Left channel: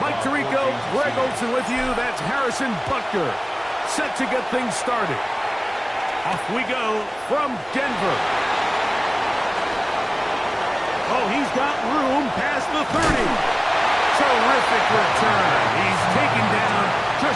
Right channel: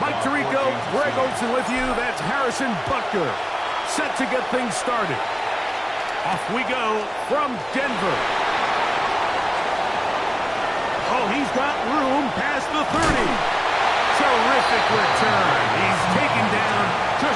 Mike Tirico, Greg Olson with you. That's Harrison Butker. Set to get things started. Off we go from Denver. Oh, he's got room past the 30. Terrific return. He's taken down to...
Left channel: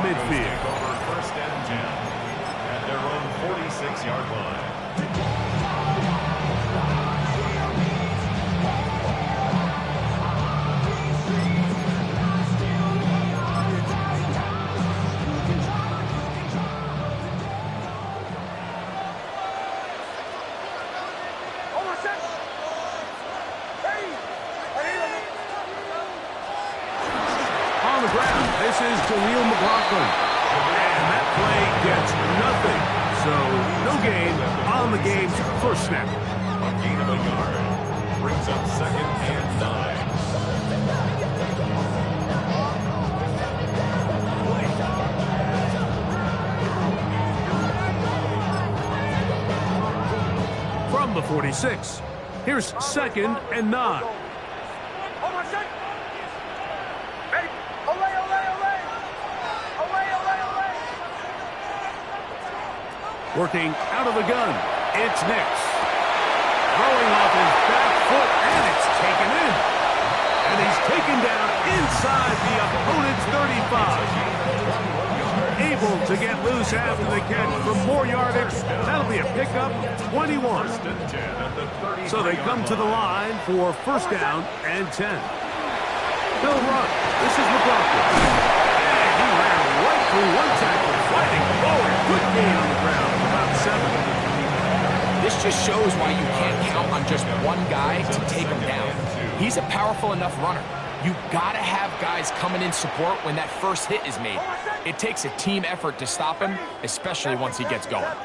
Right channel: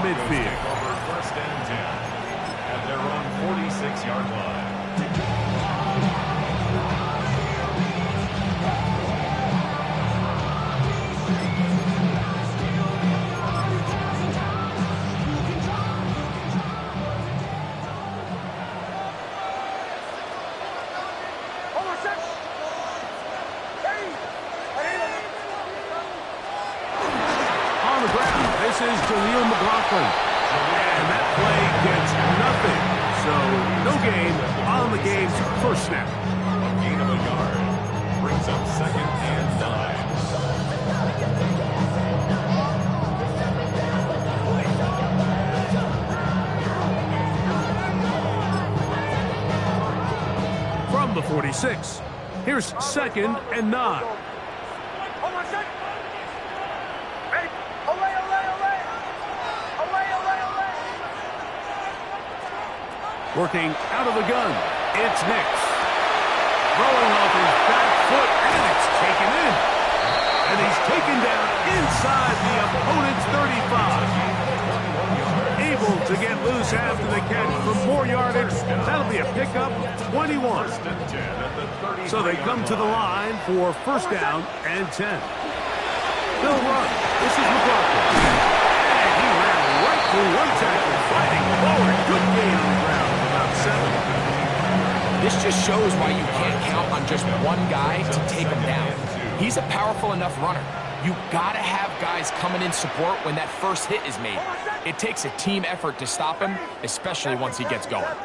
midfield. Over first and 10 at their own 46-yard line. On the ground, this is Jaleel McLaughlin. And that play gets nothing. So, no gain on the game's first snap. A gain of a yard brings up second and 9. From the 46, here's second and 9. Working out of the gun, it's Nix. Throwing off his back foot, and it's taken in. And he's taken down inside the opponent's 35. Able to get loose after the catch for more yardage. That'll be a pickup of 21. So they come to the line for first down and 10. They'll run. This is McLaughlin. And he ran right through one tackle, fighting forward. Good gain on the ground of about 7. This just shows why you can't count on just one guy to take him down. He's a powerful enough runner. You gotta have guys coming in support when that first hit is made. It takes a team effort to stop him, especially once he gets going.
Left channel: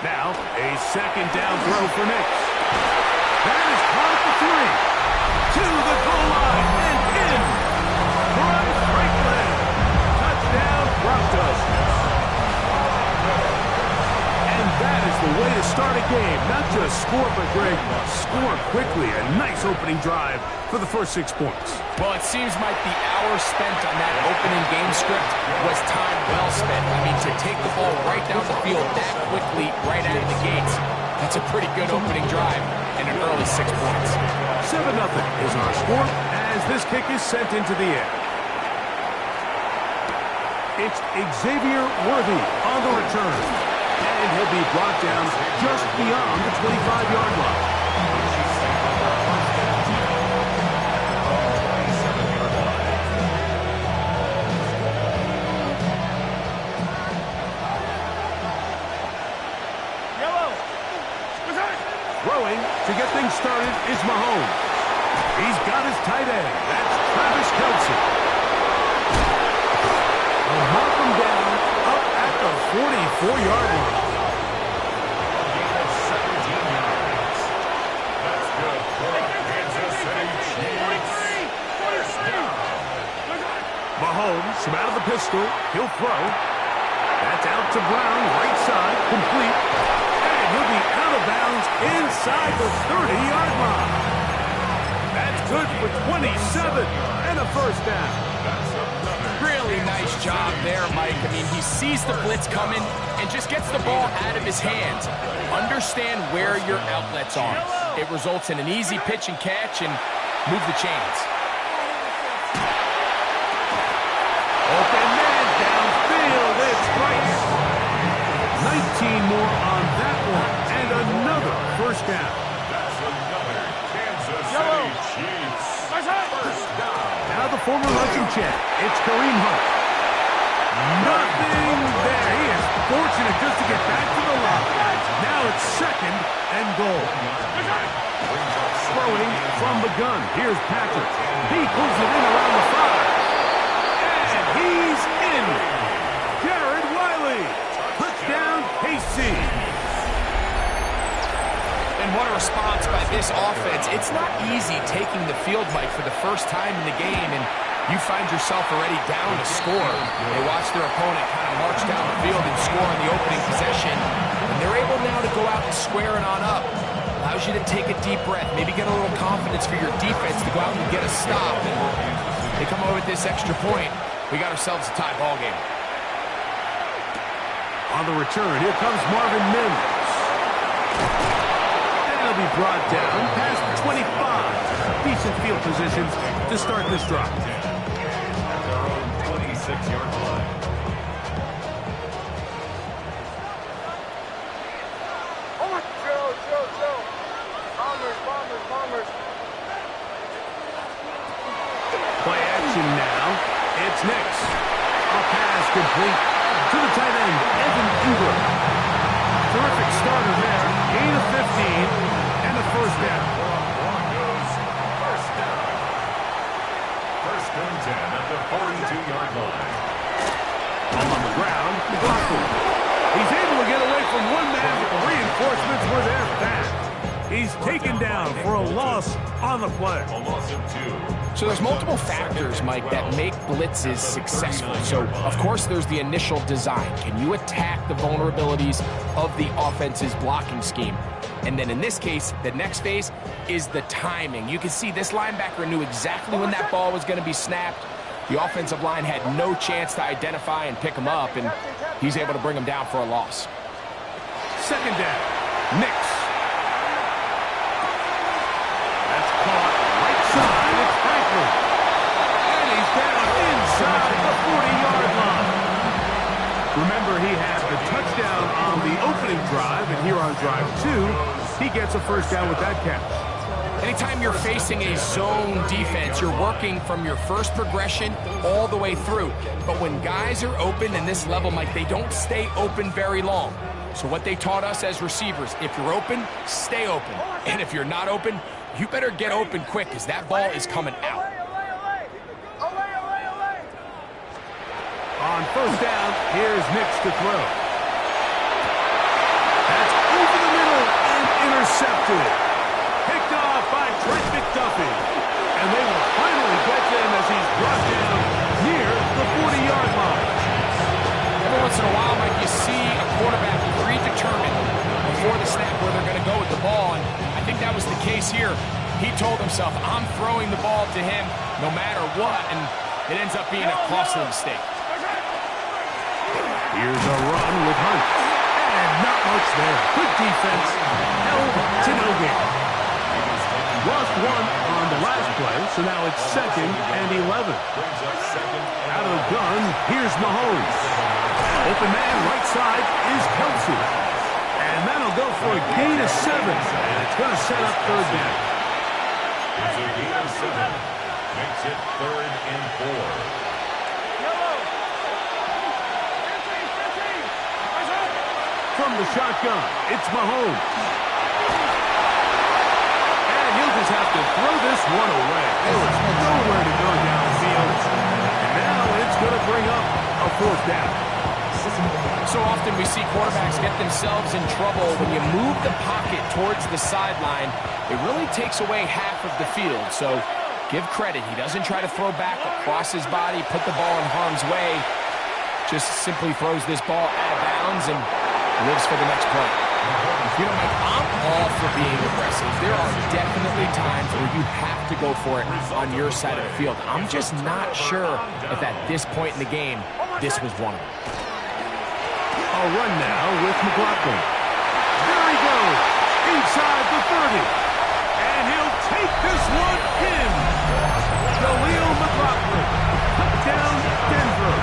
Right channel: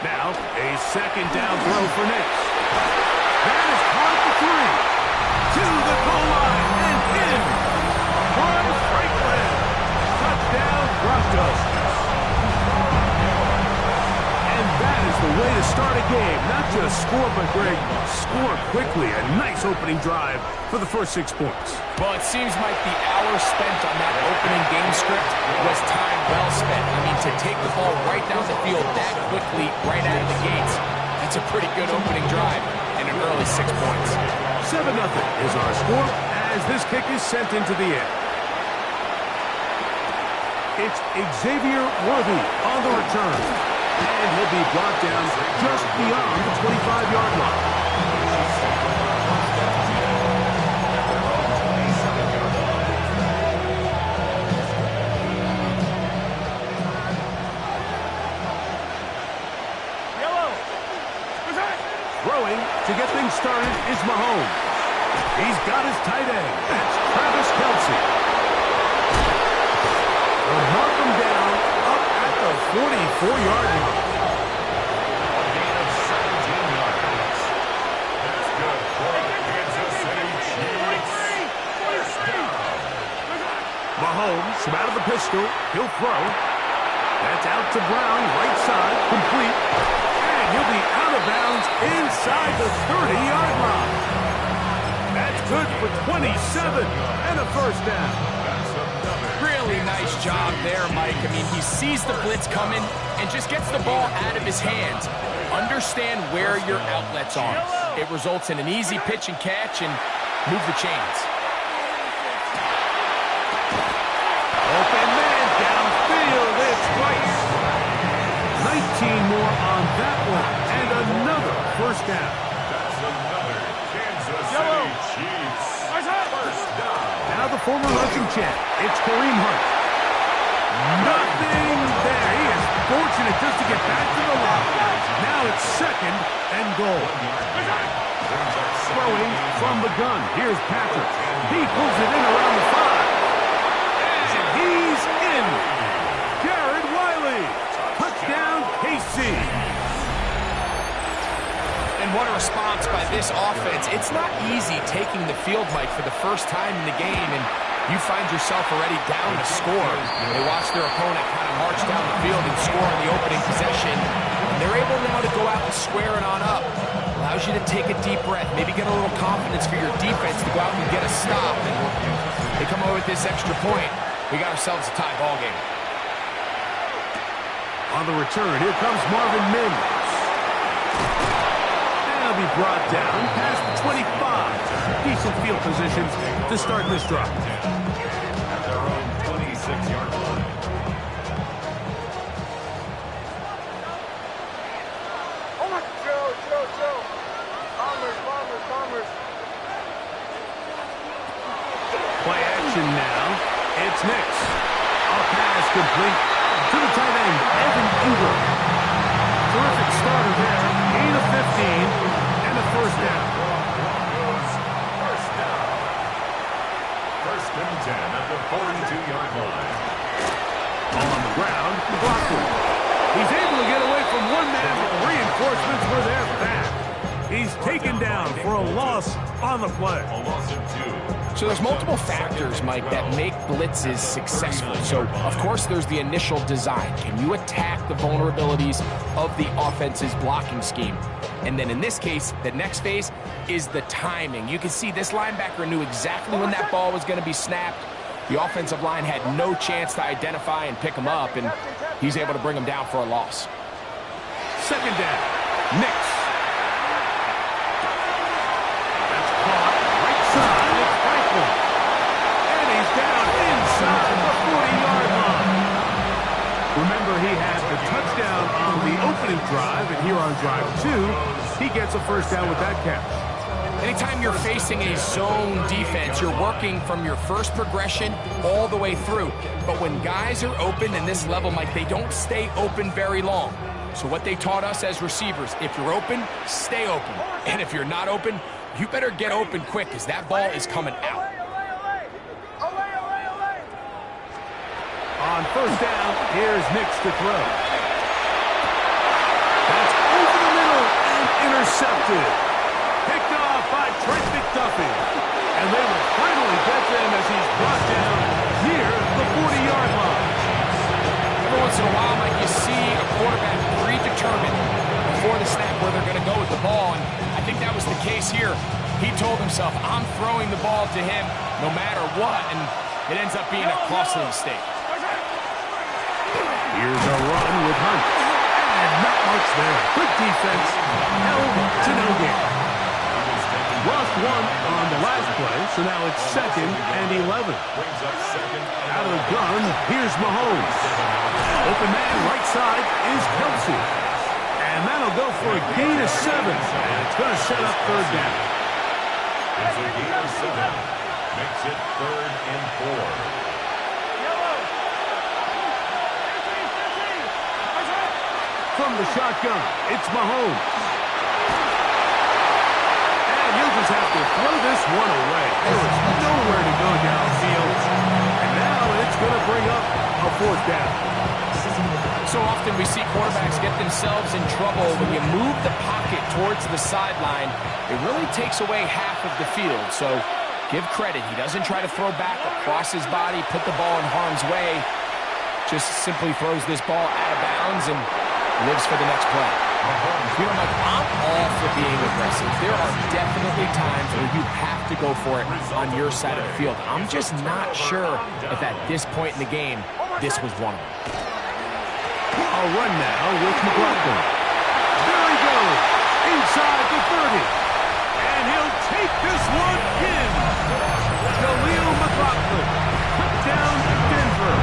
Now, a second down throw for Nix. That is caught for 3. To the goal line and in. Troy Franklin. Touchdown, Broncos. And that is the way to start a game. Not just score, but Greg, score quickly. A nice opening drive for the first 6 points. Well, it seems like the hour spent on that opening game script was time well spent. I mean, to take the ball right down the field that quickly, right out of the gates, that's a pretty good opening drive and an early 6 points. 7-0 is our score as this kick is sent into the air. It's Xavier Worthy on the return. And he'll be brought down just beyond the 25-yard line. Throwing to get things started is Mahomes. He's got his tight end. That's Travis Kelce. They'll mark him down up at the 44-yard line. A gain of 17 yards. That's good for the Kansas City Chiefs. First down. Mahomes from out of the pistol. He'll throw. That's out to Brown, right side, complete. And he'll be out of bounds inside the 30-yard line. That's good for 27 and a first down. That's another. Really nice job there, Mike. I mean, he sees the blitz coming and just gets the ball out of his hands. Understand where your outlets are. It results in an easy pitch and catch and move the chains. Open man downfield. It's Rice. 19 more on that one, and another first down. That's another Kansas City Chiefs first down. Now the former rushing champ, it's Kareem Hunt. Nothing there. He is fortunate just to get back to the line. Now it's second and goal. Throwing from the gun. Here's Patrick. He pulls it in around the 5. And he's in. Jared Wiley. Touchdown, KC. And what a response by this offense. It's not easy taking the field, Mike, for the first time in the game, and you find yourself already down a score. They watch their opponent kind of march down the field and score in the opening possession, and they're able now to go out and square it on up. Allows you to take a deep breath, maybe get a little confidence for your defense to go out and get a stop. And they come away with this extra point. We got ourselves a tie ball game. On the return, here comes Marvin Mims. And he'll be brought down past the 25. Decent field position to start this drive. At their own 26-yard line. Joe. Bombers. Play action now. It's Nix. A pass complete to the tight end, Evan Ingram. Terrific starter there. Gain of 15 and a first down. Broncos first down. First and 10 at the 42-yard line. On the ground, Dwalker. He's able to get away from one man, but the reinforcements were there fast. He's taken down for a loss on the play. A loss of 2. So there's multiple factors, Mike, that make blitzes successful. So, of course, there's the initial design. Can you attack the vulnerabilities of the offense's blocking scheme? And then in this case, the next phase is the timing. You can see this linebacker knew exactly when that ball was going to be snapped. The offensive line had no chance to identify and pick him up, and he's able to bring him down for a loss. Second down, Nix. That's caught right side. It's Franklin. And he's down inside the 40-yard line. Remember, he had the touchdown on the opening drive, and here on drive 2, he gets a first down with that catch. Anytime you're facing a zone defense, you're working from your first progression all the way through. But when guys are open in this level, Mike, they don't stay open very long. So what they taught us as receivers, if you're open, stay open. And if you're not open, you better get open quick because that ball is coming out. On first down, here's Nix to throw. That's over the middle and intercepted. Picked off by Trent McDuffie. And they will finally get him as he's brought down near the 40-yard line. Every once in a while, Mike, you see a quarterback predetermined before the snap where they're going to go with the ball, and I think that was the case here. He told himself, I'm throwing the ball to him no matter what, and it ends up being a costly mistake. Here's a run with Hunt. And not much there. Good defense. Held to no gain. Lost one on the last play, so now it's second and 11. Out of the gun, here's Mahomes. Open man right side is Kelsey. And that'll go for a gain of 7. And it's going to set up third down. It's a gain of 7. Makes it 3rd and 4. From the shotgun, it's Mahomes. And he'll just have to throw this one away. There was nowhere to go downfield. And now it's going to bring up a fourth down. So often we see quarterbacks get themselves in trouble when you move the pocket towards the sideline. It really takes away half of the field. So give credit. He doesn't try to throw back across his body, put the ball in harm's way. Just simply throws this ball out of bounds and lives for the next play. You know, Mike, I'm all for being aggressive. There are definitely times where you have to go for it on your side of the field. I'm just not sure if at this point in the game, this was one of them. A run now with McLaughlin. There he goes, inside the 30. And he'll take this one in. Jaleel McLaughlin, touchdown Denver.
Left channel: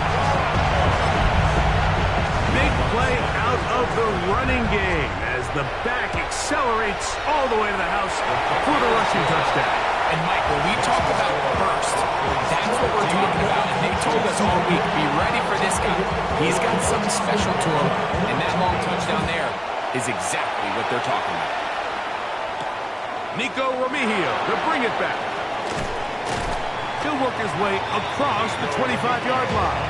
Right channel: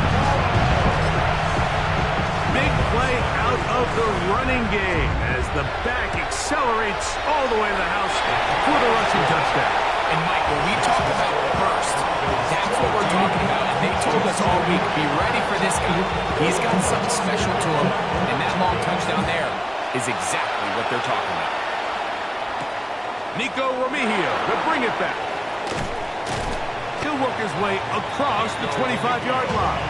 Big play out of the running game as the back accelerates all the way to the house for the rushing touchdown. And Mike, when we talk about burst, that's what we're talking about. And they told us all week, be ready for this guy. He's got something special to him, and that long touchdown there is exactly what they're talking about. Nico Remigio to bring it back. He'll work his way across the 25-yard line.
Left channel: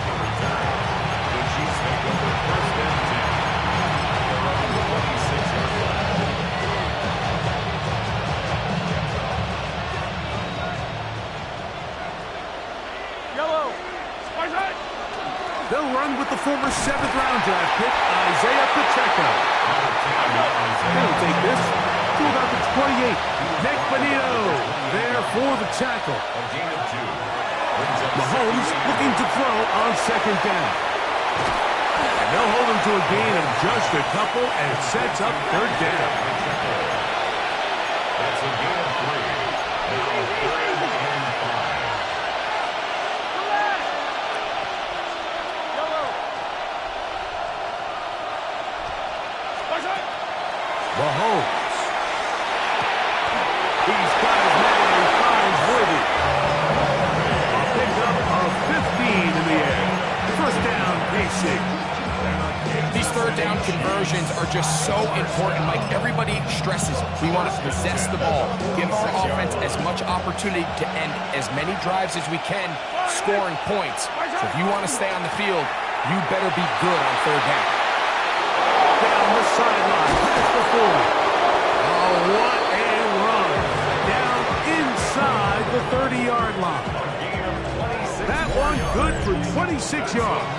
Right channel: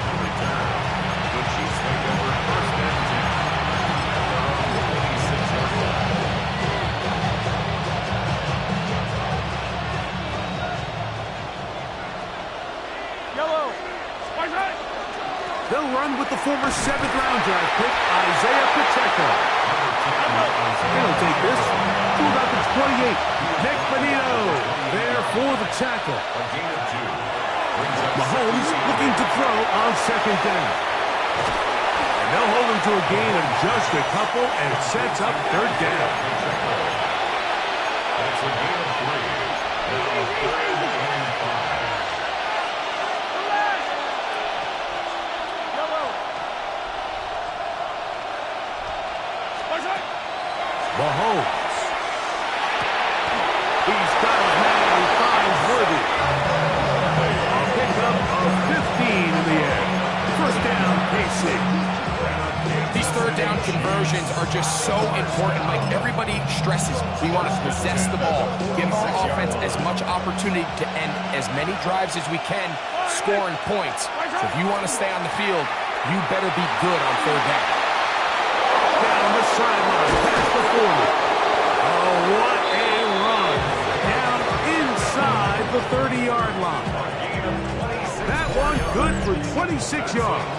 The Chiefs take over first and 10 at their own 26-yard line. Yellow. They'll run with the former 7th-round draft pick, Isaiah Pacheco. They'll take this to about the 28. Nick Bonito there for the tackle. A gain of 2. Mahomes looking to throw on 2nd down. And they'll hold him to a gain of just a couple, and it sets up 3rd down. That's a gain of 3. Now 3rd and 5. Mahomes. He's got his man, he finds Worthy. A pickup of 15 in the air. First down, KC. These 3rd down conversions are just so important, Mike. Everybody stresses we want to possess the ball, give our offense as much opportunity to end as many drives as we can, scoring points. So if you want to stay on the field, you better be good on 3rd down. Down the sideline, past the 40. Oh, what a run. Down inside the 30-yard line. That one good for 26 yards.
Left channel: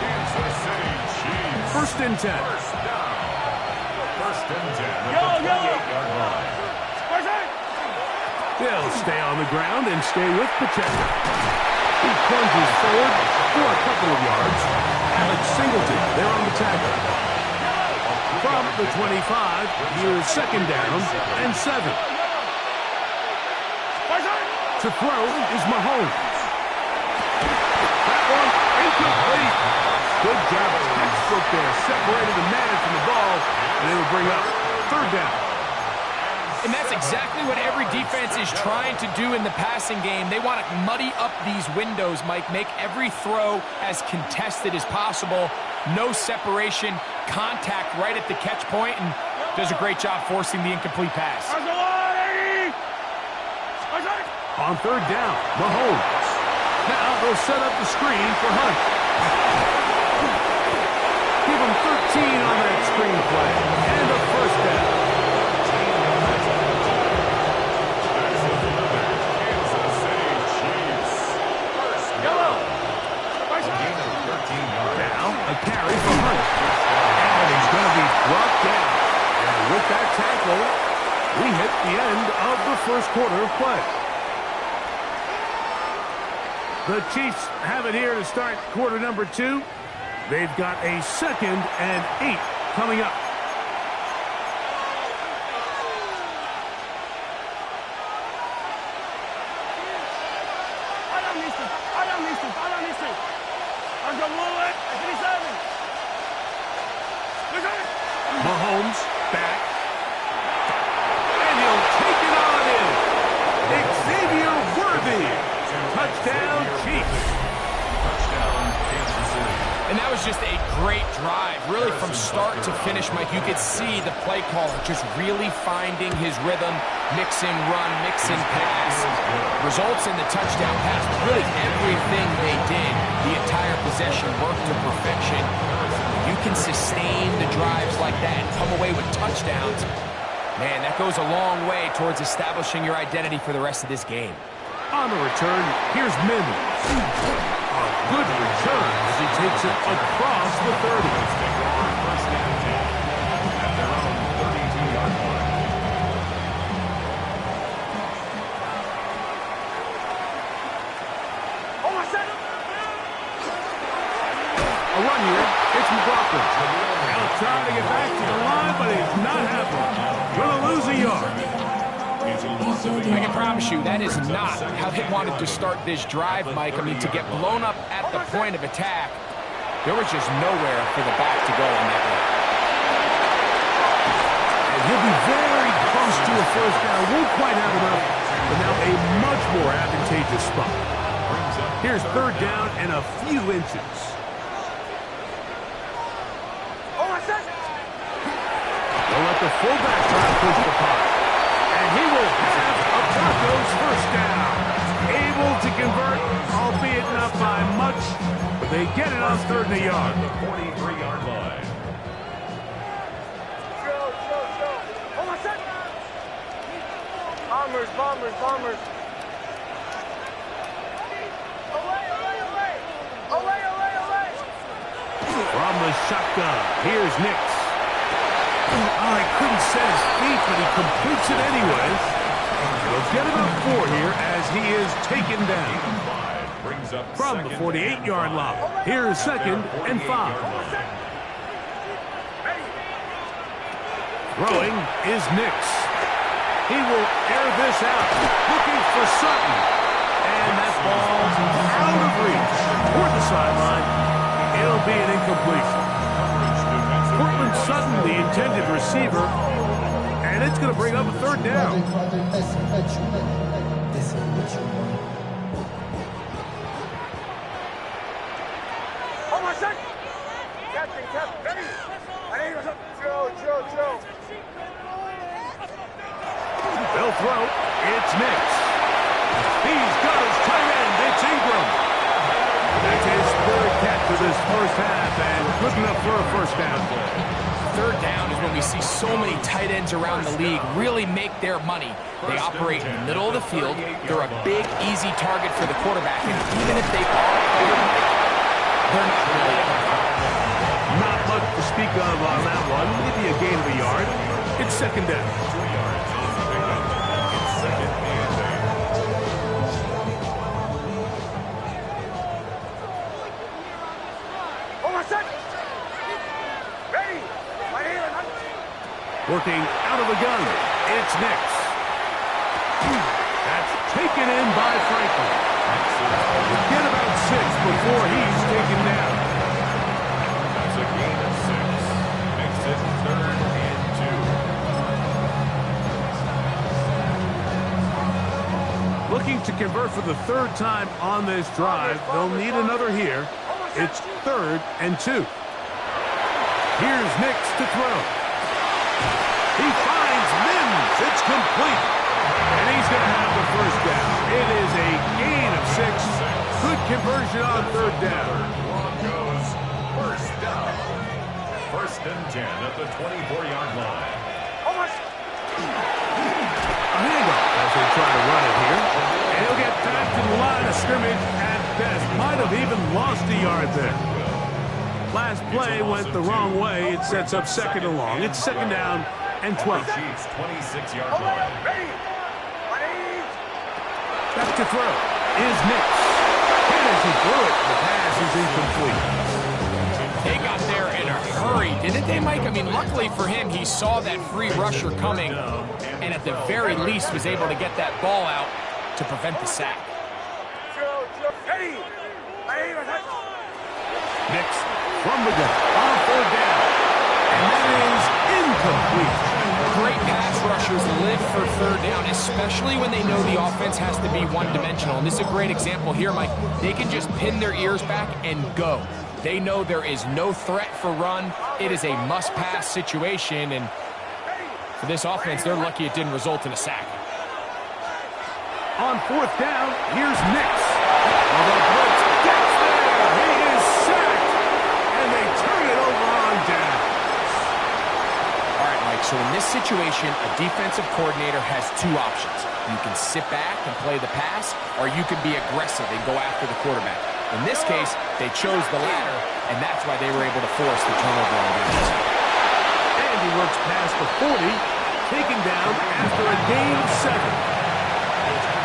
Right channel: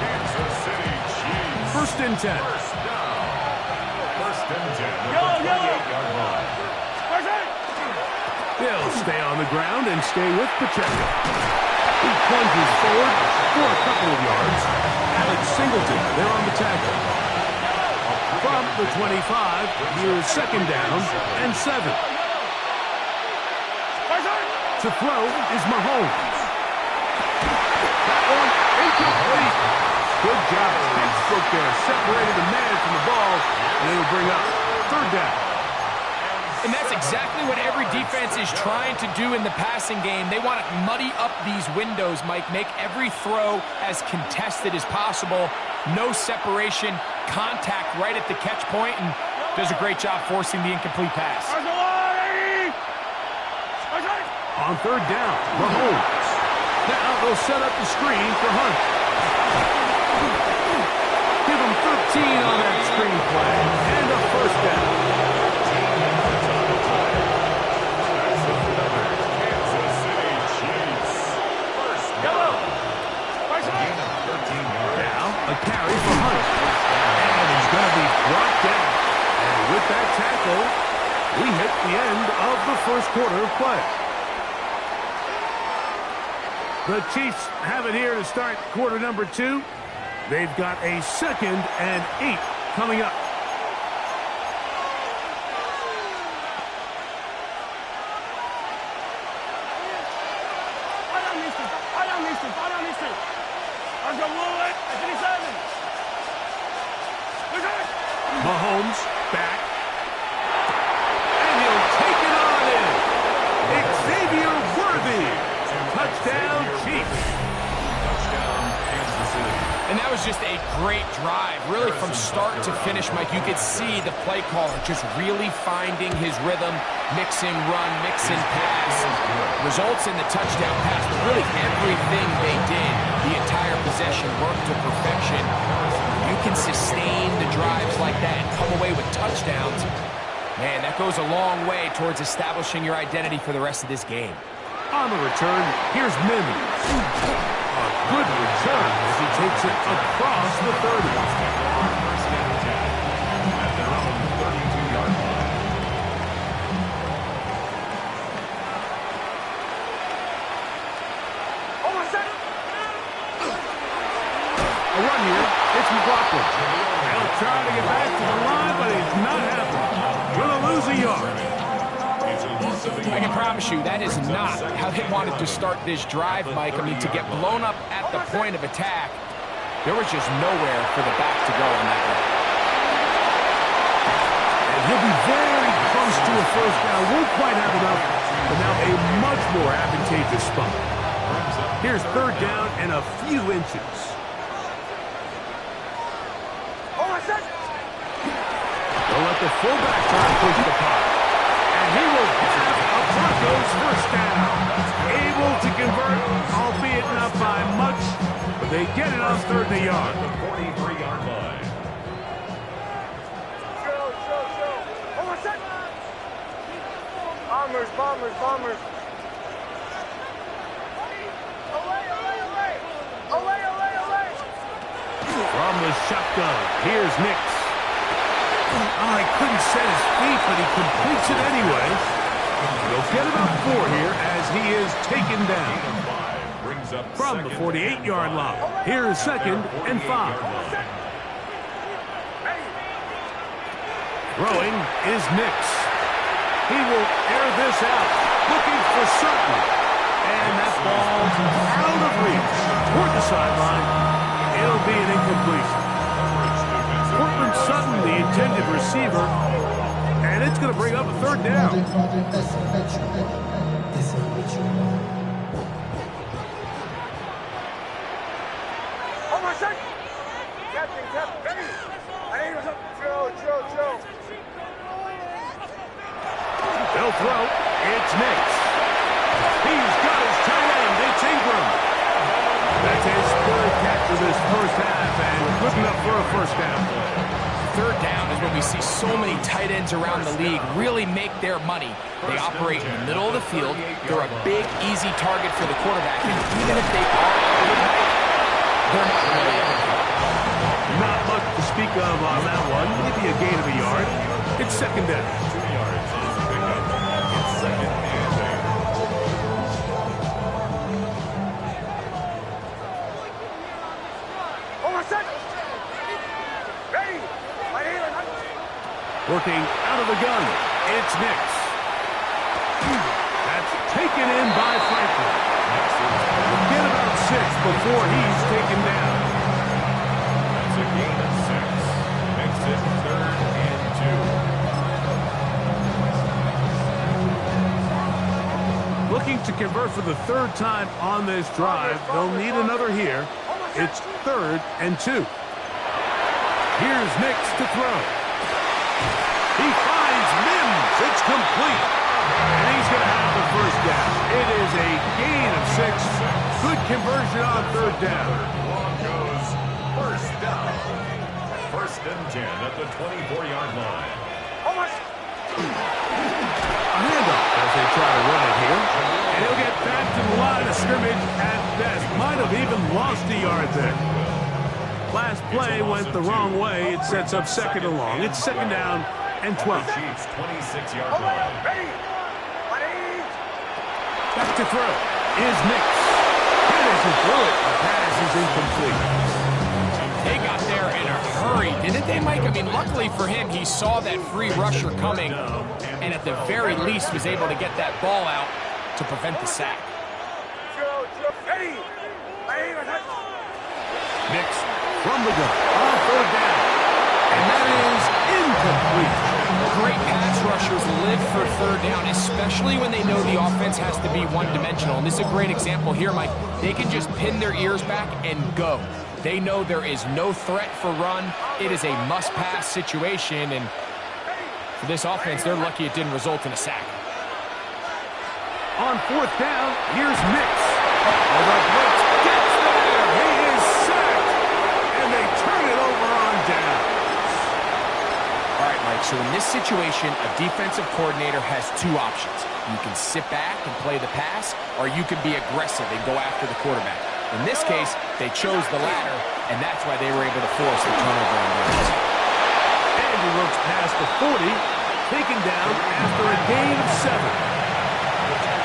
Kansas City Chiefs. First and 10. First down. First and 10 at the 28-yard line. They'll stay on the ground and stay with Pacheco. He plunges forward for a couple of yards. Alex Singleton there on the tackle. From the 25, here's 2nd down and 7. To throw is Mahomes. That one incomplete. Good job. Textbook there. Separated the man from the ball, and it'll bring up 3rd down. And that's exactly what every defense is trying to do in the passing game. They want to muddy up these windows, Mike, make every throw as contested as possible. No separation, contact right at the catch point, and does a great job forcing the incomplete pass. On 3rd down, Mahomes. Now they'll set up the screen for Hunt. Give him 13 on that screen play, and a first down. That's another Kansas City Chiefs. First down. A gain of 13 yards. Now a carry for Hunt. And he's going to be brought down. And with that tackle, we hit the end of the first quarter of play. The Chiefs have it here to start quarter number 2. They've got a 2nd and 8 coming up. Mahomes back. And he'll take it on in. Xavier Worthy. Touchdown, Chiefs. Touchdown, Kansas City. And that was just a great drive. Really from start to finish, Mike, you could see the play caller just really finding his rhythm, mix and run, mix and pass. Results in the touchdown pass. But really everything they did, the entire possession worked to perfection. You can sustain the drives like that and come away with touchdowns. Man, that goes a long way towards establishing your identity for the rest of this game. On the return, here's Mims. A good return as he takes it across the 30. Take over first and 10 at their own 32-yard line. A run here. It's McLaughlin. He'll try to get back to the line, but it's not happening. Going to lose a yard. I can promise you that is not how they wanted to start this drive, Mike. I mean, to get blown up at the point of attack, There was just nowhere for the back to go on that one. And he'll be very close to a first down. Won't quite have enough, but now a much more advantageous spot. Here's third down and a few inches. They'll let the fullback try to push the punt. And he will have a Broncos first down. Able to convert, albeit not by much, but they get it on third and a yard. The 43-yard line. Bombers, bombers, bombers. From the shotgun, here's Nix. Oh, he couldn't set his feet, but he completes it anyway. He'll get about 4 here as he is taken down. From the 48-yard line, here's second and 5. Throwing is Nix. He will air this out, looking for Sutton. And that ball out of reach toward the sideline. It'll be an incompletion. Portland Sutton, the intended receiver, and it's going to bring up a third down. They'll throw. It's Nix. He's got his tight end. It's Ingram. That's his third catch of this first half, and good enough for a first down. Third down is when we see so many tight ends around the league really make their money. They operate in the middle of the field. They're a big, easy target for the quarterback, and even if they are overnight, they're not really ever covered. Not much to speak of on that one. Maybe a gain of a yard. It's second down. 2 yards is the pickup. It's second and 8. Working out of the gun, it's Nix. That's taken in by Franklin. We'll get about 6 before he's taken down. That's a gain of 6. Makes it third and 2. Looking to convert for the third time on this drive. They'll need another here. It's third and 2. Here's Nix to throw. He finds Mims. It's complete. And he's going to have the first down. It is a gain of 6. Good conversion on third down. Broncos first down. First and 10 at the 24-yard line. A handoff as they try to run it here. And he'll get back to the line of scrimmage at best. Might have even lost a yard there. Last play went the wrong way. It sets up second and long. It's second down and 12. Chiefs 26-yard line. Back to throw is Nix. And as he threw it, the pass is incomplete. They got there in a hurry, didn't they, Mike? I mean, luckily for him, he saw that free rusher coming and at the very least was able to get that ball out to prevent the sack. Nix from the gun on third down. And that is incomplete. Great pass rushers live for third down, especially when they know the offense has to be one-dimensional. And this is a great example here, Mike. They can just pin their ears back and go. They know there is no threat for run. It is a must-pass situation, and for this offense, they're lucky it didn't result in a sack. On fourth down, here's Nix. Oh, the blitz gets there. He is sacked, and they turn it over on down. All right, Mike, so in this situation, a defensive coordinator has 2 options. You can sit back and play the pass, or you can be aggressive and go after the quarterback. In this case, they chose the latter, and that's why they were able to force the turnover on downs. And he works past the 40, taken down after a gain of 7.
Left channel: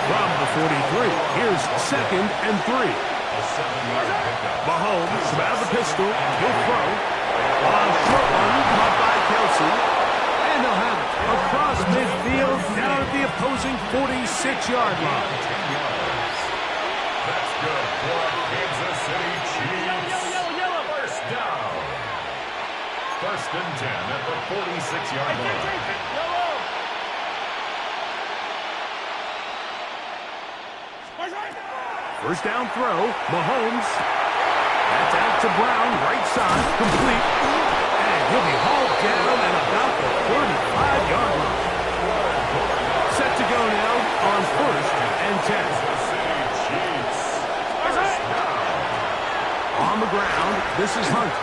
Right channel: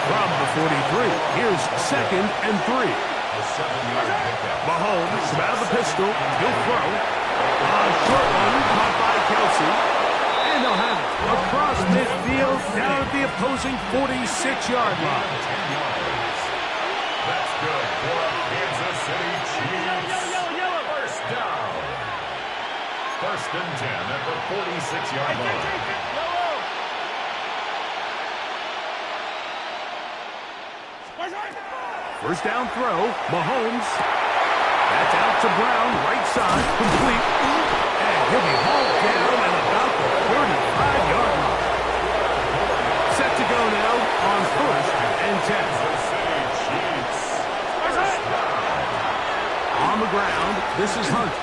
From the 43, here's second and 3. A 7-yard pickup. Mahomes out of the pistol. He'll throw. A short one caught by Kelsey. And they'll have it across midfield down at the opposing 46-yard line. 10 yards. That's good for Kansas City Chiefs. First First and 10 at the 46-yard line. Yellow. First down throw, Mahomes. That's out to Brown, right side, complete. And he'll be hauled down at about the 35-yard line. Set to go now on first and 10. Kansas City Chiefs. First down. On the ground, this is Hunt.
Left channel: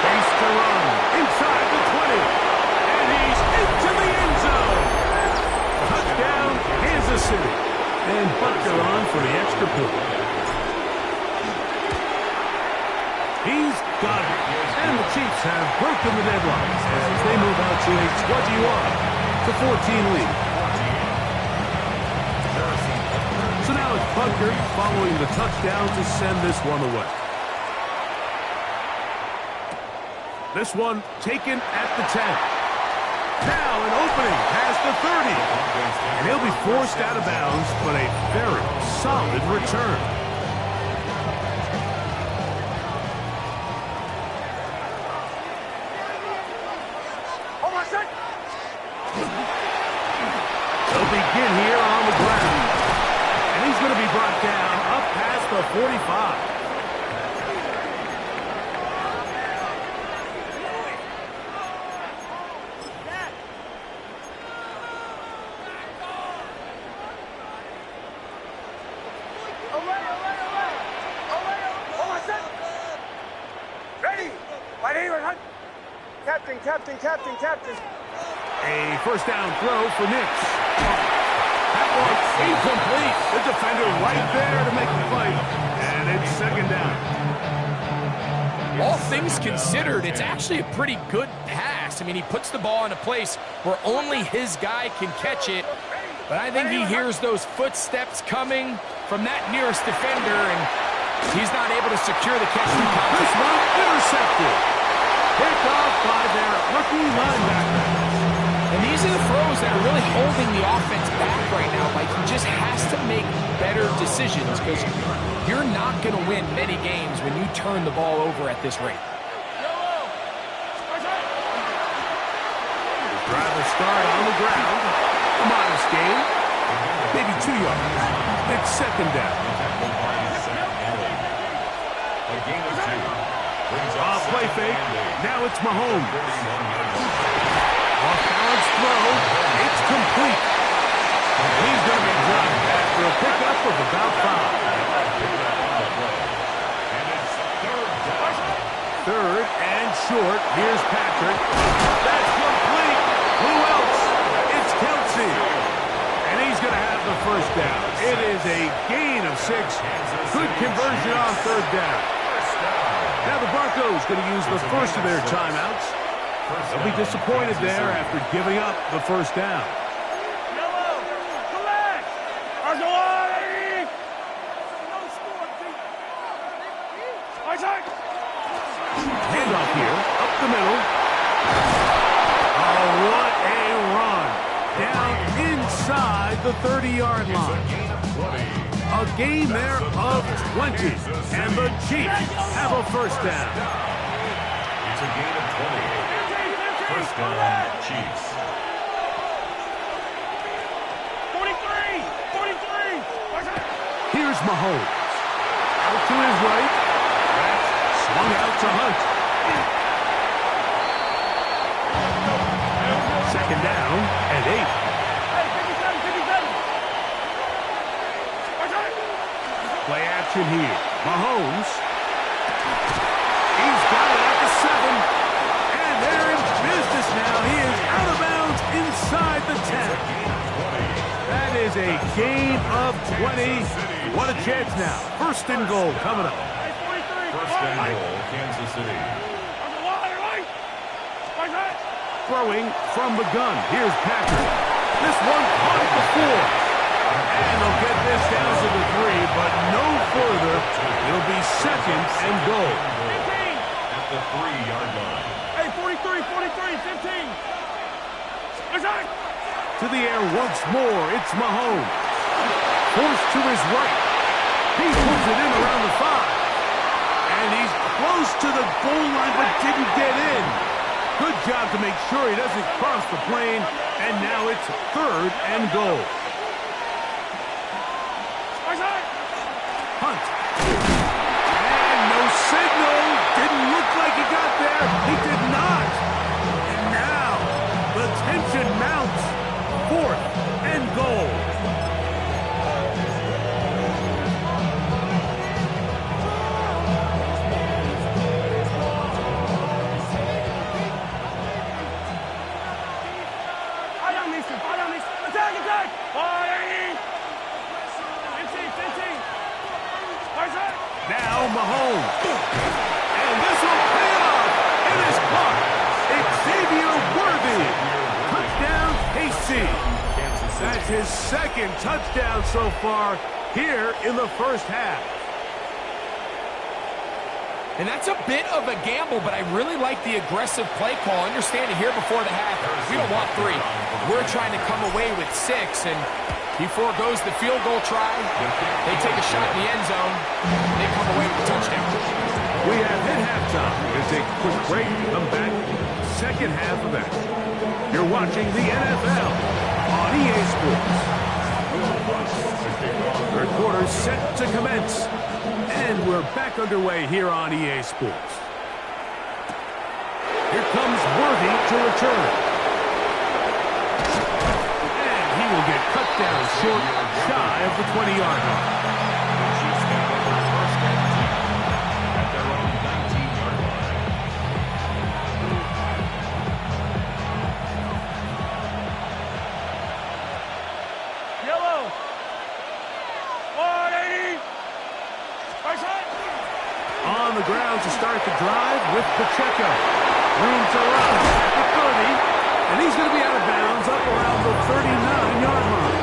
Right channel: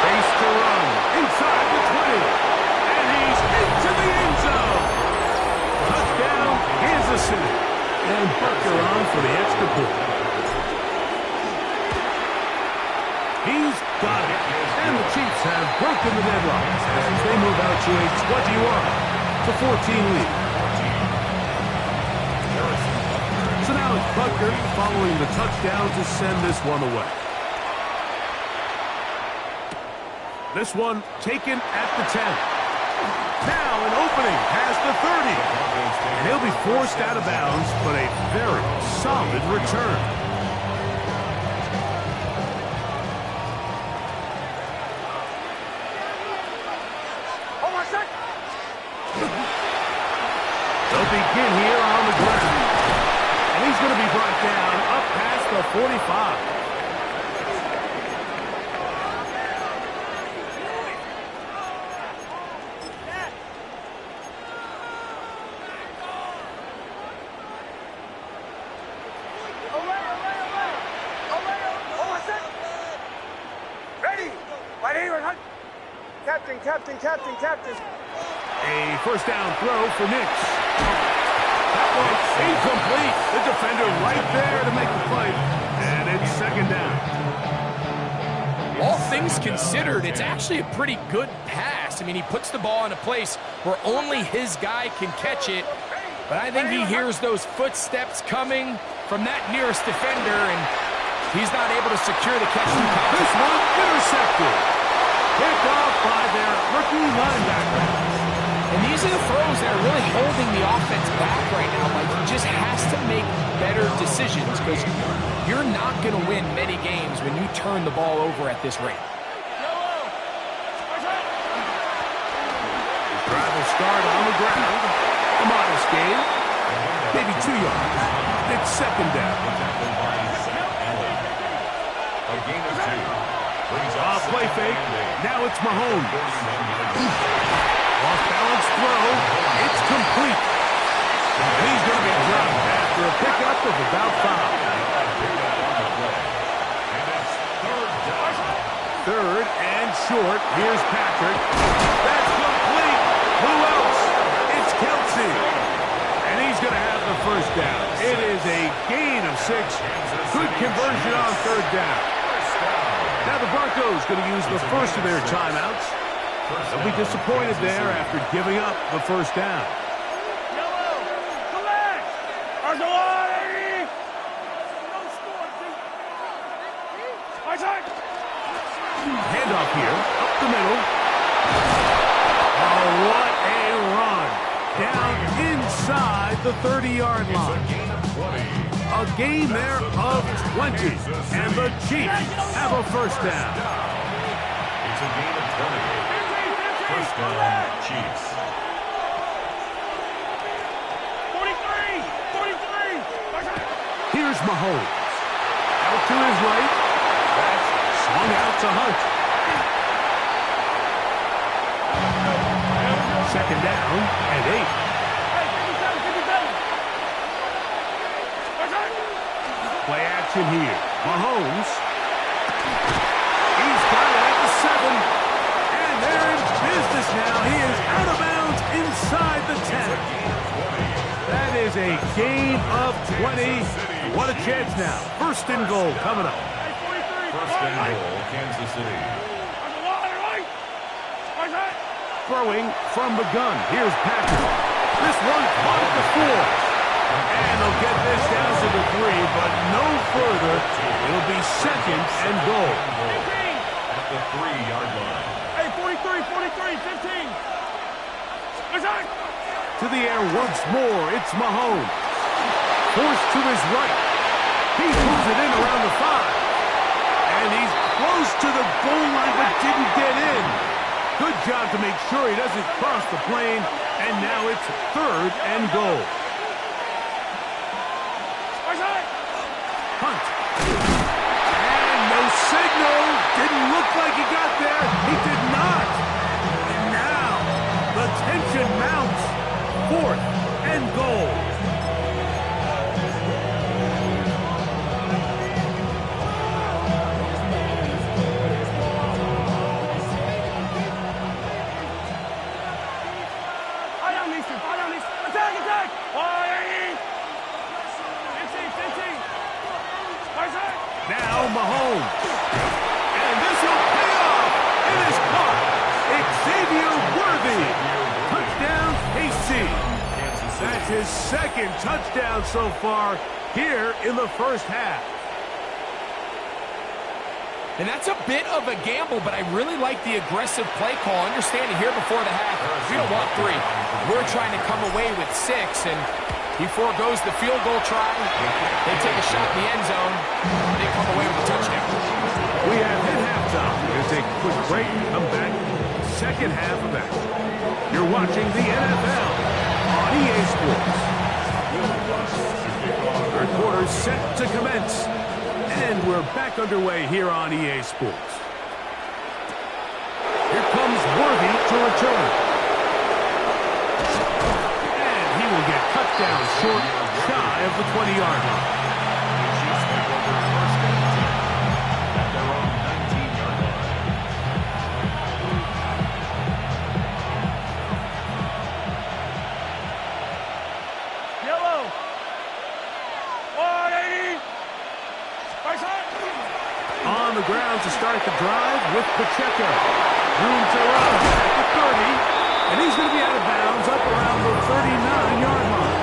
Space to run, inside the 20. And he's into the end zone. Touchdown, Kansas City. And Dwalker on for the extra point. He's got it. And the Chiefs have broken the deadlock as they move out to a 21-14 lead. So now it's Dwalker following the touchdown to send this one away. This one taken at the 10. Now an opening past the 30. And he'll be forced out of bounds, but a very solid return. They'll begin here on the ground. And he's going to be brought down up past the 45. Captain. A first down throw for Nix. That one's incomplete. The defender right there to make the play. And it's second down. All things considered, it's actually a pretty good pass. I mean, he puts the ball in a place where only his guy can catch it. But I think he hears those footsteps coming from that nearest defender, and he's not able to secure the catch through contact. This one intercepted. Picked off by their rookie linebacker. And these are the throws that are really holding the offense back right now. Like, he just has to make better decisions because you're not going to win many games when you turn the ball over at this rate. His drive will start on the ground. A modest gain. Maybe 2 yards. It's second down. A gain of 2. Play fake. Now it's Mahomes. Off-balance throw. It's complete. And he's going to be dropped after a pickup of about 5. Third and short. Here's Patrick. That's complete. Who else? It's Kelsey. And he's going to have the first down. It is a gain of 6. Good conversion on third down. Now the Broncos going to use the first of their timeouts. They'll be disappointed there after giving up the first down. Yellow, collect! Handoff here, up the middle. Oh, what a run. Down inside the 30-yard line. A gain there of 20, and the Chiefs have a first down. It's a gain of 20. First down, Chiefs. 43! Here's Mahomes. Out to his right. That's swung out to Hunt. Second down and 8. Play action here. Mahomes. He's got it at the 7. And they're in business now. He is out of bounds inside the 10. That is a gain of 20. What a chance now. First and goal coming up. First and goal, Kansas City. Throwing from the gun. Here's Patrick. This one caught at the 4. And they'll get this down to the 3, but no further. It'll be second and goal. At the 3-yard line. Hey, 43, 15. To the air once more. It's Mahomes. Forced to his right. He pulls it in around the 5. And he's close to the goal line, but didn't get in. Good job to make sure he doesn't cross the plane. And now it's 3rd and goal. Hunt. And no signal. Didn't look like he got there. He did not. And now the tension mounts. 4th and goal. Attack! 15. Now Mahomes. And this will pay off. It is caught. Xavier Worthy. Touchdown, KC. That's his 2nd touchdown so far here in the first half. And that's a bit of a gamble, but I really like the aggressive play call. Understanding here before the half, we don't want 3. We're trying to come away with 6, and he forgoes the field goal try. They take a shot in the end zone. They come away with a touchdown. We have hit halftime. We're going to take a quick break, come back, second half of action. You're watching the NFL on EA Sports. Third quarter set to commence. And we're back underway here on EA Sports. Here comes Worthy to return. And he will get cut down short, shy of the 20-yard line. The Chiefs take over 1st and 10 at their own 19-yard line. Yellow. 180. On the ground to start the drive with Pacheco. Room to run at the 30. And he's going to be out of bounds up around the 39-yard line.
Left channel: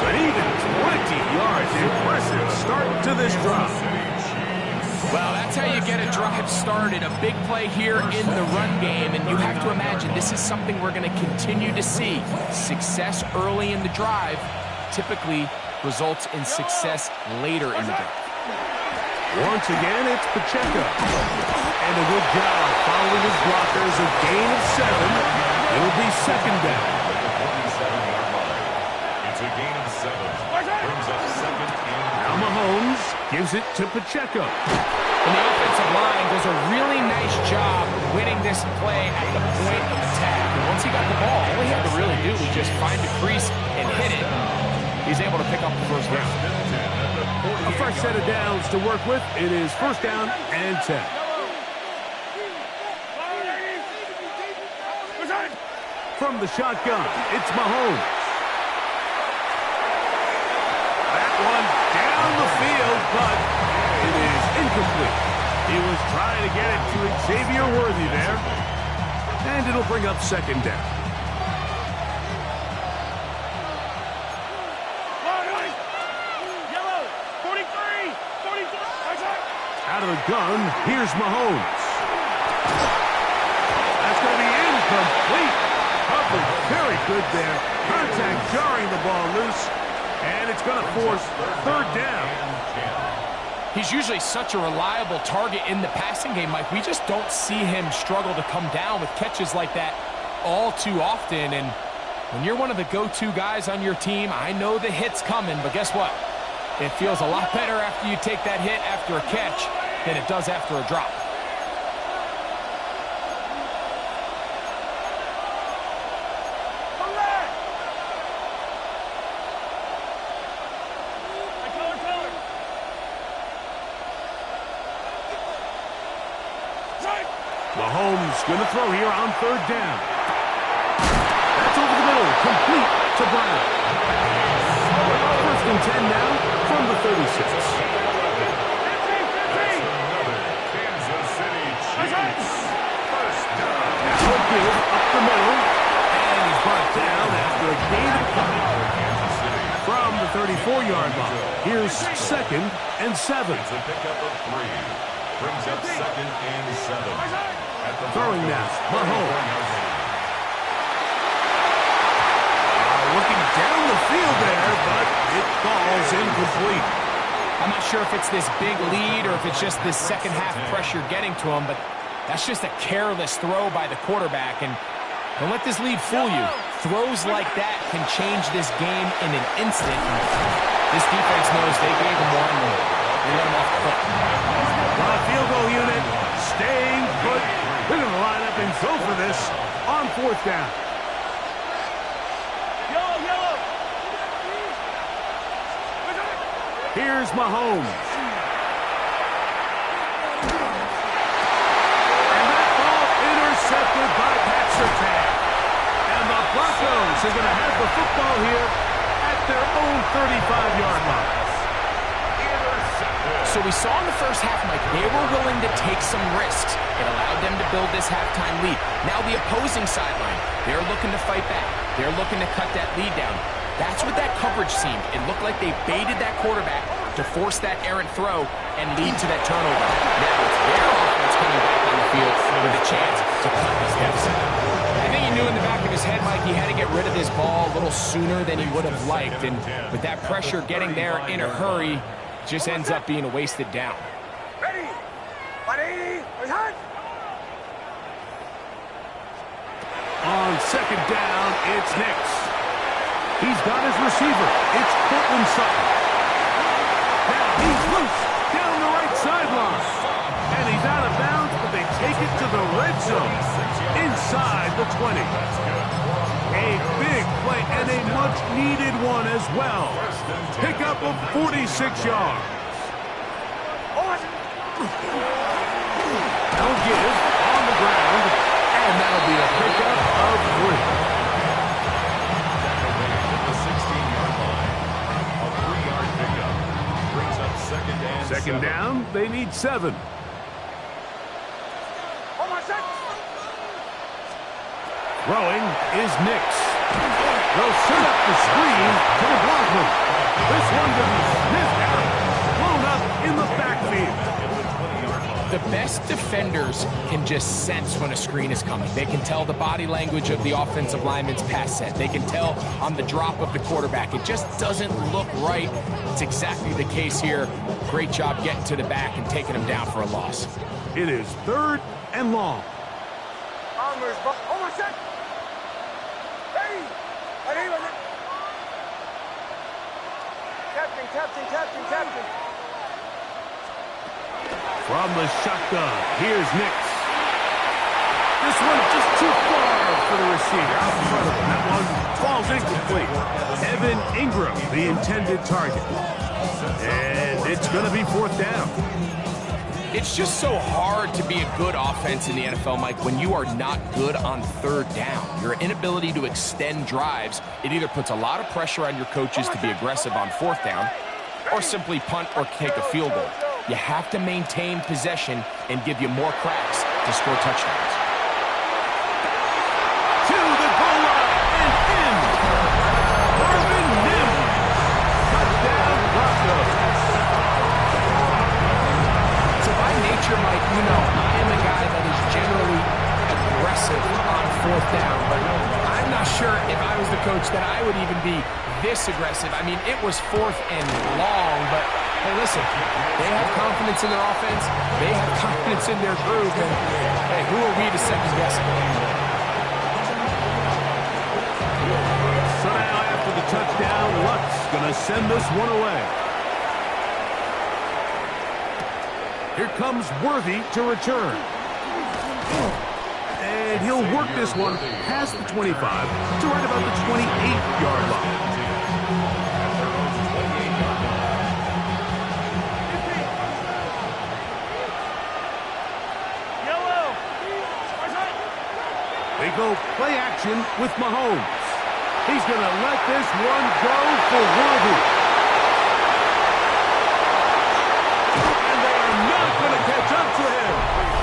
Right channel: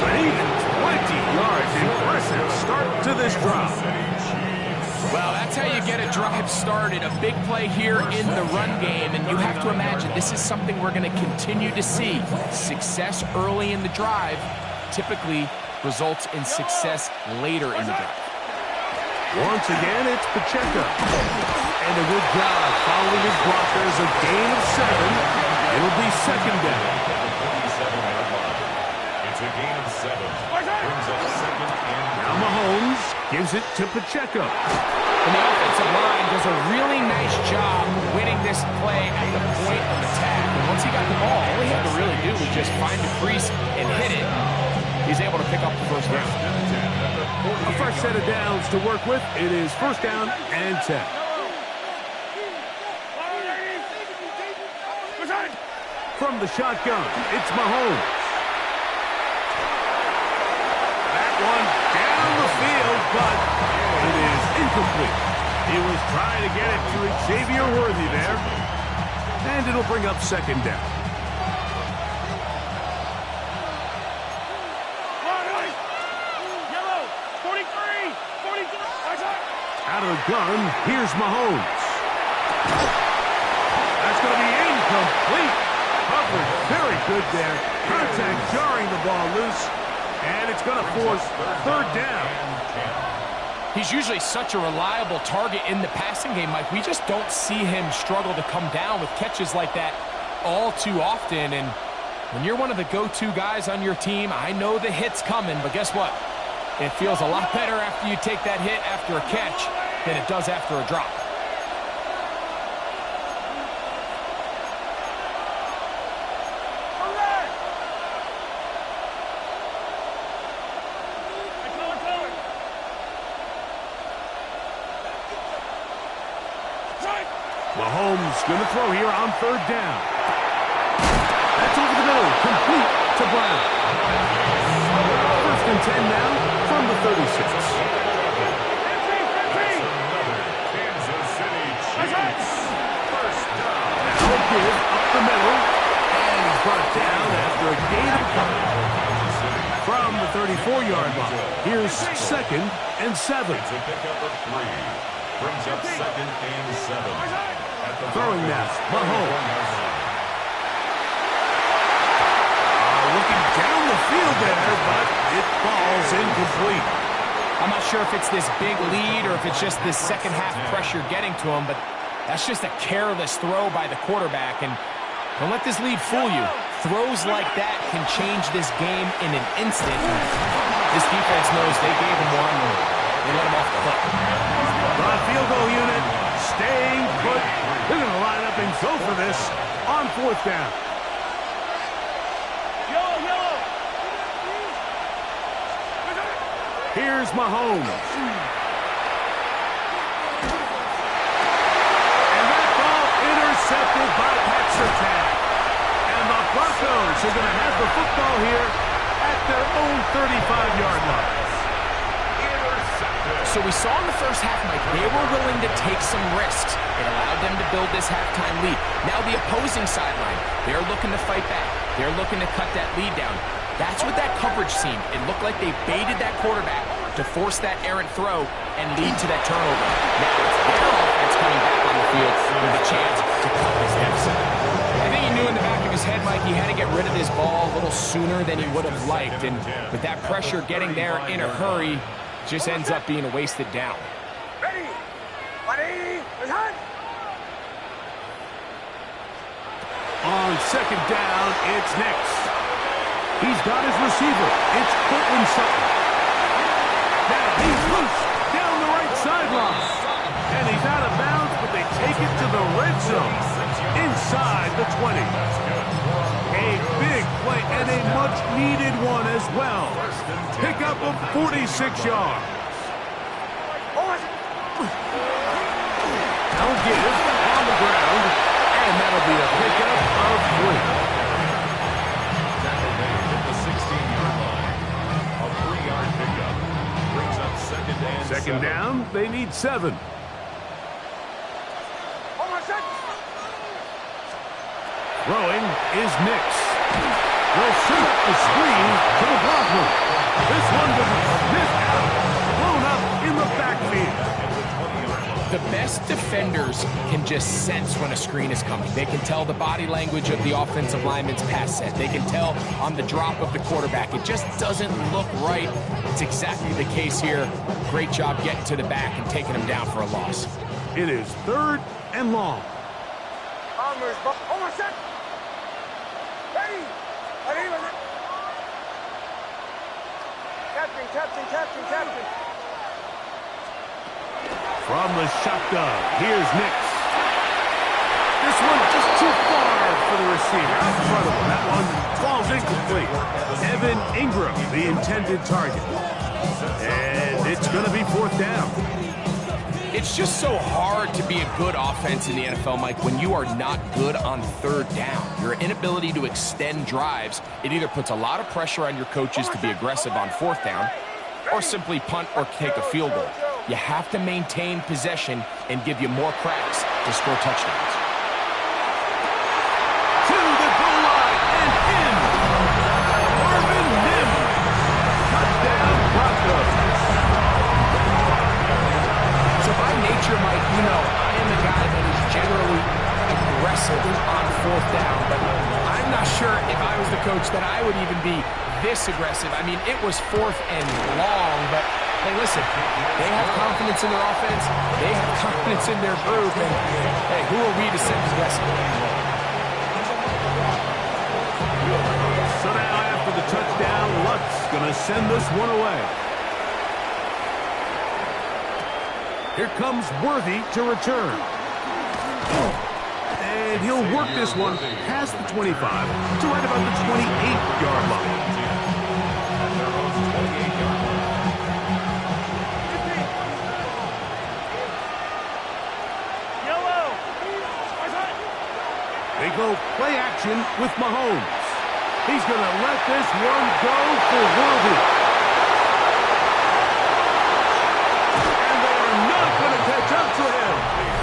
But even 20 yards, impressive start to this drive. Well, that's how you get a drive started. A big play here in the run game, and you have to imagine this is something we're going to continue to see. Success early in the drive typically results in success later in the drive. Once again, it's Pacheco. And a good job following his blockers. A gain of 7. It'll be 2nd down. At the 47-yard line. It's a gain of 7. Brings up 2nd and 3. Now Mahomes gives it to Pacheco. And the offensive line does a really nice job winning this play at the point of attack. And once he got the ball, all he had to really do was just find the crease and hit it. He's able to pick up the first down. A fresh set of downs to work with. It is 1st down and 10. From the shotgun, it's Mahomes. That one down the field, but it is incomplete. He was trying to get it to Xavier Worthy there. And it'll bring up 2nd down. Out of the gun, here's Mahomes. That's going to be incomplete. Coverage very good there. Contact jarring the ball loose. And it's going to force 3rd down. He's usually such a reliable target in the passing game, Mike. We just don't see him struggle to come down with catches like that all too often. And when you're one of the go-to guys on your team, I know the hit's coming, but guess what? It feels a lot better after you take that hit after a catch than it does after a drop. Mahomes going to throw here on 3rd down. That's over the middle, complete to Brown. 1st and 10 now from the 36. Kansas City Chiefs. 1st down. Now a give up the middle, and he's brought down after a gain of 5 from the 34-yard line. Here's 2nd and 7. It's a pickup of 3. Brings up 2nd and 7. At the Throwing now, Mahomes. Looking down the field there, but it falls incomplete. I'm not sure if it's this big lead or if it's just this second half pressure getting to him, but that's just a careless throw by the quarterback. And don't let this lead fool you. Throws like that can change this game in an instant. This defense knows they gave him one. They let him off the hook. The field goal unit staying put. They're going to line up and go for this on fourth down. Yellow. Here's Mahomes. And that ball intercepted by Pat Surtain. And the Broncos are going to have the football here at their own 35-yard line. So we saw in the first half, Mike, they were willing to take some risks. It allowed them to build this halftime lead. Now the opposing sideline, they're looking to fight back. They're looking to cut that lead down. That's what that coverage seemed. It looked like they baited that quarterback to force that errant throw and lead to that turnover. Now it's their offense coming back on the field with a chance to cut this deficit. I think he knew in the back of his head, Mike, he had to get rid of this ball a little sooner than he would have liked. And with that pressure getting there in a hurry, just ends up being a wasted down. Ready. On second down, it's Nix. He's got his receiver. It's Cortland Sutton. Now he's loose down the right sideline. And he's out of bounds, but they take it to the red zone inside the 20. A big play and a much-needed one as well. Pickup of 46 yards. Now give on the ground, and that'll be a pickup of 3. Tackle made at the 16-yard line. A 3-yard pickup brings up Second down, they need 7. Throwing is Nix. They'll set up the screen to the blockman. This one to be sniffed out. Blown up in the backfield. The best defenders can just sense when a screen is coming. They can tell the body language of the offensive lineman's pass set. They can tell on the drop of the quarterback. It just doesn't look right. It's exactly the case here. Great job getting to the back and taking him down for a loss. It is 3rd and long. Captain. From the shotgun, here's Nix. This one just too far for the receiver. Out in front of him. That one falls incomplete. Evan Ingram, the intended target. And it's going to be 4th down. It's just so hard to be a good offense in the NFL, Mike, when you are not good on 3rd down. Your inability to extend drives, it either puts a lot of pressure on your coaches to be aggressive on 4th down or simply punt or take a field goal. You have to maintain possession and give you more cracks to score touchdowns. To the goal line and in. Marvin Mims. Touchdown, Broncos. So by nature, Mike, you know, I am a guy that is generally aggressive on 4th down, but I'm not sure if I was the coach that I would even be this aggressive. I mean, it was 4th and long, but hey, listen, they have confidence in their offense, they have confidence in their group, and hey, who are we to second guess it? So now after the touchdown, Luck's going to send this one away. Here comes Worthy to return. And he'll work this one past the 25 to right about the 28-yard line. At their own 28-yard line. Yellow. They go play action with Mahomes. He's going to let this one go for Worthy. And they are not going to catch up to him.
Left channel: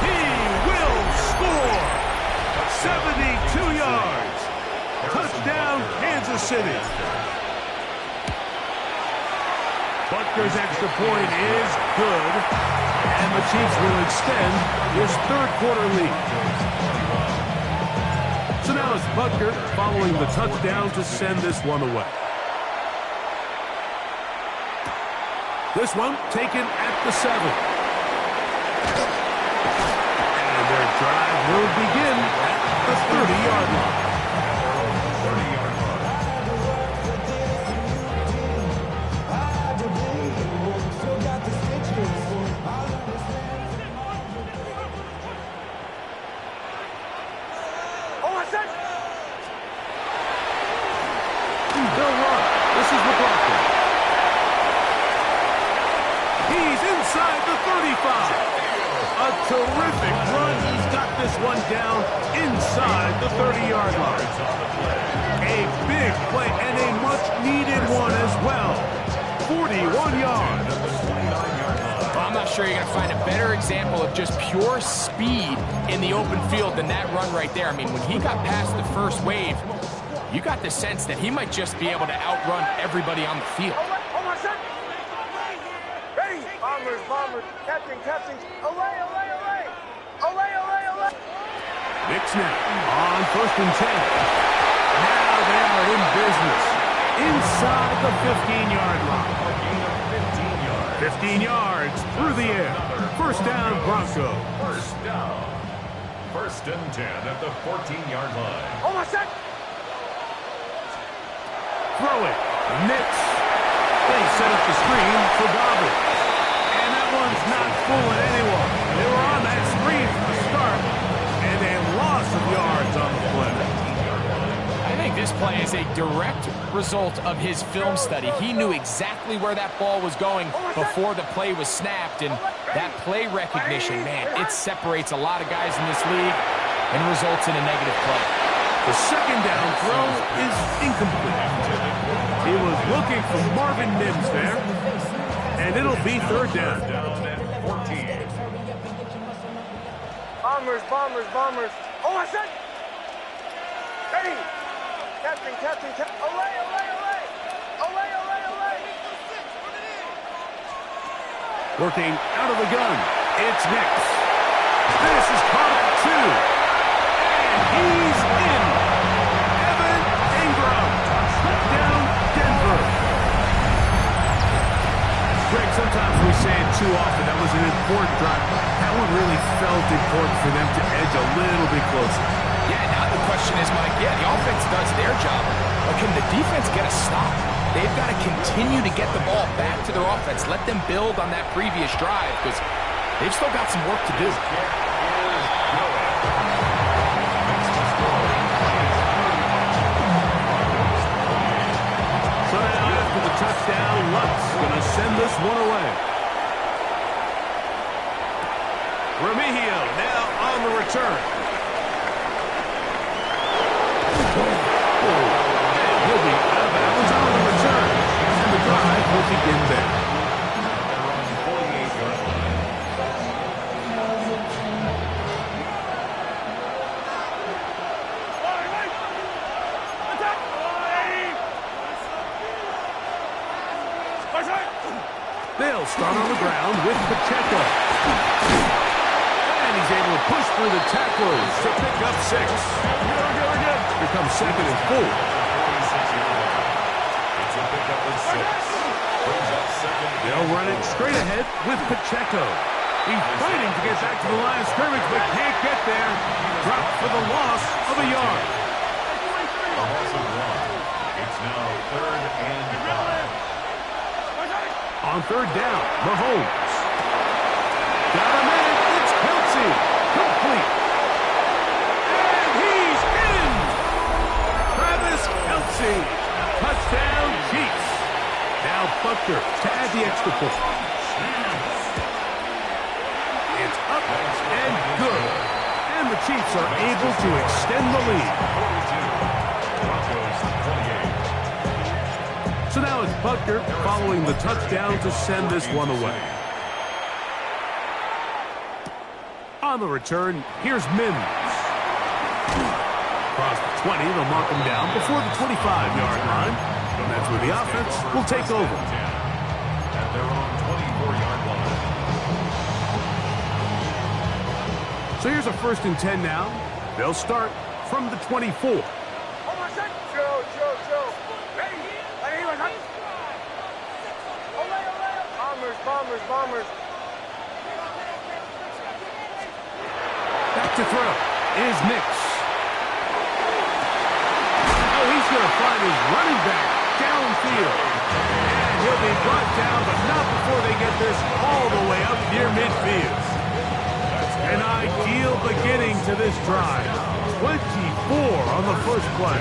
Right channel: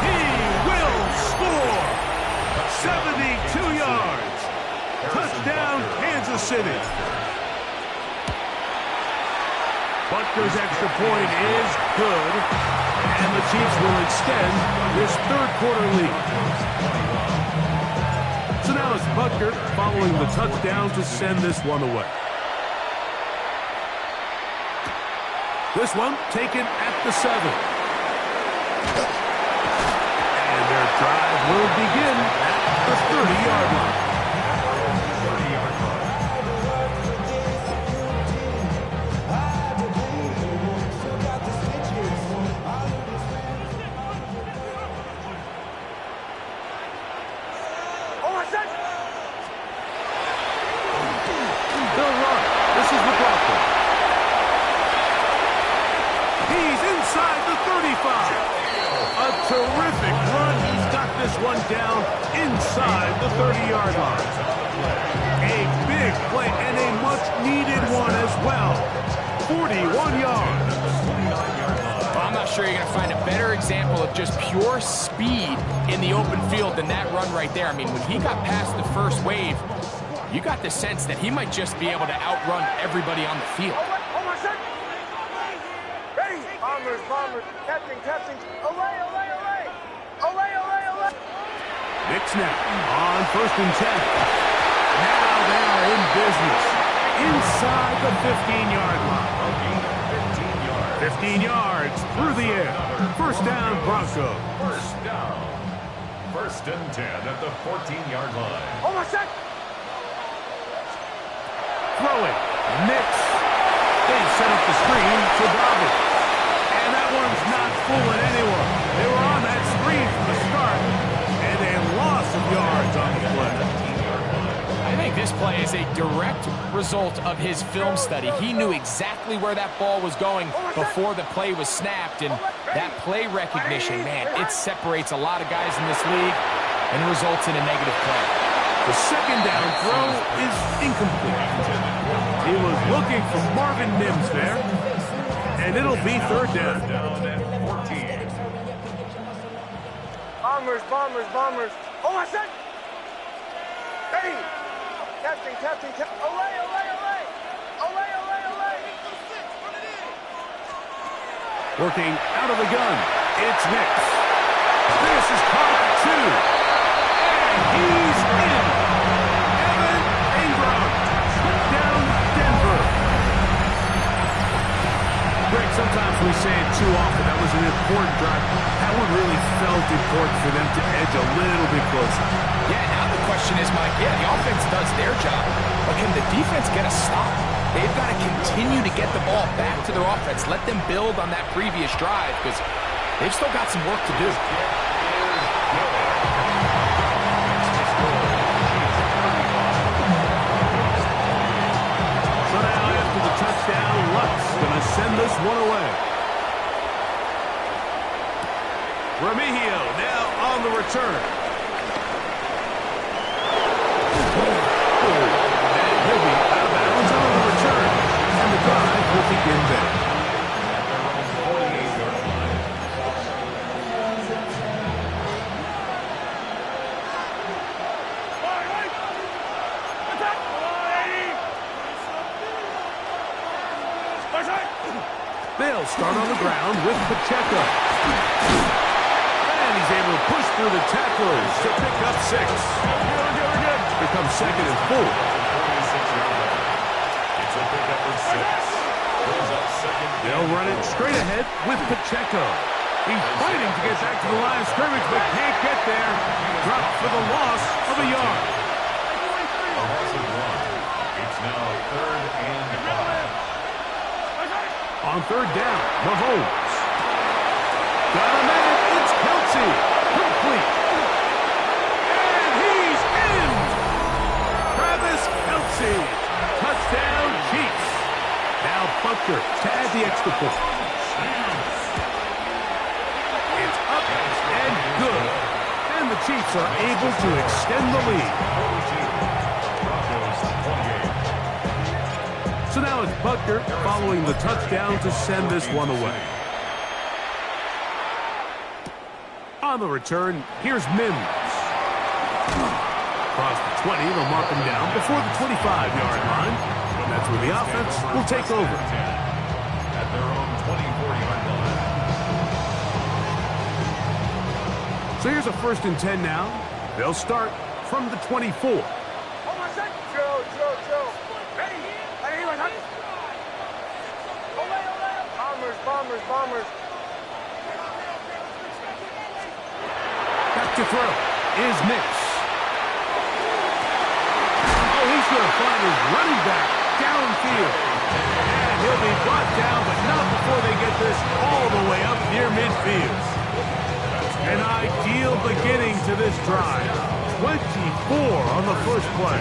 He will score. 72 yards. Touchdown, Kansas City. Butker's extra point is good. And the Chiefs will extend this 3rd quarter lead. So now it's Butker following the touchdown to send this one away. This one taken at the 7. And their drive will begin at the 30-yard line. 30-yard line. They'll run. This is Dwalker. He's inside the 35. A terrific run. He's got this one down inside the 30-yard line. A big play and a much-needed one as well. 41 yards. Well, I'm not sure you're going to find a better example of just pure speed in the open field than that run right there. I mean, when he got past the first wave, you got the sense that he might just be able to outrun everybody on the field. Hold on, set. Ready. Bombers, bombers. Captain, captain. Away, away, away. Away, away, away. Nick snap on 1st and 10. Now they are in business. Inside the 15-yard line. A gain of 15 yards. 15 yards through the air. First down, Broncos. First down. 1st and 10 at the 14-yard line. Hold on, set. Throw it. Knicks. They set up the screen for Dobbins. And that one's not fooling anyone. They were on that screen from the start. And a loss of yards on the play. I think this play is a direct result of his film study. He knew exactly where that ball was going before the play was snapped. And that play recognition, man, it separates a lot of guys in this league and results in a negative play. The second down throw is incomplete. He was looking for Marvin Mims there. And it'll be 3rd down. Down at 14. Bombers, bombers, bombers. Hold on, set. Ready. Captain, captain, captain. Away, away, away. Away, away, away. Working out of the gun. It's Knicks. This is caught at 2. And he's in. Evan Ingram. Touchdown, Denver. Greg, sometimes we say it too often. That was an important drive. That one really felt important for them to edge a little bit closer. Yeah, now the question is, Mike, yeah, the offense does their job, but can the defense get a stop? They've got to continue to get the ball back to their offense. Let them build on that previous drive because they've still got some work to do. So now after the touchdown, Lutz going to send this one away. Remigio now on the return. And he'll be out of bounds on the return. And the drive will begin there. At their own 48-yard line. They'll start on the ground with Pacheco. And he's able to push through the tacklers to pick up 6. We're good. Here comes 2nd and 4. 46-yard line. It's a pickup of 6. Brings up 2nd. They'll run it straight ahead with Pacheco. He's fighting to get back to the line of scrimmage, but can't get there. Dropped for the loss of a yard. A loss of 1. It's now 3rd and 5. On 3rd down, Mahomes. Got a man. It's Kelsey. Complete. And he's in. Travis Kelsey. Touchdown, Chiefs. Now Butker to add the extra point. It's up and good. And the Chiefs are able to extend the lead. 42. Broncos 28. So now it's Butker following the touchdown to send this one away. On the return, here's Mims. Across the 20, they'll mark him down before the 25-yard line. And that's where the offense will take over. At their own 24-yard line. So here's a 1st and 10 now. They'll start from the 24. Hold on, set. Joe. Ready. Bombers, Bombers, bombers. Back to throw is Nix. Oh, he's going to find his running back downfield. And he'll be brought down, but not before they get this all the way up near midfield. An ideal beginning to this drive. 24 on the first play.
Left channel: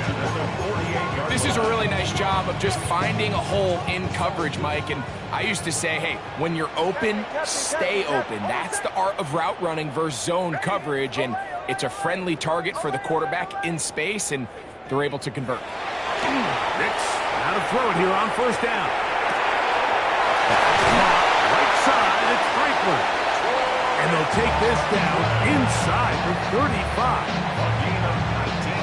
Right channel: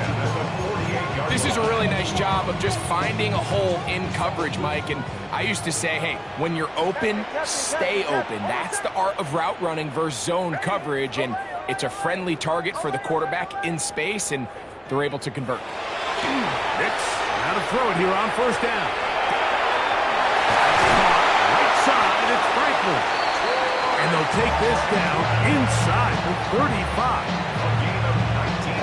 This is a really nice job of just finding a hole in coverage, Mike. And I used to say, hey, when you're open, stay open. That's the art of route running versus zone coverage. And it's a friendly target for the quarterback in space, and they're able to convert. Nix, now to throw it here on first down. That's caught right side. It's Franklin. And they'll take this down inside the 35.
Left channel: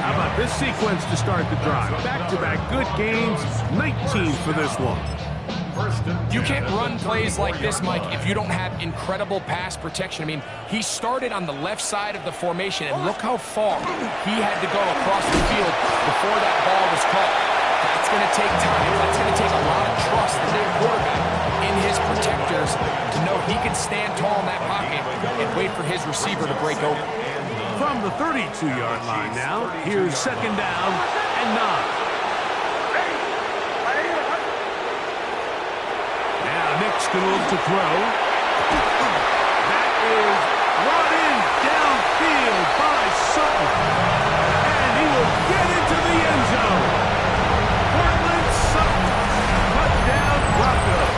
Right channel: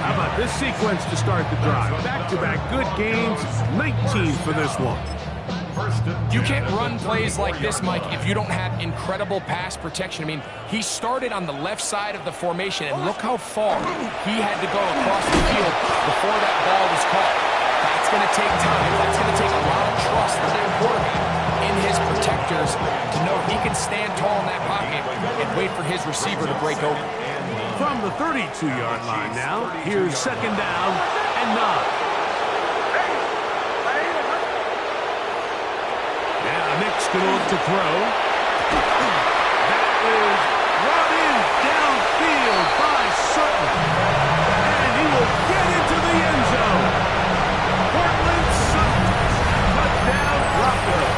How about this sequence to start the drive? Back-to-back good gains, 19 for this one. You can't run plays like this, Mike, if you don't have incredible pass protection. I mean, he started on the left side of the formation, and look how far he had to go across the field before that ball was caught. That's going to take time. That's going to take a lot of trust from that quarterback in his protectors to know he can stand tall in that pocket and wait for his receiver to break open. From the 32-yard line now, here's second down and 9. Now Nick's going to look to throw. That is brought in downfield by Sutton. And he will get into the end zone. Portland Sutton. Touchdown Broncos.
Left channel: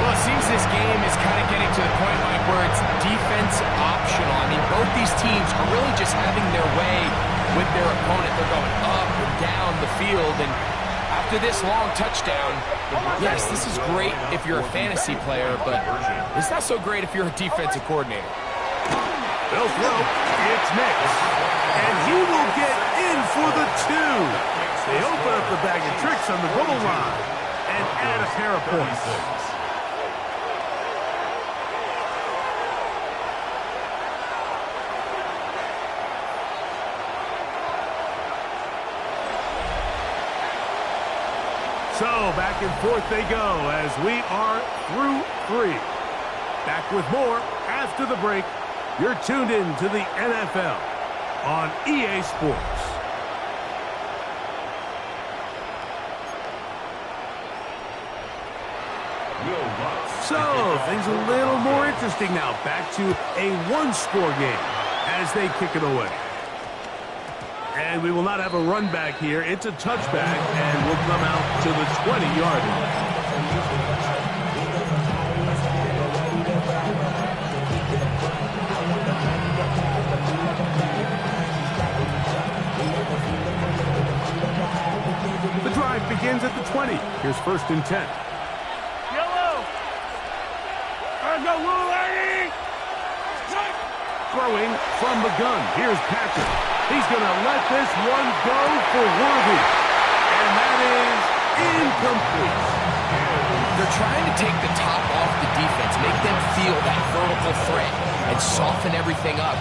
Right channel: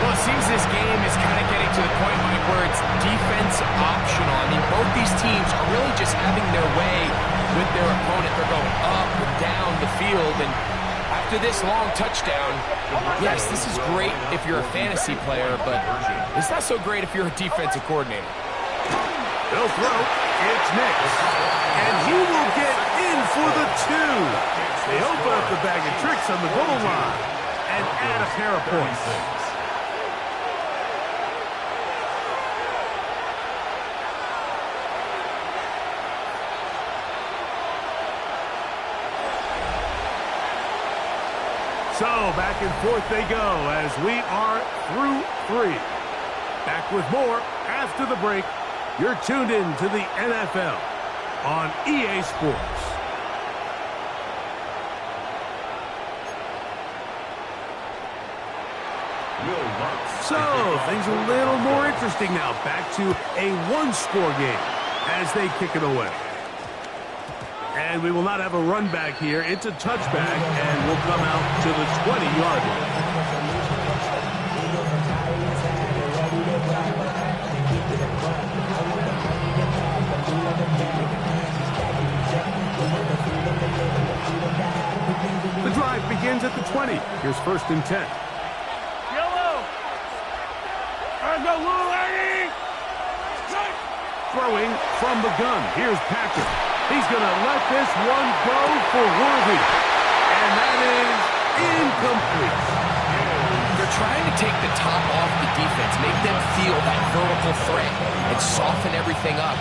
Well, it seems this game is kind of getting to the point, Mike, where it's defense optional. I mean, both these teams are really just having their way with their opponent. They're going up and down the field, and after this long touchdown, yes, this is great if you're a fantasy player, but it's not so great if you're a defensive coordinator. They'll throw. It's Nix. And he will get in for the 2. They open up the bag of tricks on the goal line and add a pair of points. So, back and forth they go as we are through 3. Back with more after the break. You're tuned in to the NFL on EA Sports. So, things a little more interesting now. Back to a one-score game as they kick it away. And we will not have a run back here. It's a touchback, and we'll come out to the 20-yard line. The drive begins at the 20. Here's first and 10. Yellow. Let's go, little lady. Throwing from the gun. Here's Patrick. He's going to let this one go for Worthy. And that is incomplete. They're trying to take the top off the defense, make them feel that vertical threat, and soften everything up.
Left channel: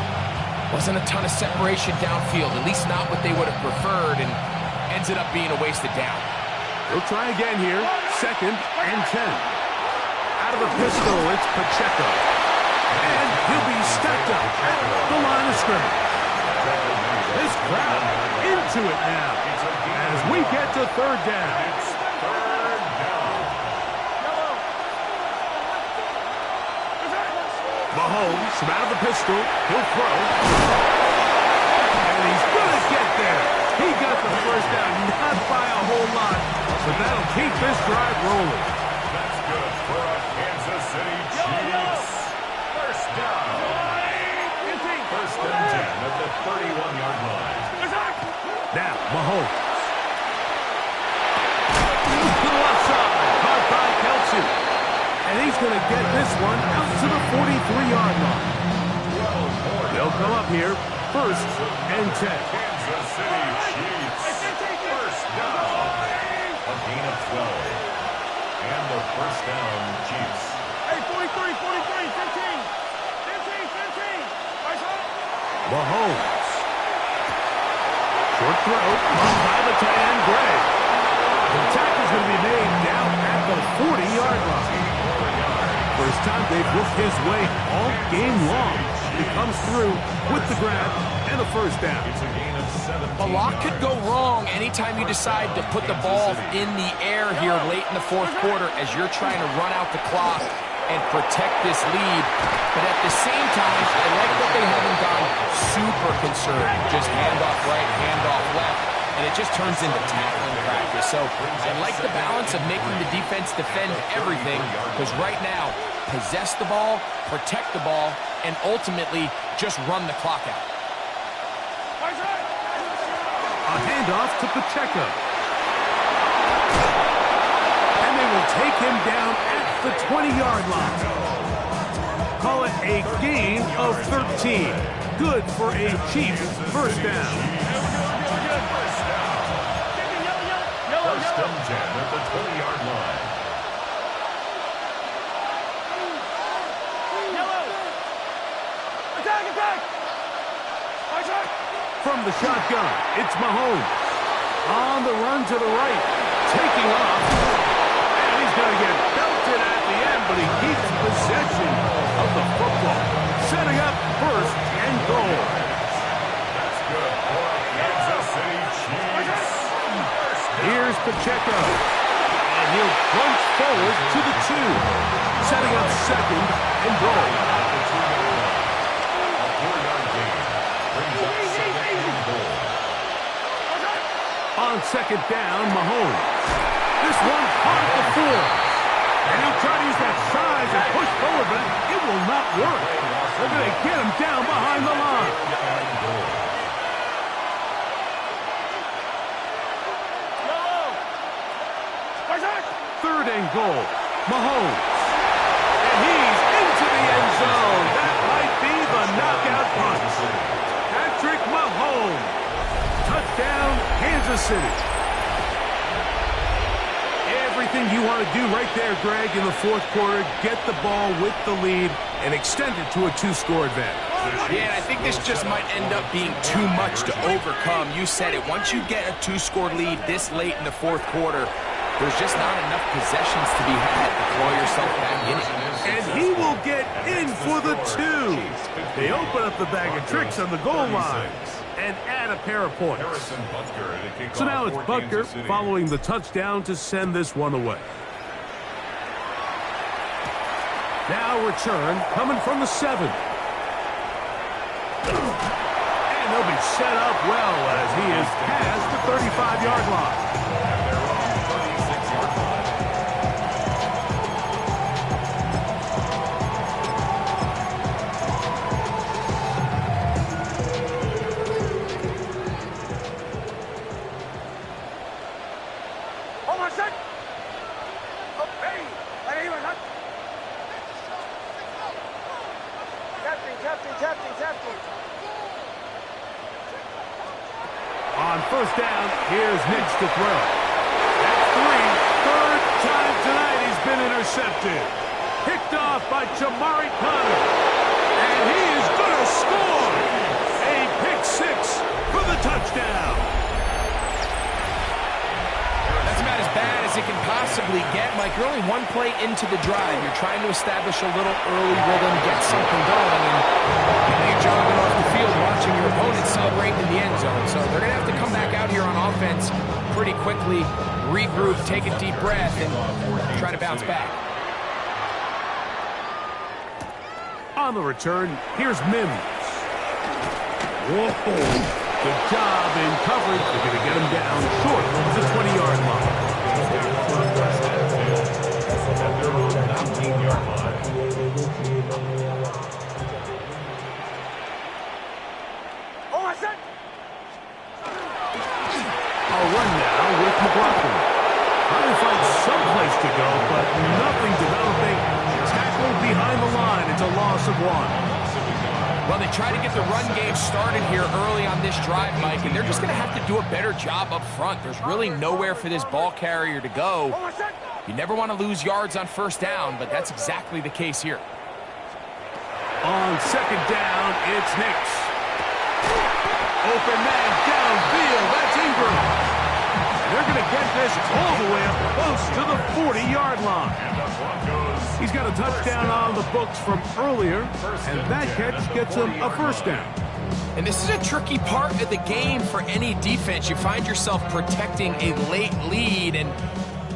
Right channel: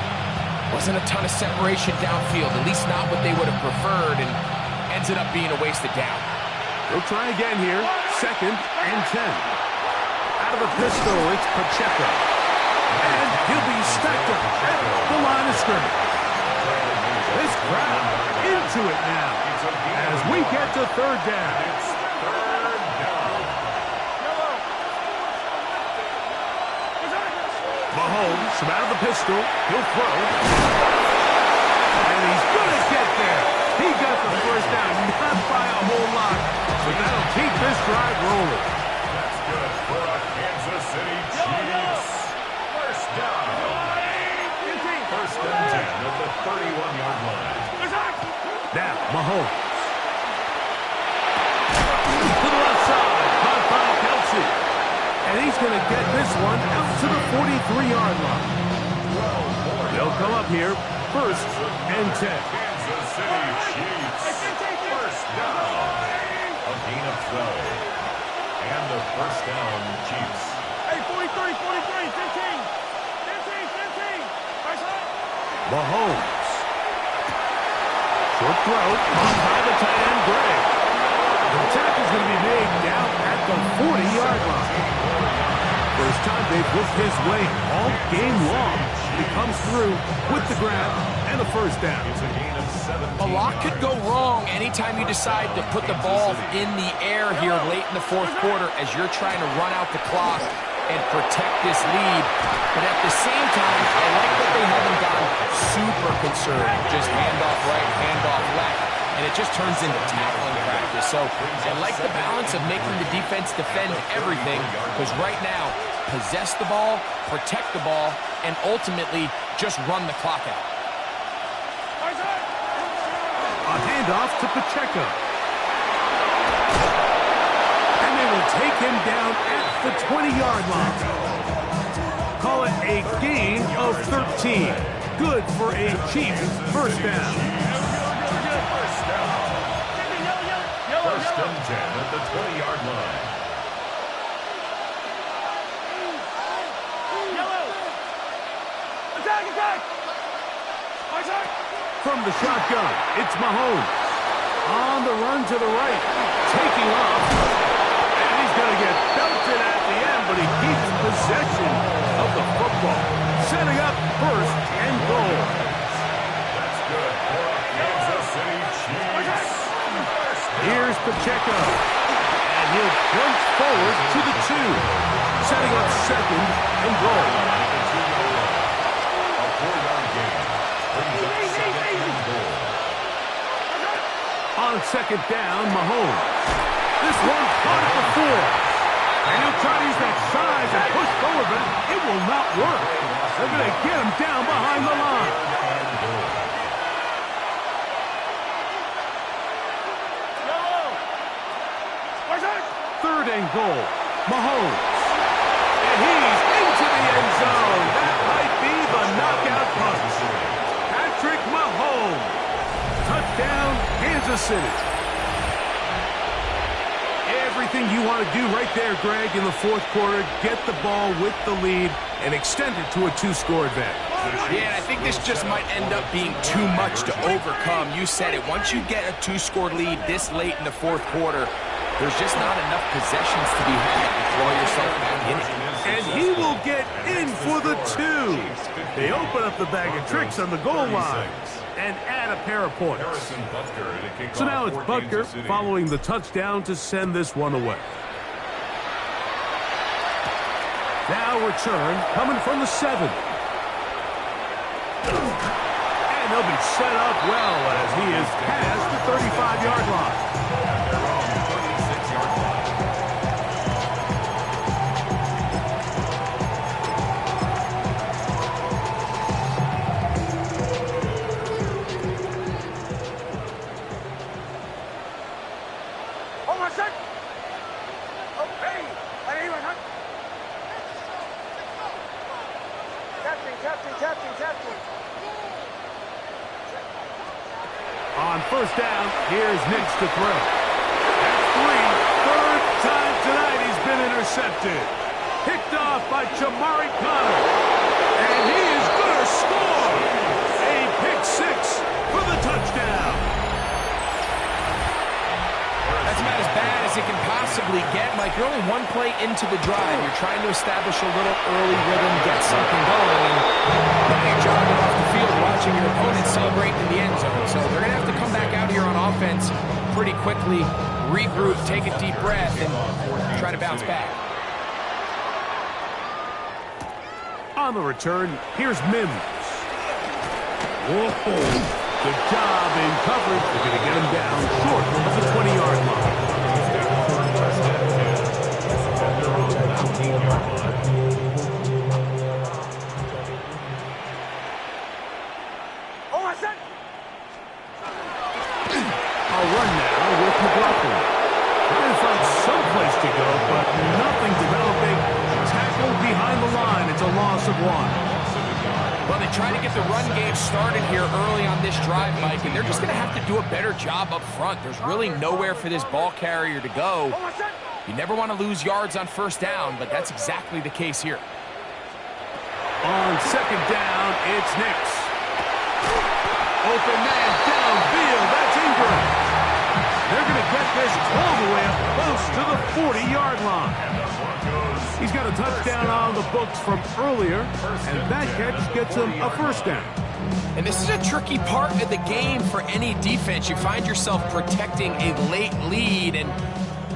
Wasn't a ton of separation downfield, at least not what they would have preferred, and ends it up being a wasted down. They'll try again here. Second and 10. Out of the pistol, it's Pacheco. And he'll be stacked up at the line of scrimmage. This crowd into it now as we get to third down. It's third down. Mahomes from out of the pistol. He'll throw. And he's going to get there. He got the first down, not by a whole lot, but that'll keep this drive rolling. That's good for a Kansas City Chiefs. First down. First and 10 at the 31-yard line. Now, Mahomes. To the left side, caught by Kelsey. And he's going to get this one out to the 43-yard line. They'll come up here, first and 10. Kansas City Chiefs. First down. A gain of 12. And the first down, Chiefs. Hey, 43, 43, 15. 15. Mahomes. Short throw, caught by the tight end, Gray. The tackle's going to be made down at the 40-yard line. First time they've looked his way all game long. He comes through with the grab and a first down. A lot could go wrong anytime you decide to put the ball in the air here late in the fourth quarter as you're trying to run out the clock and protect this lead. But at the same time, I like that they haven't gone super conservative. Just handoff right, handoff left, and it just turns into tackling practice. So I like the balance of making the defense defend everything, because right now, possess the ball, protect the ball, and ultimately just run the clock out. A handoff to Pacheco. And they will take him down at the 20-yard line. Call it a gain of 13. Good for a Chiefs first down. First and 10 at the 20-yard line. From the shotgun, it's Mahomes. On the run to the right, taking off. And he's going to get belted at the end, but he keeps possession of the football. Setting up first and goal. That's good for a Kansas City Chiefs. Here's Pacheco. And he'll plunge forward to the 2. Setting up second and goal. A 4-yard gain brings up second and goal. On second down, Mahomes. This one caught at the 4. And he'll try to use that size and push forward, but it will not work. They're going to get him down behind the line. Third and goal. Mahomes. And he's into the end zone. That might be the knockout punch. Patrick Mahomes. Touchdown, Kansas City. Everything you want to do right there, Greg, in the fourth quarter. Get the ball with the lead and extend it to a 2-score advantage. Yeah, and I think this just might end up being too much to overcome. You said it. Once you get a 2-score lead this late in the fourth quarter, there's just not enough possessions to be had to claw yourself back in it. And he will get in for the 2. They open up the bag of tricks on the goal line and add a pair of points. So now it's Butker following the touchdown to send this one away. Now return coming from the 7. And they'll be set up well as he is past the 35-yard line. On first down, here's Nix to throw. That's 3. Third time tonight he's been intercepted. Picked off by Jamari Connor. And he is going to score. A pick 6 for the touchdown. That's about as bad as it can possibly get. Mike, you're only one play into the drive. You're trying to establish a little early rhythm, get something going, and now you're jogging off the field watching your opponent celebrate in the end zone. So they're going to have to come back out here on offense pretty quickly, regroup, take a deep breath, and try to bounce back. On the return, here's Mims. Whoa. Good job in coverage. They're going to get him down short of the 20-yard line. At their own 19-yard line. A run now with McLaughlin. Trying to find someplace to go, but nothing developing. Tackled behind the line. It's a loss of 1. Well, they try to get the run game started here early on this drive, Mike, and they're just going to have to do a better job up front. There's really nowhere for this ball carrier to go. You never want to lose yards on first down, but that's exactly the case here. On second down, it's Nix. Open man downfield. That's Ingram. They're going to get this all the way up close to the 40-yard line. He's got a touchdown on the books from earlier, and that catch gets him a first down. And this is a tricky part of the game for any defense. You find yourself protecting a late lead, and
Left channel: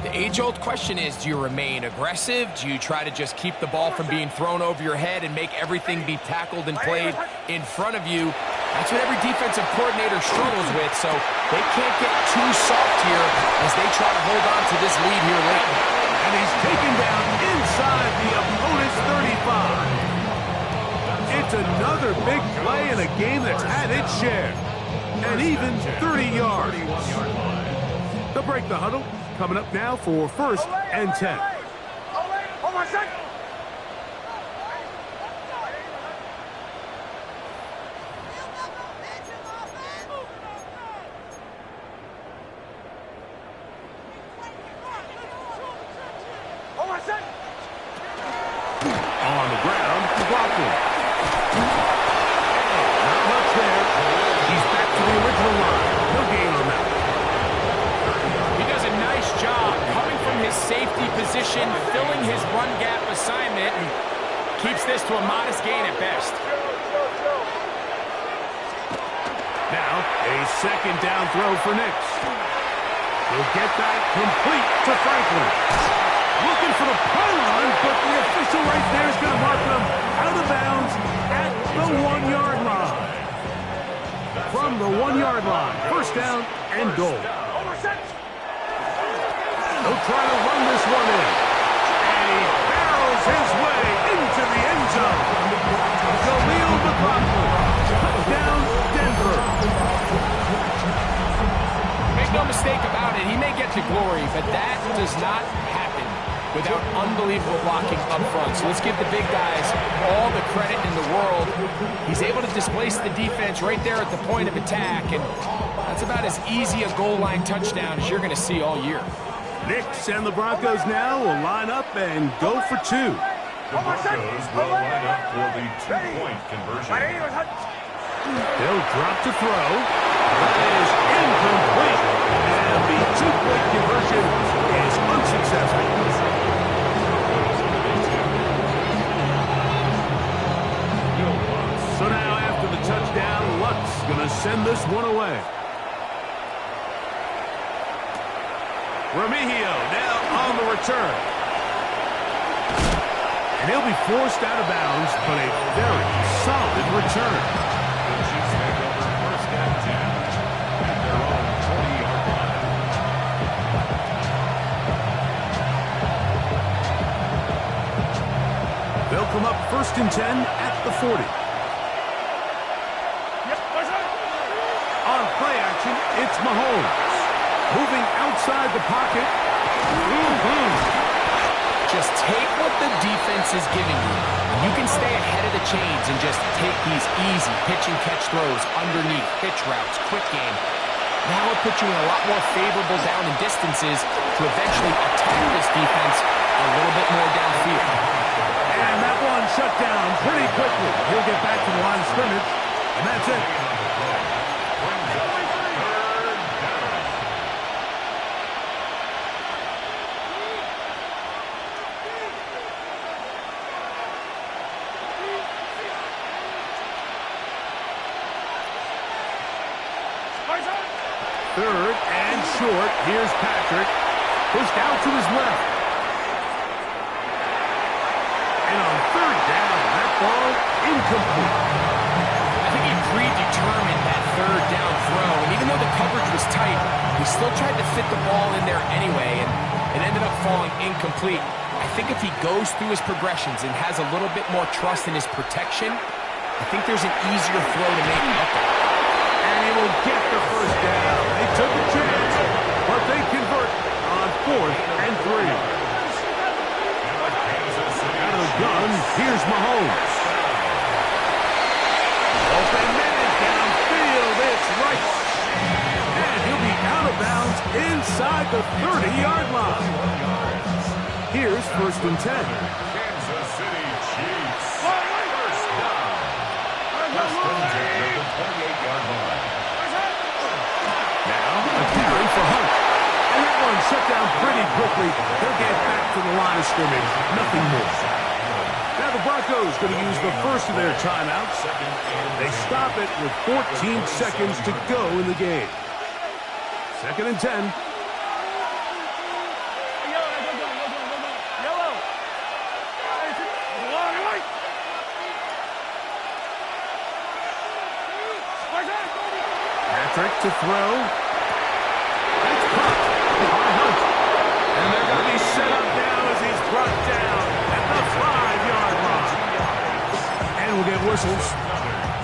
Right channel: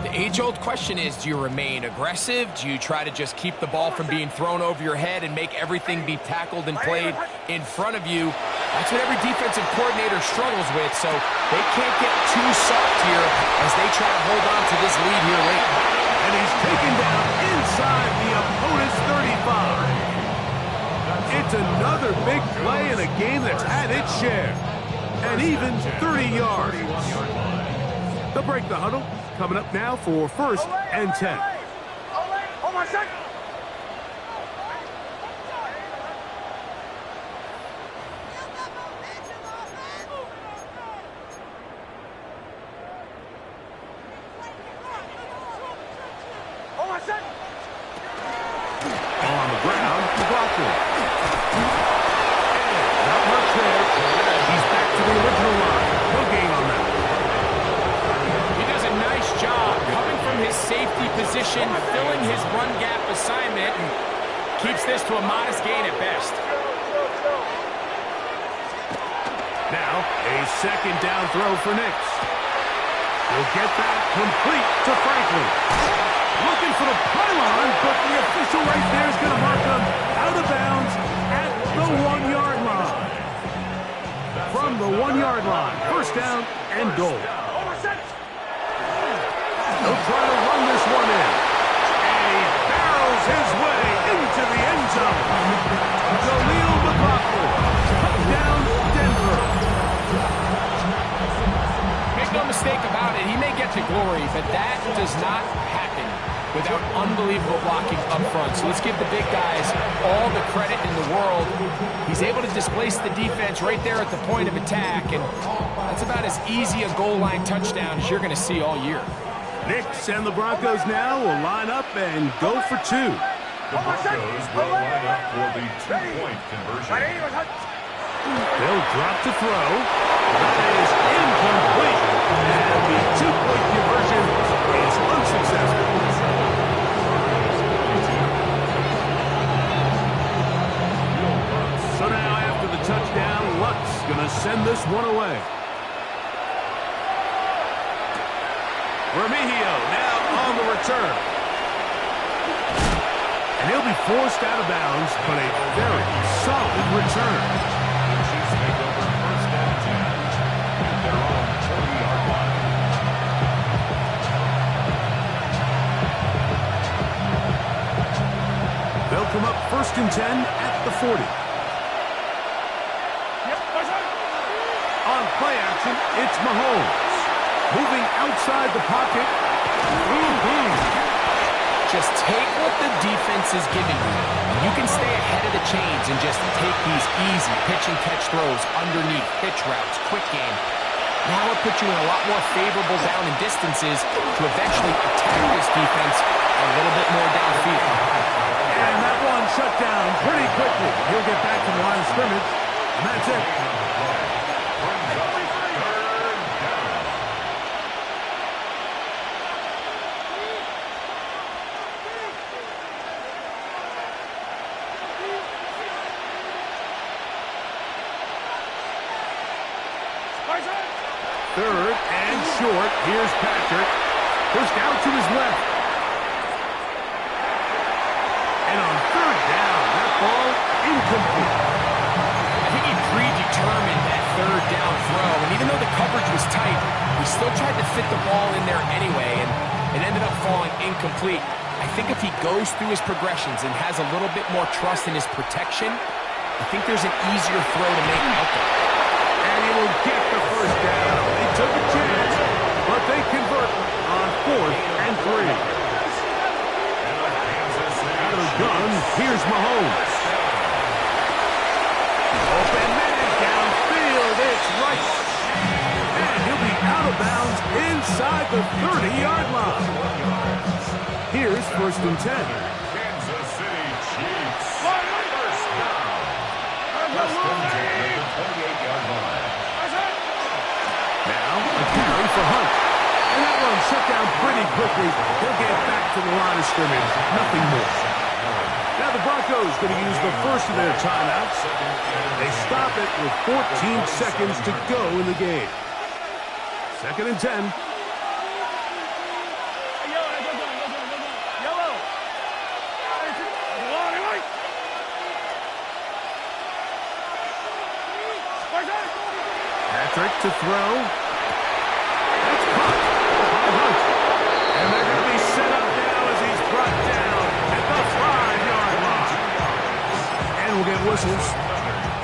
the age-old question is, do you remain aggressive? Do you try to just keep the ball from being thrown over your head and make everything be tackled and played in front of you? That's what every defensive coordinator struggles with, so they can't get too soft here as they try to hold on to this lead here late. And he's taken down inside the opponent's 35. It's another big play in a game that's had its share. And even 30 yards. They'll break the huddle. Coming up now for first and 10. Hold on a second. On the ground, Dwalker. Not much there. He's back to the original line. No gain on that. He does a nice job coming from his safety position, filling his run gap assignment, and keeps this to a modest gain at best. Now, a second down throw for Nix. He'll get that complete to Franklin. Looking for the pylon, but the official right there is going to mark him out of bounds at the 1-yard line. From the 1-yard line, first down and goal. They'll try to run this one in. And he barrels his way into the end zone. Khalil McLaughlin, touchdown Denver. Make no mistake about it, he may get to glory, but that does not happen without unbelievable blocking up front. So let's give the big guys all the credit in the world. He's able to displace the defense right there at the point of attack, and that's about as easy a goal line touchdown as you're going to see all year. Nix and the Broncos now will line up and go for two. The Broncos will line up for the two-point conversion. They'll drop to throw. That is incomplete. And the two-point conversion is unsuccessful. So now after the touchdown, Luck's going to send this one away. Remigio now on the return. And he'll be forced out of bounds, but a very solid return. The Chiefs make over first and 10 at their own 20-yard line. They'll come up first and 10 at the 40. On play action, it's Mahomes. Moving outside the pocket. Just take what the defense is giving you. You can stay ahead of the chains and just take these easy pitch and catch throws underneath, pitch routes, quick game. Now it puts you in a lot more favorable down and distances to eventually attack this defense a little bit more downfield. And that one shut down pretty quickly. He'll get back to the line of scrimmage, and that's it. Third and short. Here's Patrick. Pushed out to his left. And on third down, that ball incomplete. I think he predetermined that third down throw, and even though the coverage was tight, he still tried to fit the ball in there anyway, and it ended up falling incomplete. I think if he goes through his progressions and has a little bit more trust in his protection, I think there's an easier throw to make out there. And he will get the first down. They took a chance, but they convert on fourth and 3. Out of the gun, here's Mahomes. Open man downfield, it's right. And he'll be out of bounds inside the 30-yard line. Here's first and 10. Kansas City Chiefs. First down. First and 10 at the 28-yard line. Now a carry for Hunt. and shut down pretty quickly. He'll get back to the line of scrimmage. Nothing more. Now the Broncos going to use the first of their timeouts. They stop it with 14 seconds to go in the game. 2nd and 10. Patrick to throw. That's caught by Hunt. And they're going to be set up now as he's brought down at the 5-yard line. And we'll get whistles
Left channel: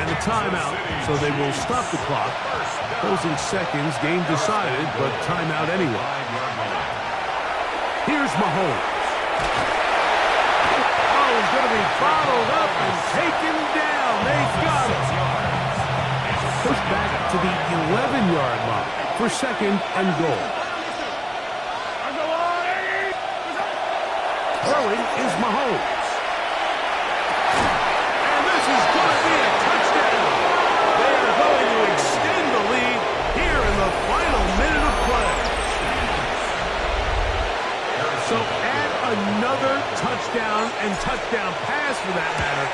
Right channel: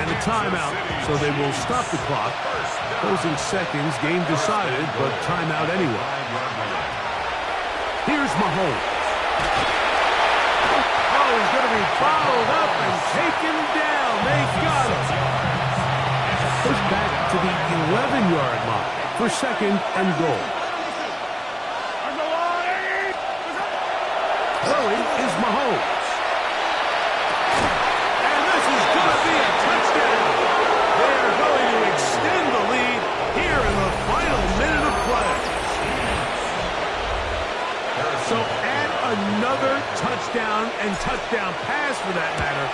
and a timeout, so they will stop the clock. Closing seconds, game decided, but timeout anyway. Here's Mahomes. Oh, he's going to be bottled up and taken down. They've got him. Pushed back to the 11-yard line for 2nd and goal. Throwing is Mahomes. And this is going to be a touchdown. They are going to extend the lead here in the final minute of play. So add another touchdown and touchdown pass for that matter.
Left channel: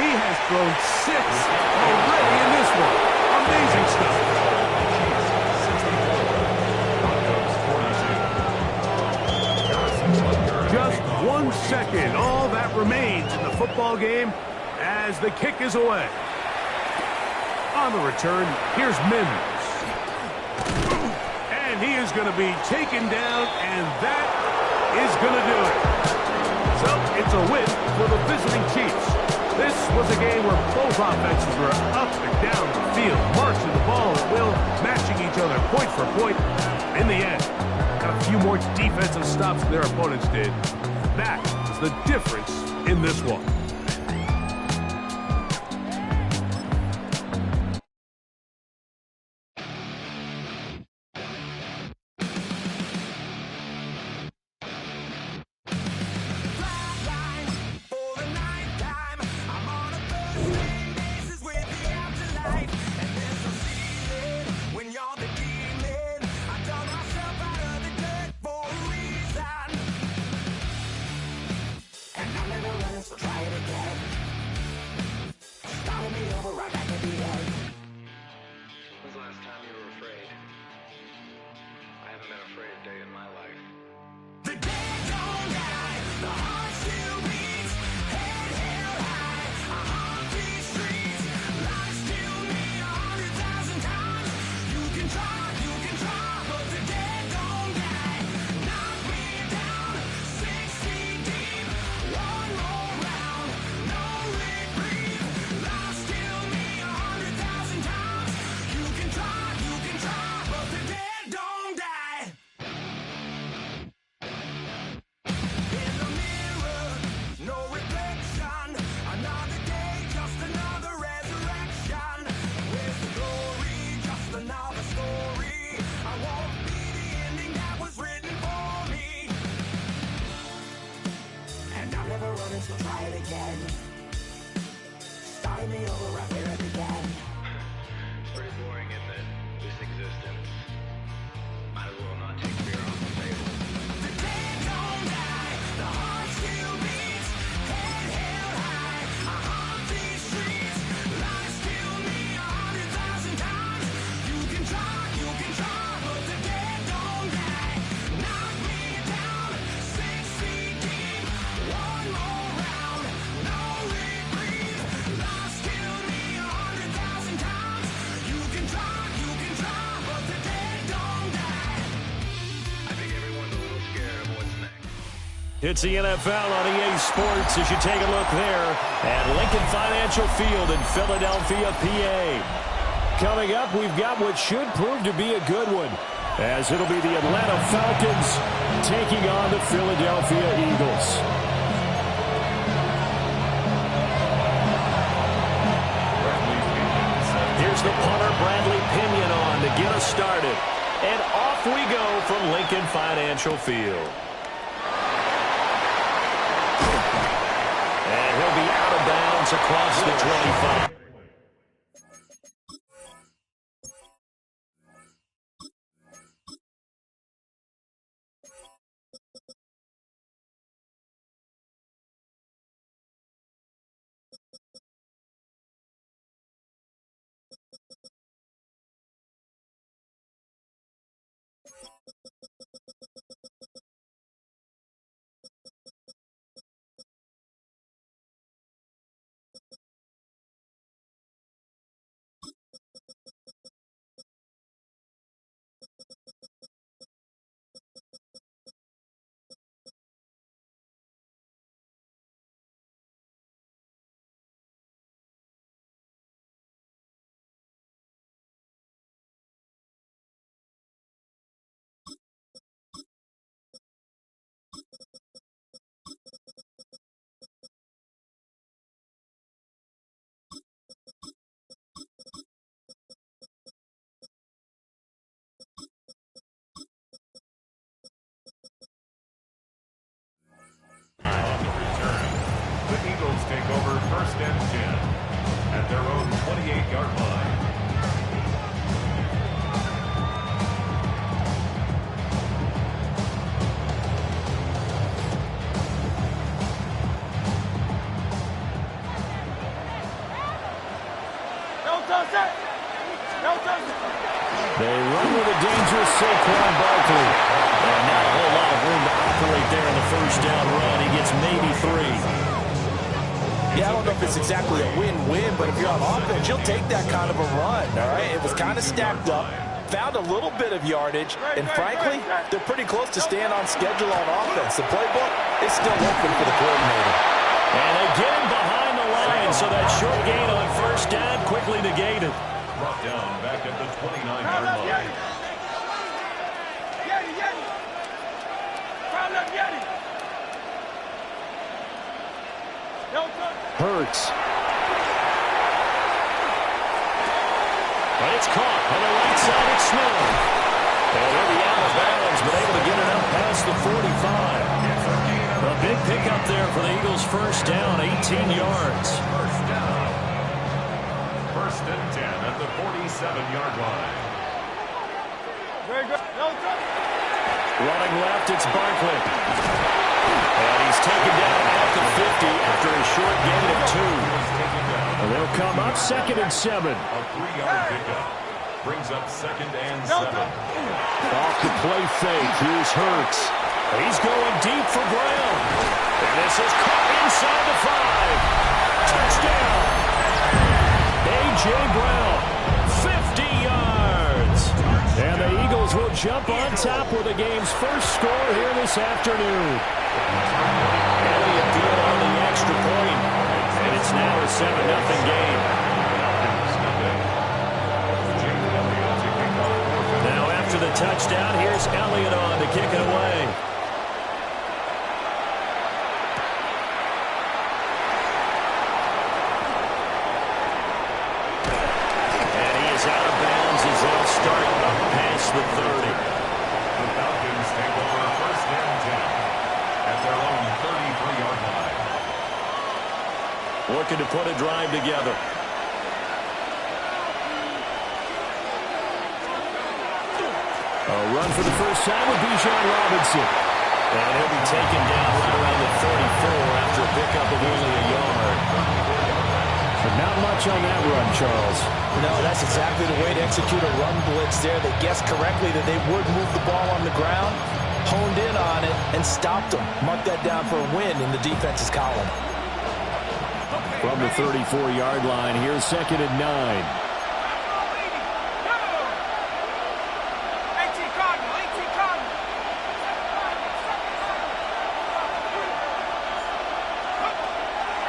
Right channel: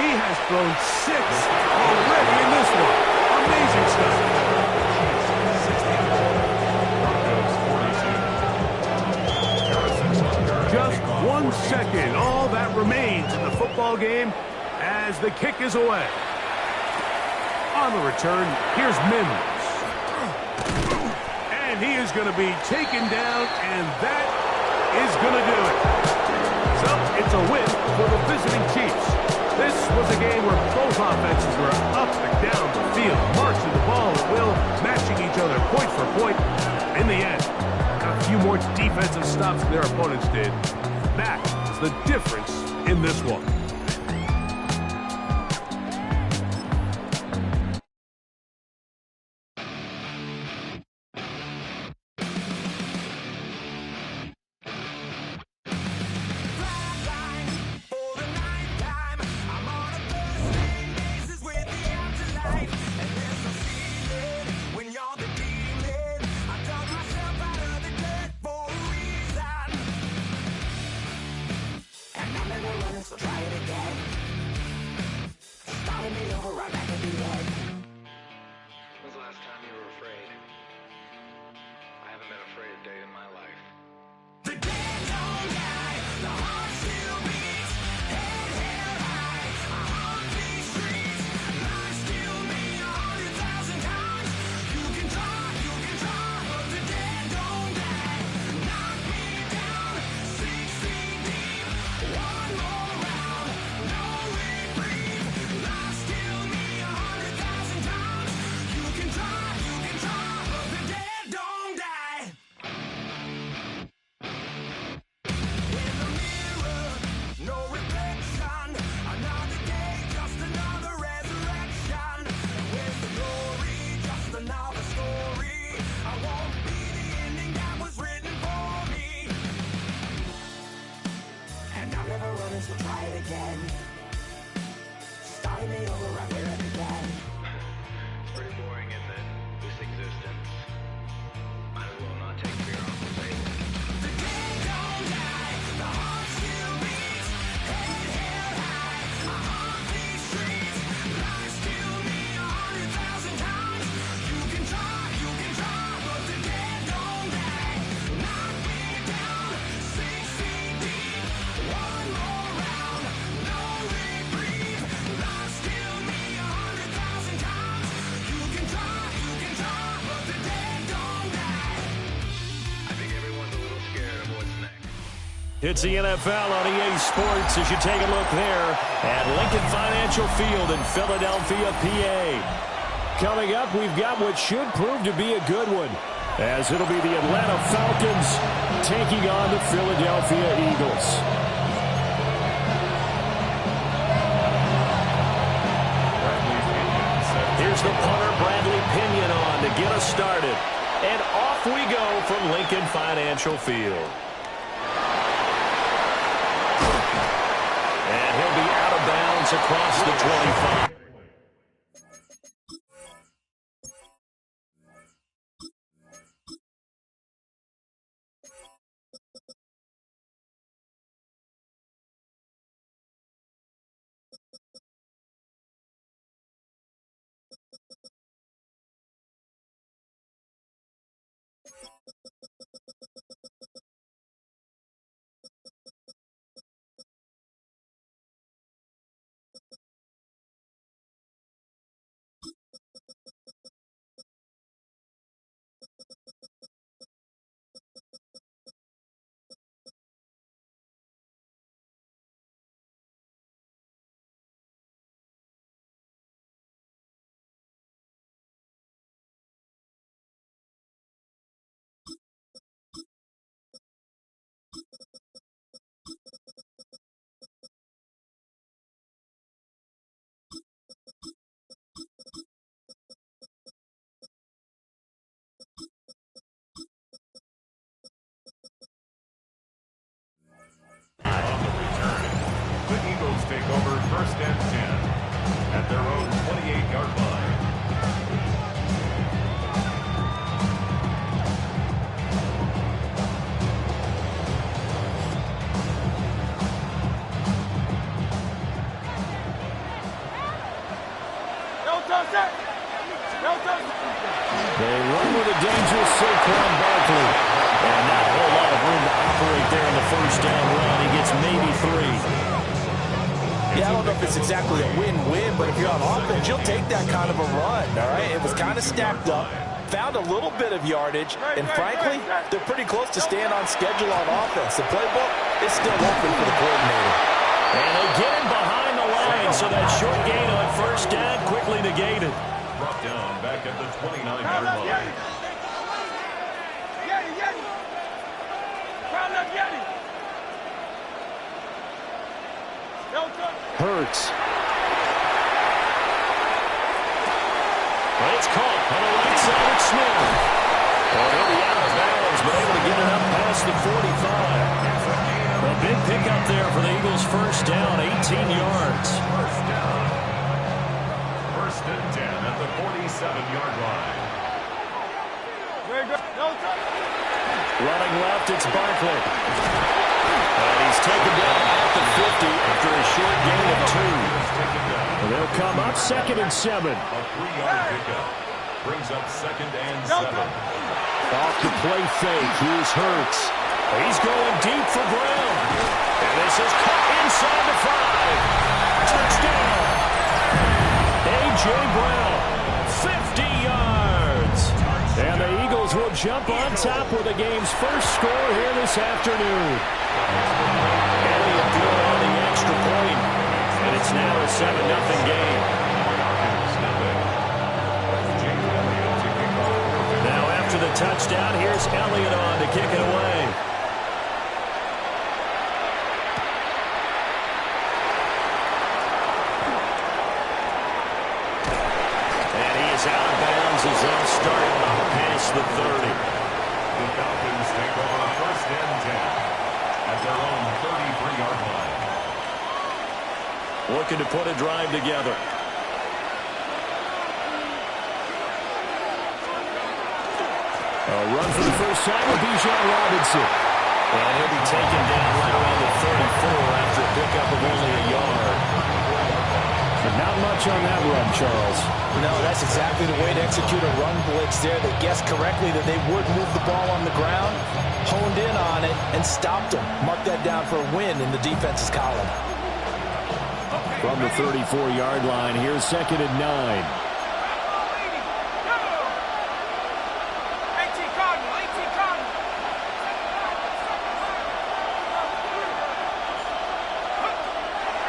He has thrown 6 already in this one. Amazing stuff. Just 1 second. All that remains in the football game as the kick is away. On the return, here's Mims. And he is going to be taken down, and that is going to do it. So it's a win for the visiting Chiefs. This was a game where both offenses were up and down the field, marching the ball at will, matching each other point for point. In the end, got a few more defensive stops than their opponents did. That is the difference in this one. So try it again. Starting me over right where it began. It's pretty boring, isn't it? This existence. Might as well not take fear off the table. The dead don't die, the heart still beats. Head held high, I haunt these streets. Lies kill me 100,000 times. You can try, but the dead don't die. Knock me down 6 feet deep. One more. It's the NFL on EA Sports as you take a look there at Lincoln Financial Field in Philadelphia, PA. Coming up, we've got what should prove to be a good one, as it'll be the Atlanta Falcons taking on the Philadelphia Eagles. Here's the punter, Bradley Pinion, on to get us started. And off we go from Lincoln Financial Field. And he'll be out of bounds across the 25. take over 1st and 10 at their own 28-yard line. They run with a dangerous Saquon Barkley. And not a whole lot of room to operate there on the first down run. He gets maybe 3. Yeah, I don't know if it's exactly a win-win, but if you're on offense, you'll take that kind of a run, all right? It was kind of stacked up, found a little bit of yardage, and frankly, they're pretty close to staying on schedule on offense. The playbook is still open for the coordinator. And they get him behind the line, so that short gain on first down quickly negated. Brought down back at the 29-yard line. Hurts. But it's caught on the right side at Smith. And he'll be out of bounds, but able to get it up past the 45. A big pickup there for the Eagles' first down, 18 yards. First down. 1st and 10 at the 47-yard line. Very good. No touch. Running left, it's Barkley. And he's taken down at the 50 after a short gain of 2. They'll come up 2nd and 7. A 3-yard pickup. Brings up 2nd and 7. Off the play fake, here's Hurts. He's going deep for Brown. And this is caught inside the 5. Touchdown. A.J. Brown, 50 yards. And the Eagles will jump on top with the game's first score here this afternoon. Elliott good on the extra point. And it's now a 7-0 game. Now after the touchdown, here's Elliott on to kick it away. Out of bounds as they'll start up past the 30. The Falcons take over 1st and 10 at their own 33-yard line. Looking to put a drive together. A run for the first time with Bijan Robinson. And he'll be taken down right around the 34 after a pickup of only a yard. But not much on that run, Charles. No, that's exactly the way to execute a run blitz there. They guessed correctly that they would move the ball on the ground, honed in on it, and stopped them. Mark that down for a win in the defense's column. From the 34-yard line, here's 2nd and 9.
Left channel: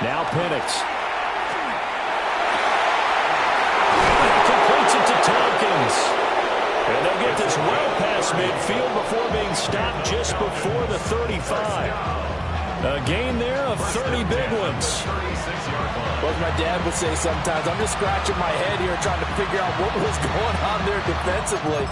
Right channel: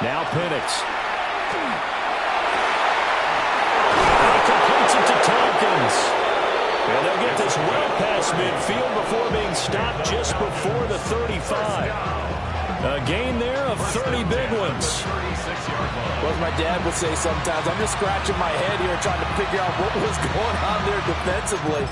Now Penix. Completes it to Tompkins. And they'll get this well past midfield before being stopped just before the 35. A gain there of 30 big ones. Well, as my dad would say sometimes, I'm just scratching my head here trying to figure out what was going on there defensively.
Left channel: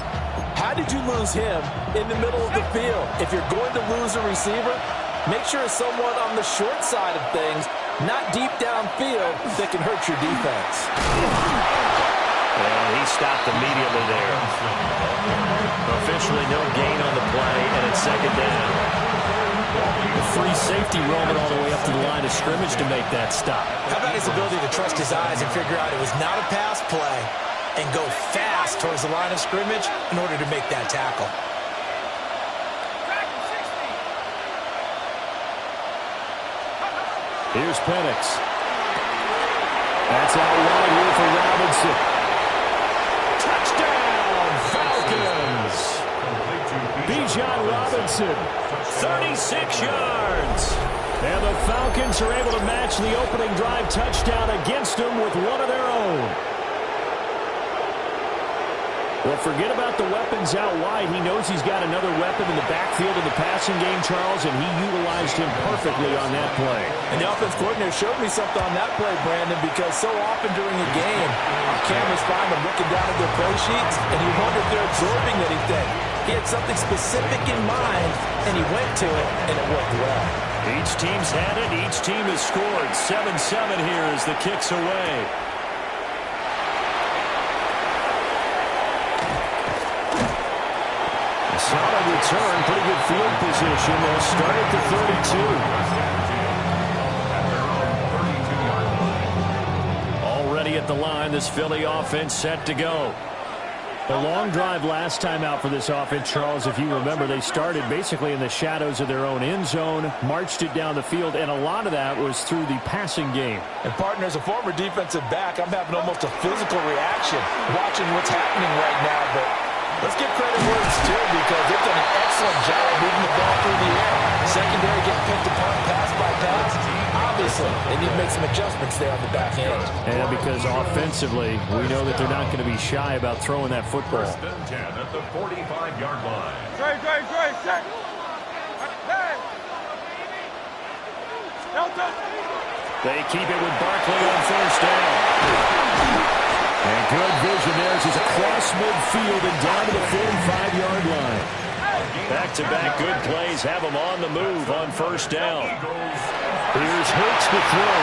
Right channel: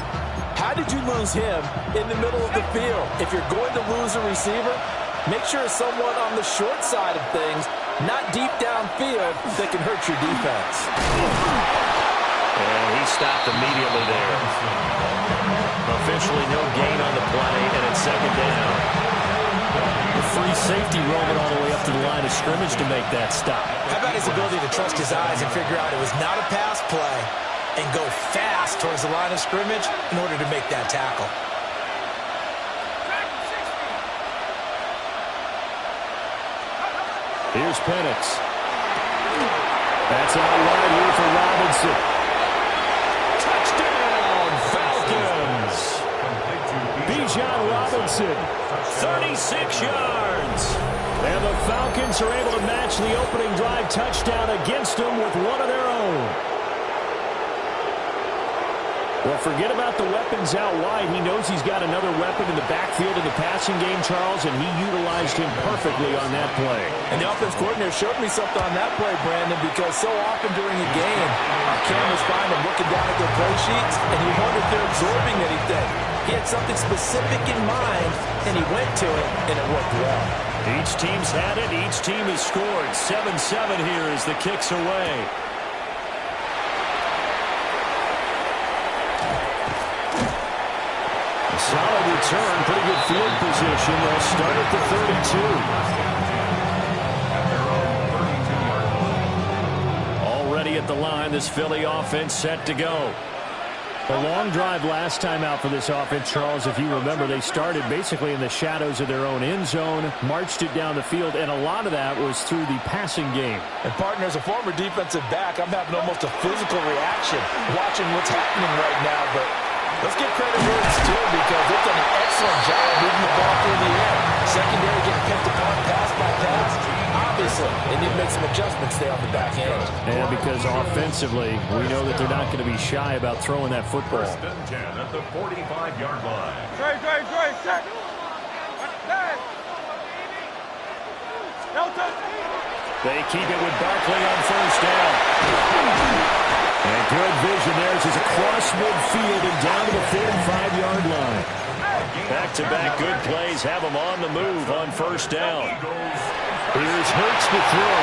How did you lose him in the middle of the field? If you're going to lose a receiver, make sure it's someone on the short side of things, not deep downfield, that can hurt your defense. And he stopped immediately there. Officially no gain on the play, and it's 2nd down. The free safety roaming all the way up to the line of scrimmage to make that stop. How about his ability to trust his eyes and figure out it was not a pass play and go fast towards the line of scrimmage in order to make that tackle. Here's Penix. That's out wide here for Robinson. Touchdown, Falcons! Bijan Robinson, 36 yards. And the Falcons are able to match the opening drive touchdown against them with one of their own. Well, forget about the weapons out wide. He knows he's got another weapon in the backfield in the passing game, Charles, and he utilized him perfectly on that play. And the offense coordinator showed me something on that play, Brandon, because so often during a game, our cameras find them looking down at their play sheets, and you wonder if they're absorbing anything. He had something specific in mind, and he went to it, and it worked well. Each team's had it. Each team has scored. 7-7 here as the kick's away. A solid return. Pretty good field position. They'll start at the 32. Already at the line, this Philly offense set to go. A long drive last time out for this offense, Charles. If you remember, they started basically in the shadows of their own end zone, marched it down the field, and a lot of that was through the passing game. And, partner, as a former defensive back, I'm having almost a physical reaction watching what's happening right now. But let's give credit where it's due because they've done an excellent job moving the ball through the air. Secondary getting picked apart pass by pass. Obviously, they need to make some adjustments there on the back end. And because offensively, we know that they're not going to be shy about throwing that football. 1st and 10 at the 45-yard line. Set. They keep it with Barkley on 1st down. And good vision there as he's across midfield and down to the 45-yard line. Back-to-back good plays have him on the move on 1st down. Here's Hurts to throw.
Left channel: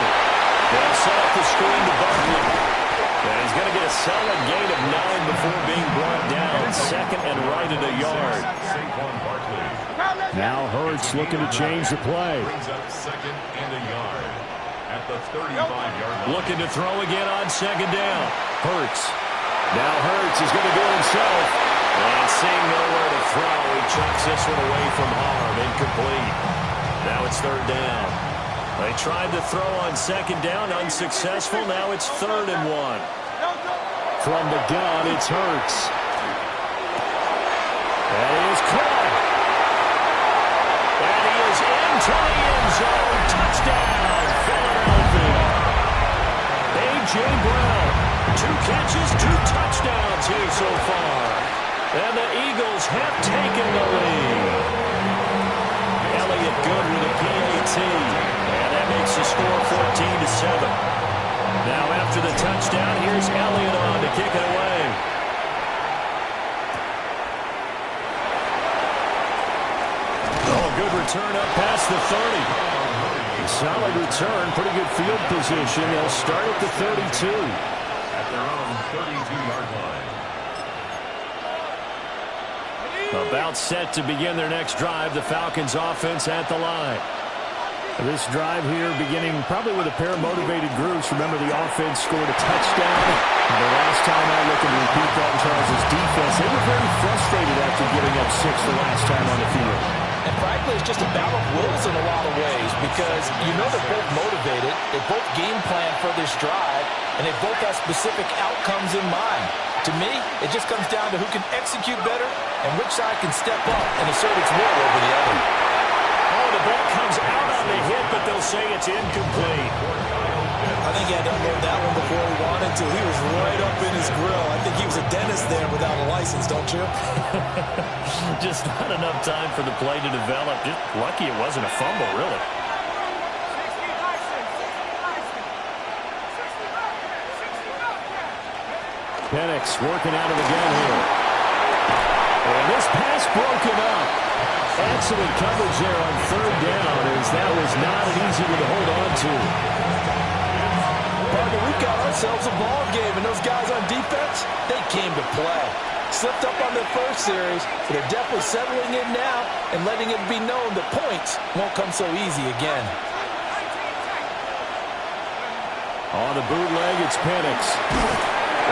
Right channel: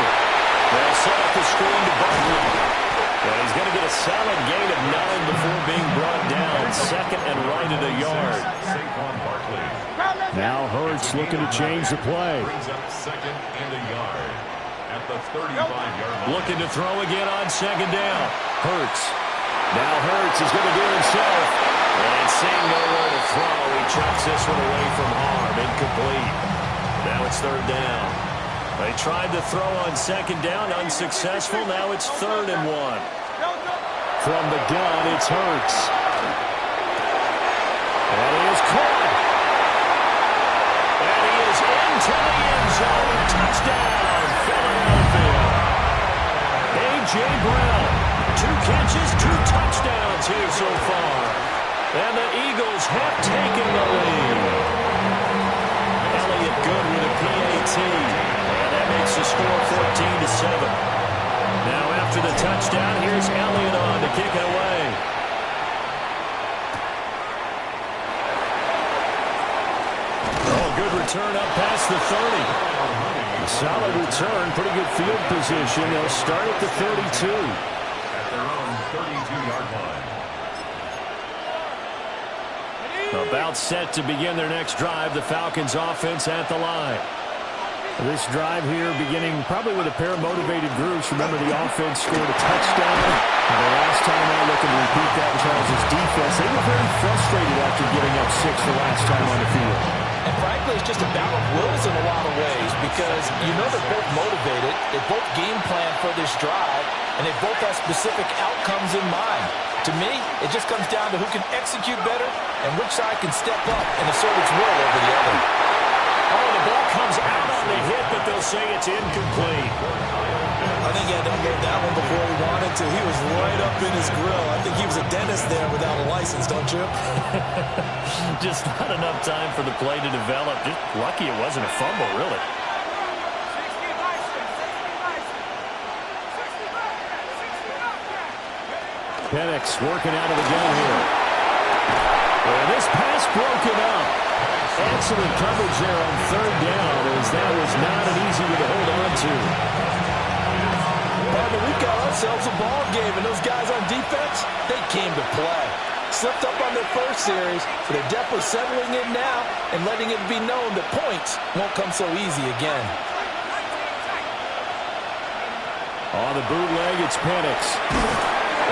They'll set up the screen to Barkley. And he's going to get a solid gain of 9 before being brought down. 2nd and right at a yard. Now Hurts looking to change the play. Brings up 2nd and a yard at the 35-yard line. Looking to throw again on 2nd down. Hurts. Now Hurts is going to do it himself. And seeing nowhere to throw, he chucks this one away from harm. Incomplete. Now it's 3rd down. They tried to throw on 2nd down, unsuccessful. Now it's 3rd and 1. From the gun, it's Hurts. And he is caught. And he is into the end zone. Touchdown, Philadelphia. A.J. Brown, 2 catches, 2 touchdowns here so far. And the Eagles have taken the lead. Elliott good with a PAT. And that makes the score 14-7. Now after the touchdown, here's Elliott on to kick it away. Oh, good return up past the 30. A solid return, pretty good field position. They'll start at the 32. At their own 32-yard line. About set to begin their next drive. The Falcons offense at the line. This drive here beginning probably with a pair of motivated groups. Remember, the offense scored a touchdown. The last time I look and repeat that, Charles' defense, they were very frustrated after giving up 6 the last time on the field. And frankly, it's just a battle of wills in a lot of ways because you know they're both motivated. They both game plan for this drive, and they both have specific outcomes in mind. To me, it just comes down to who can execute better and which side can step up and assert its will over the other. Oh, the ball comes out on the hit, but they'll say it's incomplete. I think he had to unload that one before he wanted to. He was right up in his grill. I think he was a dentist there without a license, don't you? Just not enough time for the play to develop. Just lucky it wasn't a fumble, really. Penix working out of the gun here. And this pass broken up. Excellent coverage there on 3rd down as that was not an easy one to hold on to. Partner, we've got ourselves a ball game, and those guys on defense, they came to play. Slipped up on their first series, but they're definitely settling in now and letting it be known that points won't come so easy again. On the bootleg, it's Penix.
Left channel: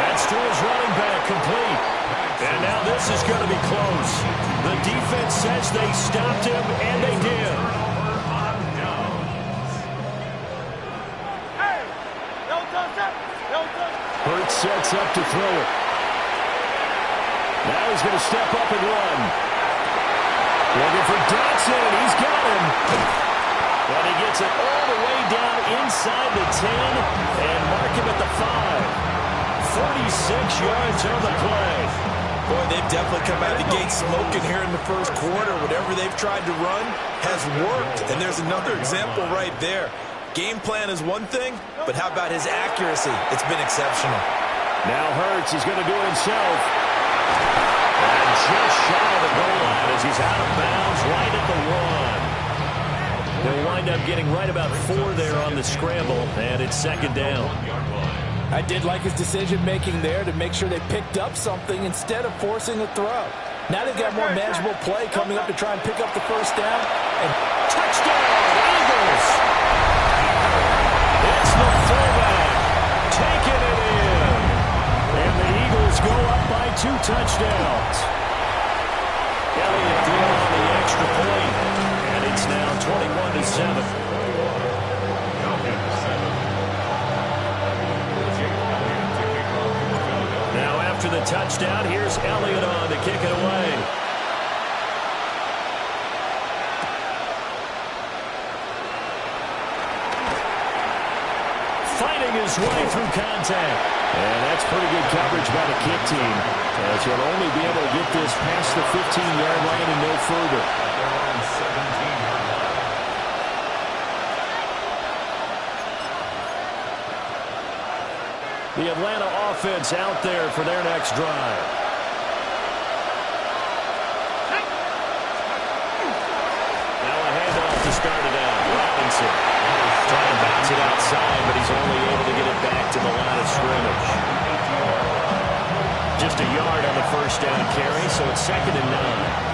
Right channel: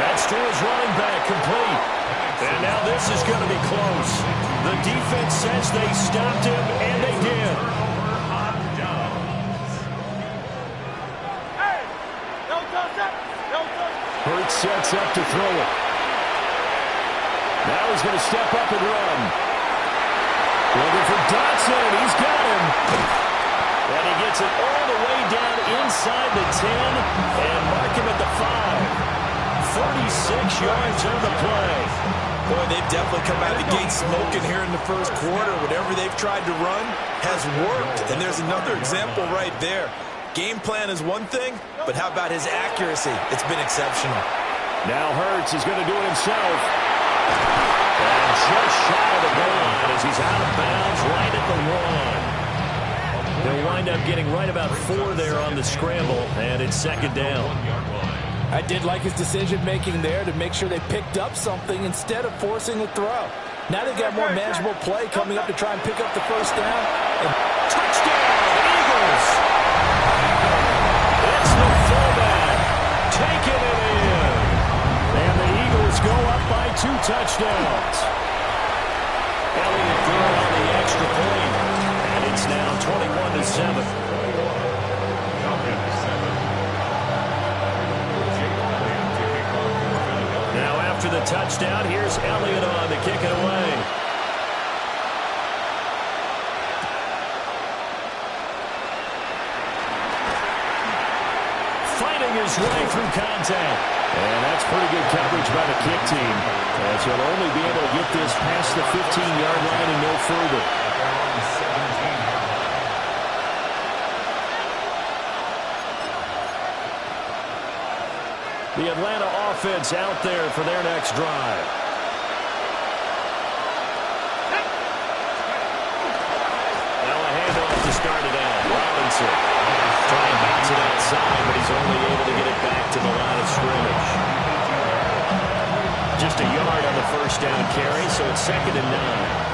That's to his running back, complete. And now this is going to be close. The defense says they stopped him, and they did. Hurts sets up to throw it. Now he's going to step up and run. Looking for Dotson, and he's got him. And he gets it all the way down inside the 10 and mark him at the 5. 36 yards on the play. Boy, they've definitely come out of the gate smoking here in the first quarter. Whatever they've tried to run has worked. And there's another example right there. Game plan is one thing, but how about his accuracy? It's been exceptional. Now Hurts is going to do it himself. And just shy of the goal line as he's out of bounds right at the 1. They'll wind up getting right about 4 there on the scramble, and it's second down. I did like his decision-making there to make sure they picked up something instead of forcing a throw. Now they've got more manageable play coming up to try and pick up the first down. And touchdown, Eagles! It's the fullback taking it in. And the Eagles go up by 2 touchdowns. Elliott good on the extra point. And it's now 21-7. Now after the touchdown, here's Elliott on to kick it away. Fighting his way through contact. And that's pretty good coverage by the kick team, as he'll only be able to get this past the 15-yard line and no further. The Atlanta offense out there for their next drive. Now a handoff to start it out. Robinson trying to bounce it outside, but he's only able to get it back to the line of scrimmage. Just a yard on the first down carry, so it's 2nd and 9.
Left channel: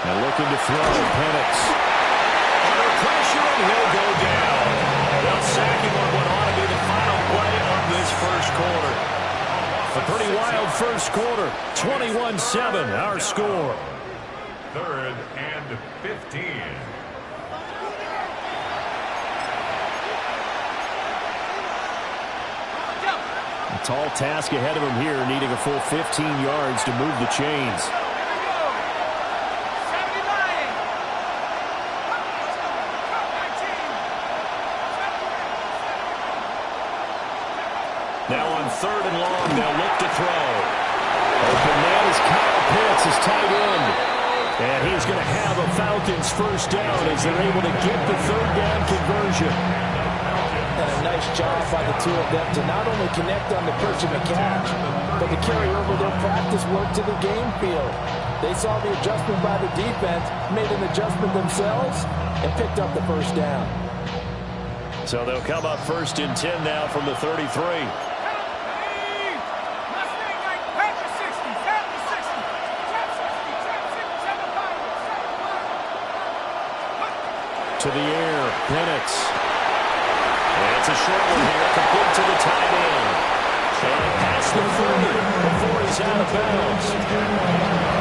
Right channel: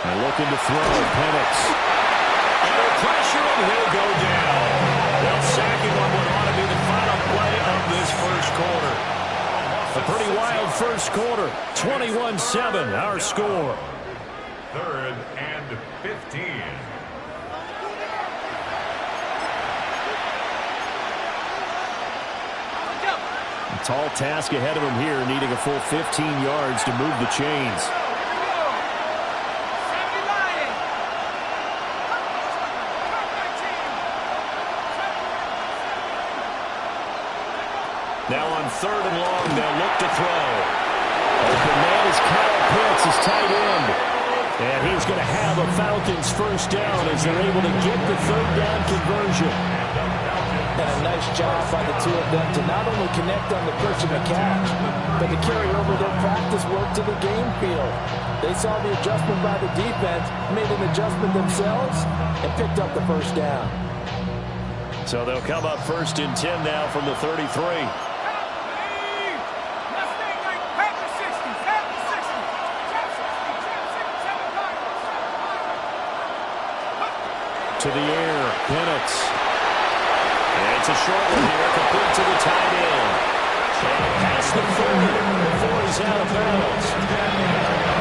And looking to throw, Penix. Under pressure, and he'll go down. They'll sack him on what ought to be the final play of this first quarter. A pretty wild first quarter. 21-7, our score. 3rd and 15. A tall task ahead of him here, needing a full 15 yards to move the chains. Now on 3rd and long, they'll look to throw. Open man is Kyle Pitts, his tight end. And he's going to have a Falcons first down as they're able to get the 3rd down conversion. And a nice job by the two of them to not only connect on the pitch and the catch, but to carry over their practice work to the game field. They saw the adjustment by the defense, made an adjustment themselves, and picked up the first down. So they'll come up 1st and 10 now from the 33. To the air, Penix. And it's a short one here, complete to the tight end. And past the 30 before he's out of bounds.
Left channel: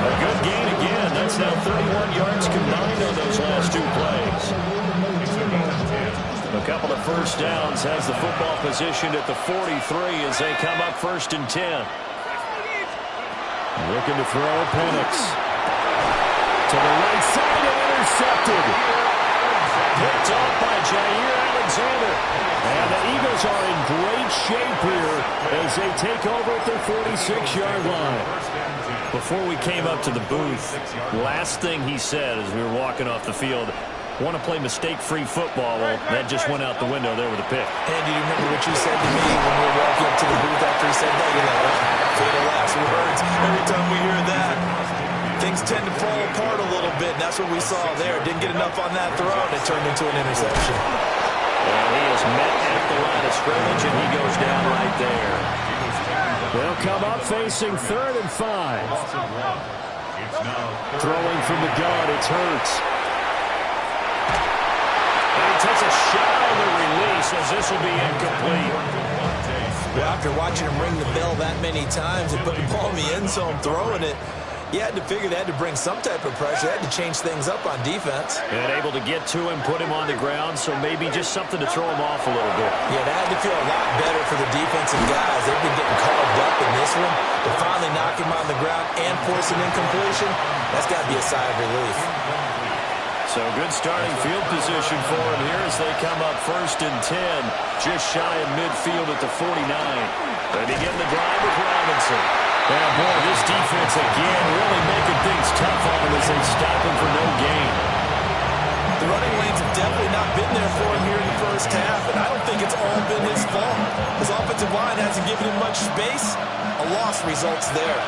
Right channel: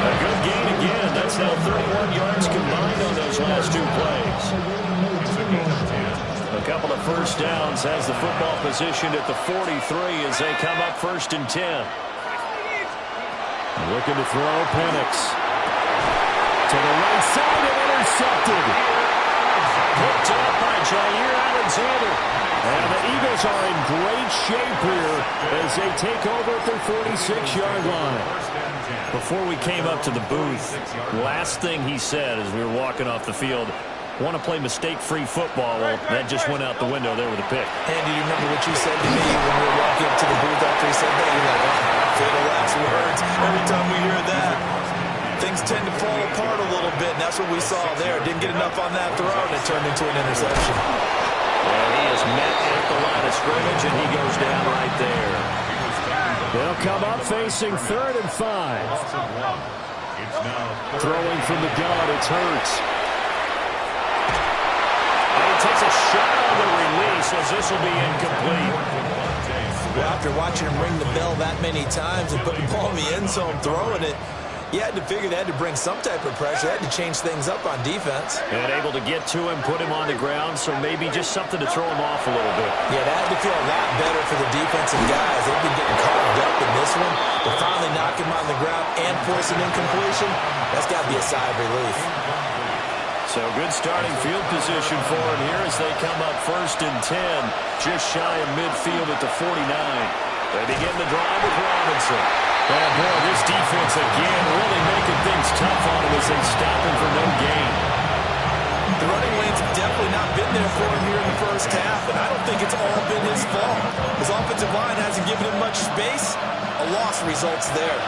A good gain again. That's now 31 yards combined on those last 2 plays. A couple of first downs has the football positioned at the 43 as they come up 1st and 10. Looking to throw, Penix. To the right side and intercepted. Picked off by Jair Alexander. And the Eagles are in great shape here as they take over at their 46-yard line. Before we came up to the booth, last thing he said as we were walking off the field, want to play mistake-free football. Well, that just went out the window there with a pick. Andy, do you remember what you said to me when we were walking up to the booth after he said that? You're like, oh, fatal last words. Every time we hear that, things tend to fall apart a little bit, and that's what we saw there. Didn't get enough on that throw, and it turned into an interception. And he is met at the line of scrimmage, and he goes down right there. They'll come up facing 3rd and 5. Throwing from the gun, it's Hurts. And he takes a shot on the release as this will be incomplete. Well, after watching him ring the bell that many times and putting the ball in the end zone, throwing it, you had to figure they had to bring some type of pressure. They had to change things up on defense. And able to get to him, put him on the ground, so maybe just something to throw him off a little bit. Yeah, that had to feel a lot better for the defensive guys. They've been getting carved up in this one. To finally knock him on the ground and force an incompletion, that's got to be a sigh of relief. So good starting field position for him here as they come up 1st and 10, just shy of midfield at the 49. They begin the drive with Robinson. And boy, this defense again really making things tough on him as they stop him for no gain. The running lanes have definitely not been there for him here in the first half, and I don't think it's all been his fault. His offensive line hasn't given him much space, A loss results there.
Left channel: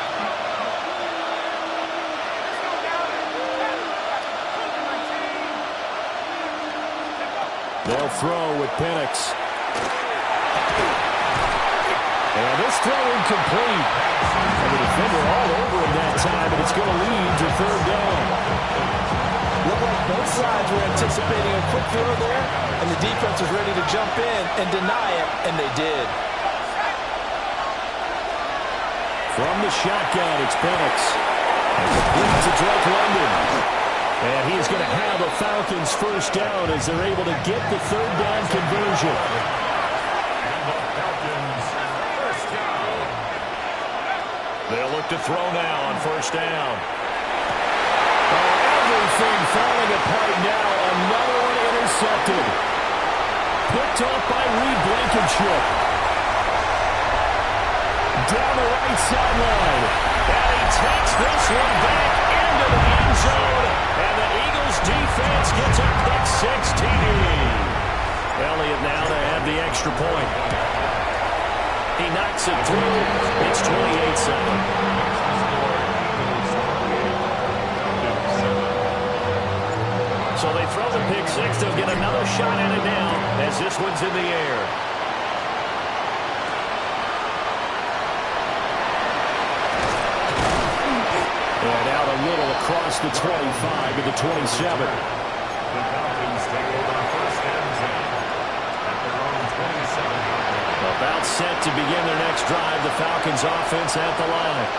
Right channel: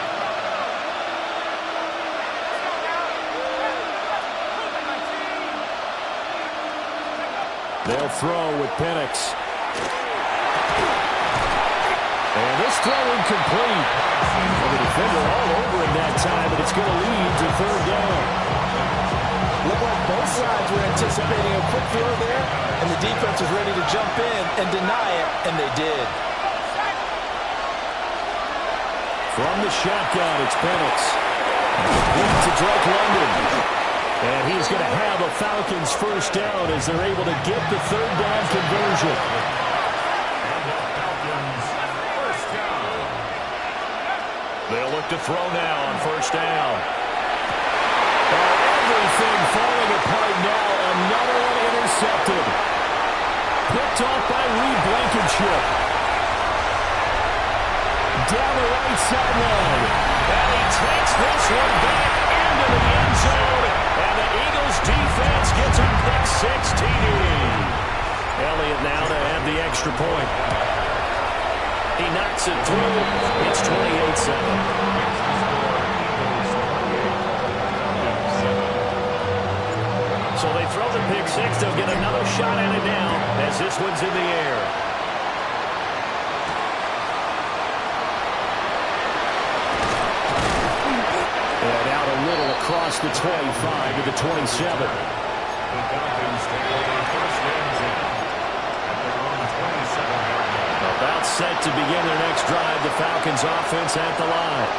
They'll throw with Penix. And this throw incomplete. And the defender all over him that time, but it's going to lead to third down. Looked like both sides were anticipating a quick throw there, and the defense was ready to jump in and deny it, and they did. From the shotgun, it's Penix. And complete to Drake London. And he's going to have a Falcons first down as they're able to get the third down conversion. And the Falcons first down. They'll look to throw now on first down. Oh, everything falling apart now. Another one intercepted. Picked off by Reed Blankenship. Down the right sideline. And he takes this one back into the end zone. And the Eagles defense gets a pick six TD. Elliott now to add the extra point. He knocks it through. It's 28-7. So they throw the pick six. They'll get another shot at it now as this one's in the air. And out a little across the 25 to the 27. The Falcons take over first and 10 at their own 27-yard line. About set to begin their next drive. The Falcons offense at the line.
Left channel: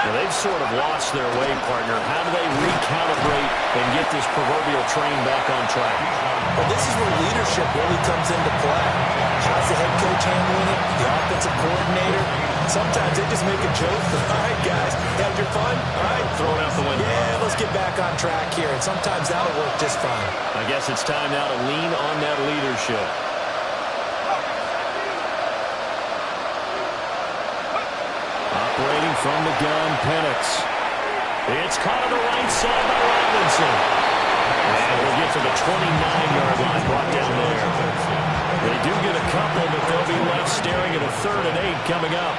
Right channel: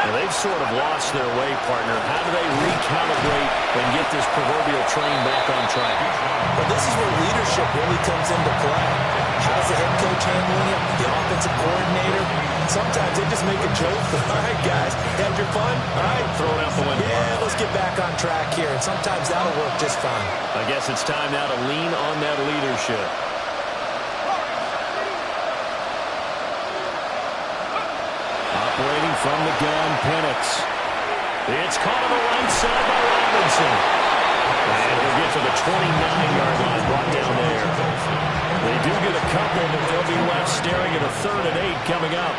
Now, they've sort of lost their way, partner. How do they recalibrate and get this proverbial train back on track? Well, this is where leadership really comes into play. How's the head coach handling it? The offensive coordinator? Sometimes they just make a joke. All right, guys, had your fun? All right. Throw it out the window. Yeah, let's get back on track here. And sometimes that'll work just fine. I guess it's time now to lean on that leadership. Operating from the gun, Penix. It's caught on the right side by Robinson. And he'll get to the 29-yard line, brought down there. They do get a couple, but they'll be left staring at a 3rd and 8 coming up.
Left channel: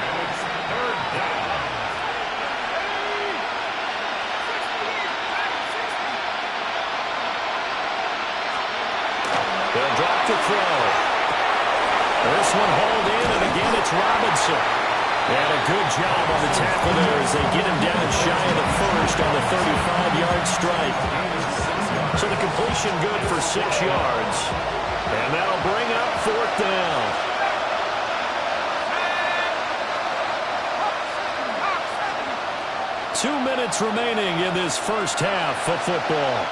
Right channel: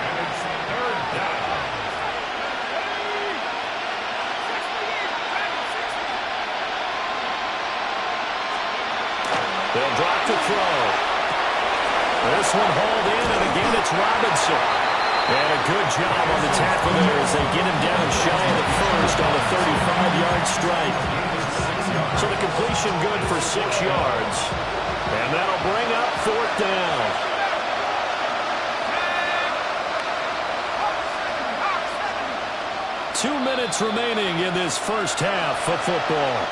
They'll drop to throw. This one hauled in, and again it's Robinson. And a good job on the tackle there as they get him down shy of the first on the 35-yard strike. So the completion good for 6 yards. And that'll bring up 4th down. Two minutes remaining in this first half of football.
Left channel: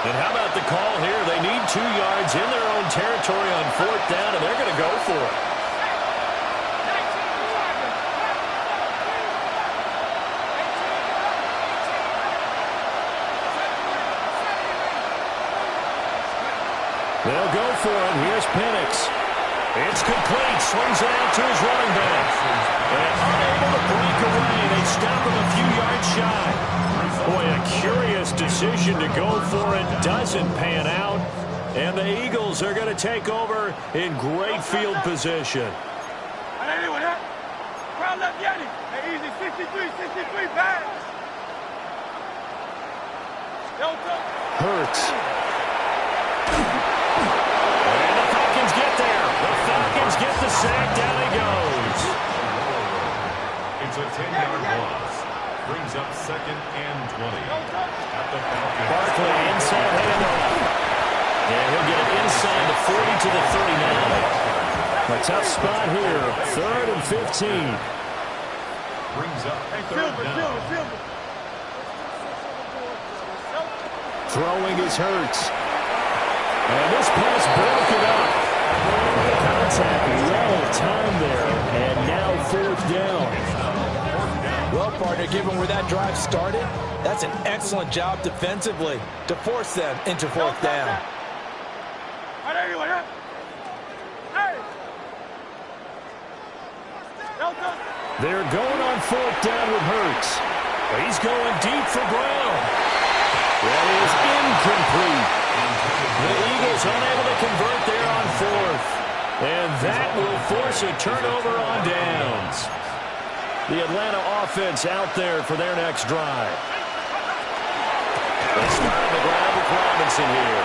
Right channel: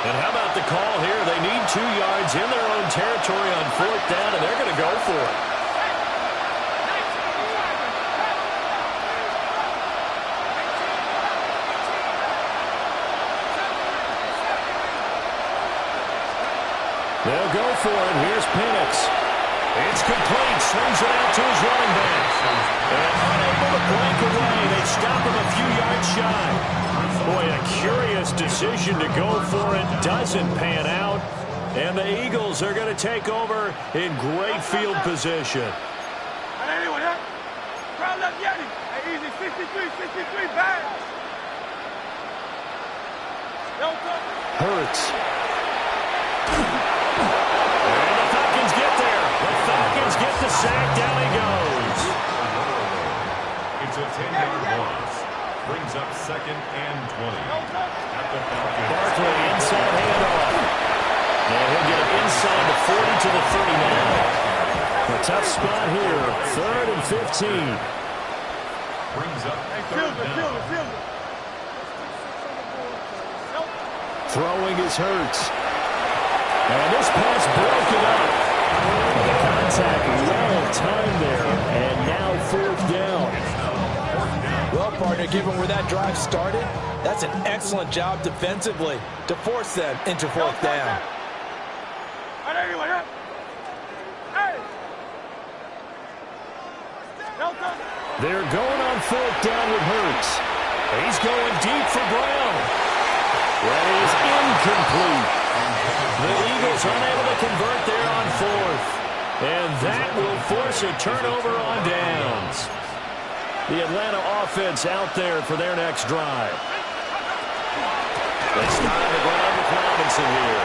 And how about the call here? They need 2 yards in their own territory on 4th down, and they're going to go for it. They'll go for it. Here's Penix. It's complete. Swings it out to his running back. And unable to break away. They stop him a few yards shy. Boy, a curious decision to go for it. Doesn't pan out. And the Eagles are going to take over in great field position. Hurts. And the Falcons get there. The Falcons get the sack. Down he goes. It's a 10-yard loss. Brings up 2nd and 20 at the Falcons. Barkley inside handoff. And he'll get it inside the 40 to the 39. A tough spot here. 3rd and 15. Brings up 3rd down. Throwing is Hurts. And this pass broken up. The contact well timed there. And now 4th down. Well, partner, given where that drive started, that's an excellent job defensively to force them into 4th down. They're going on 4th down with Hurts. He's going deep for Brown. That is incomplete. The Eagles unable to convert there on fourth. And that will force a turnover on downs. The Atlanta offense out there for their next drive. They start on the ground with Robinson here.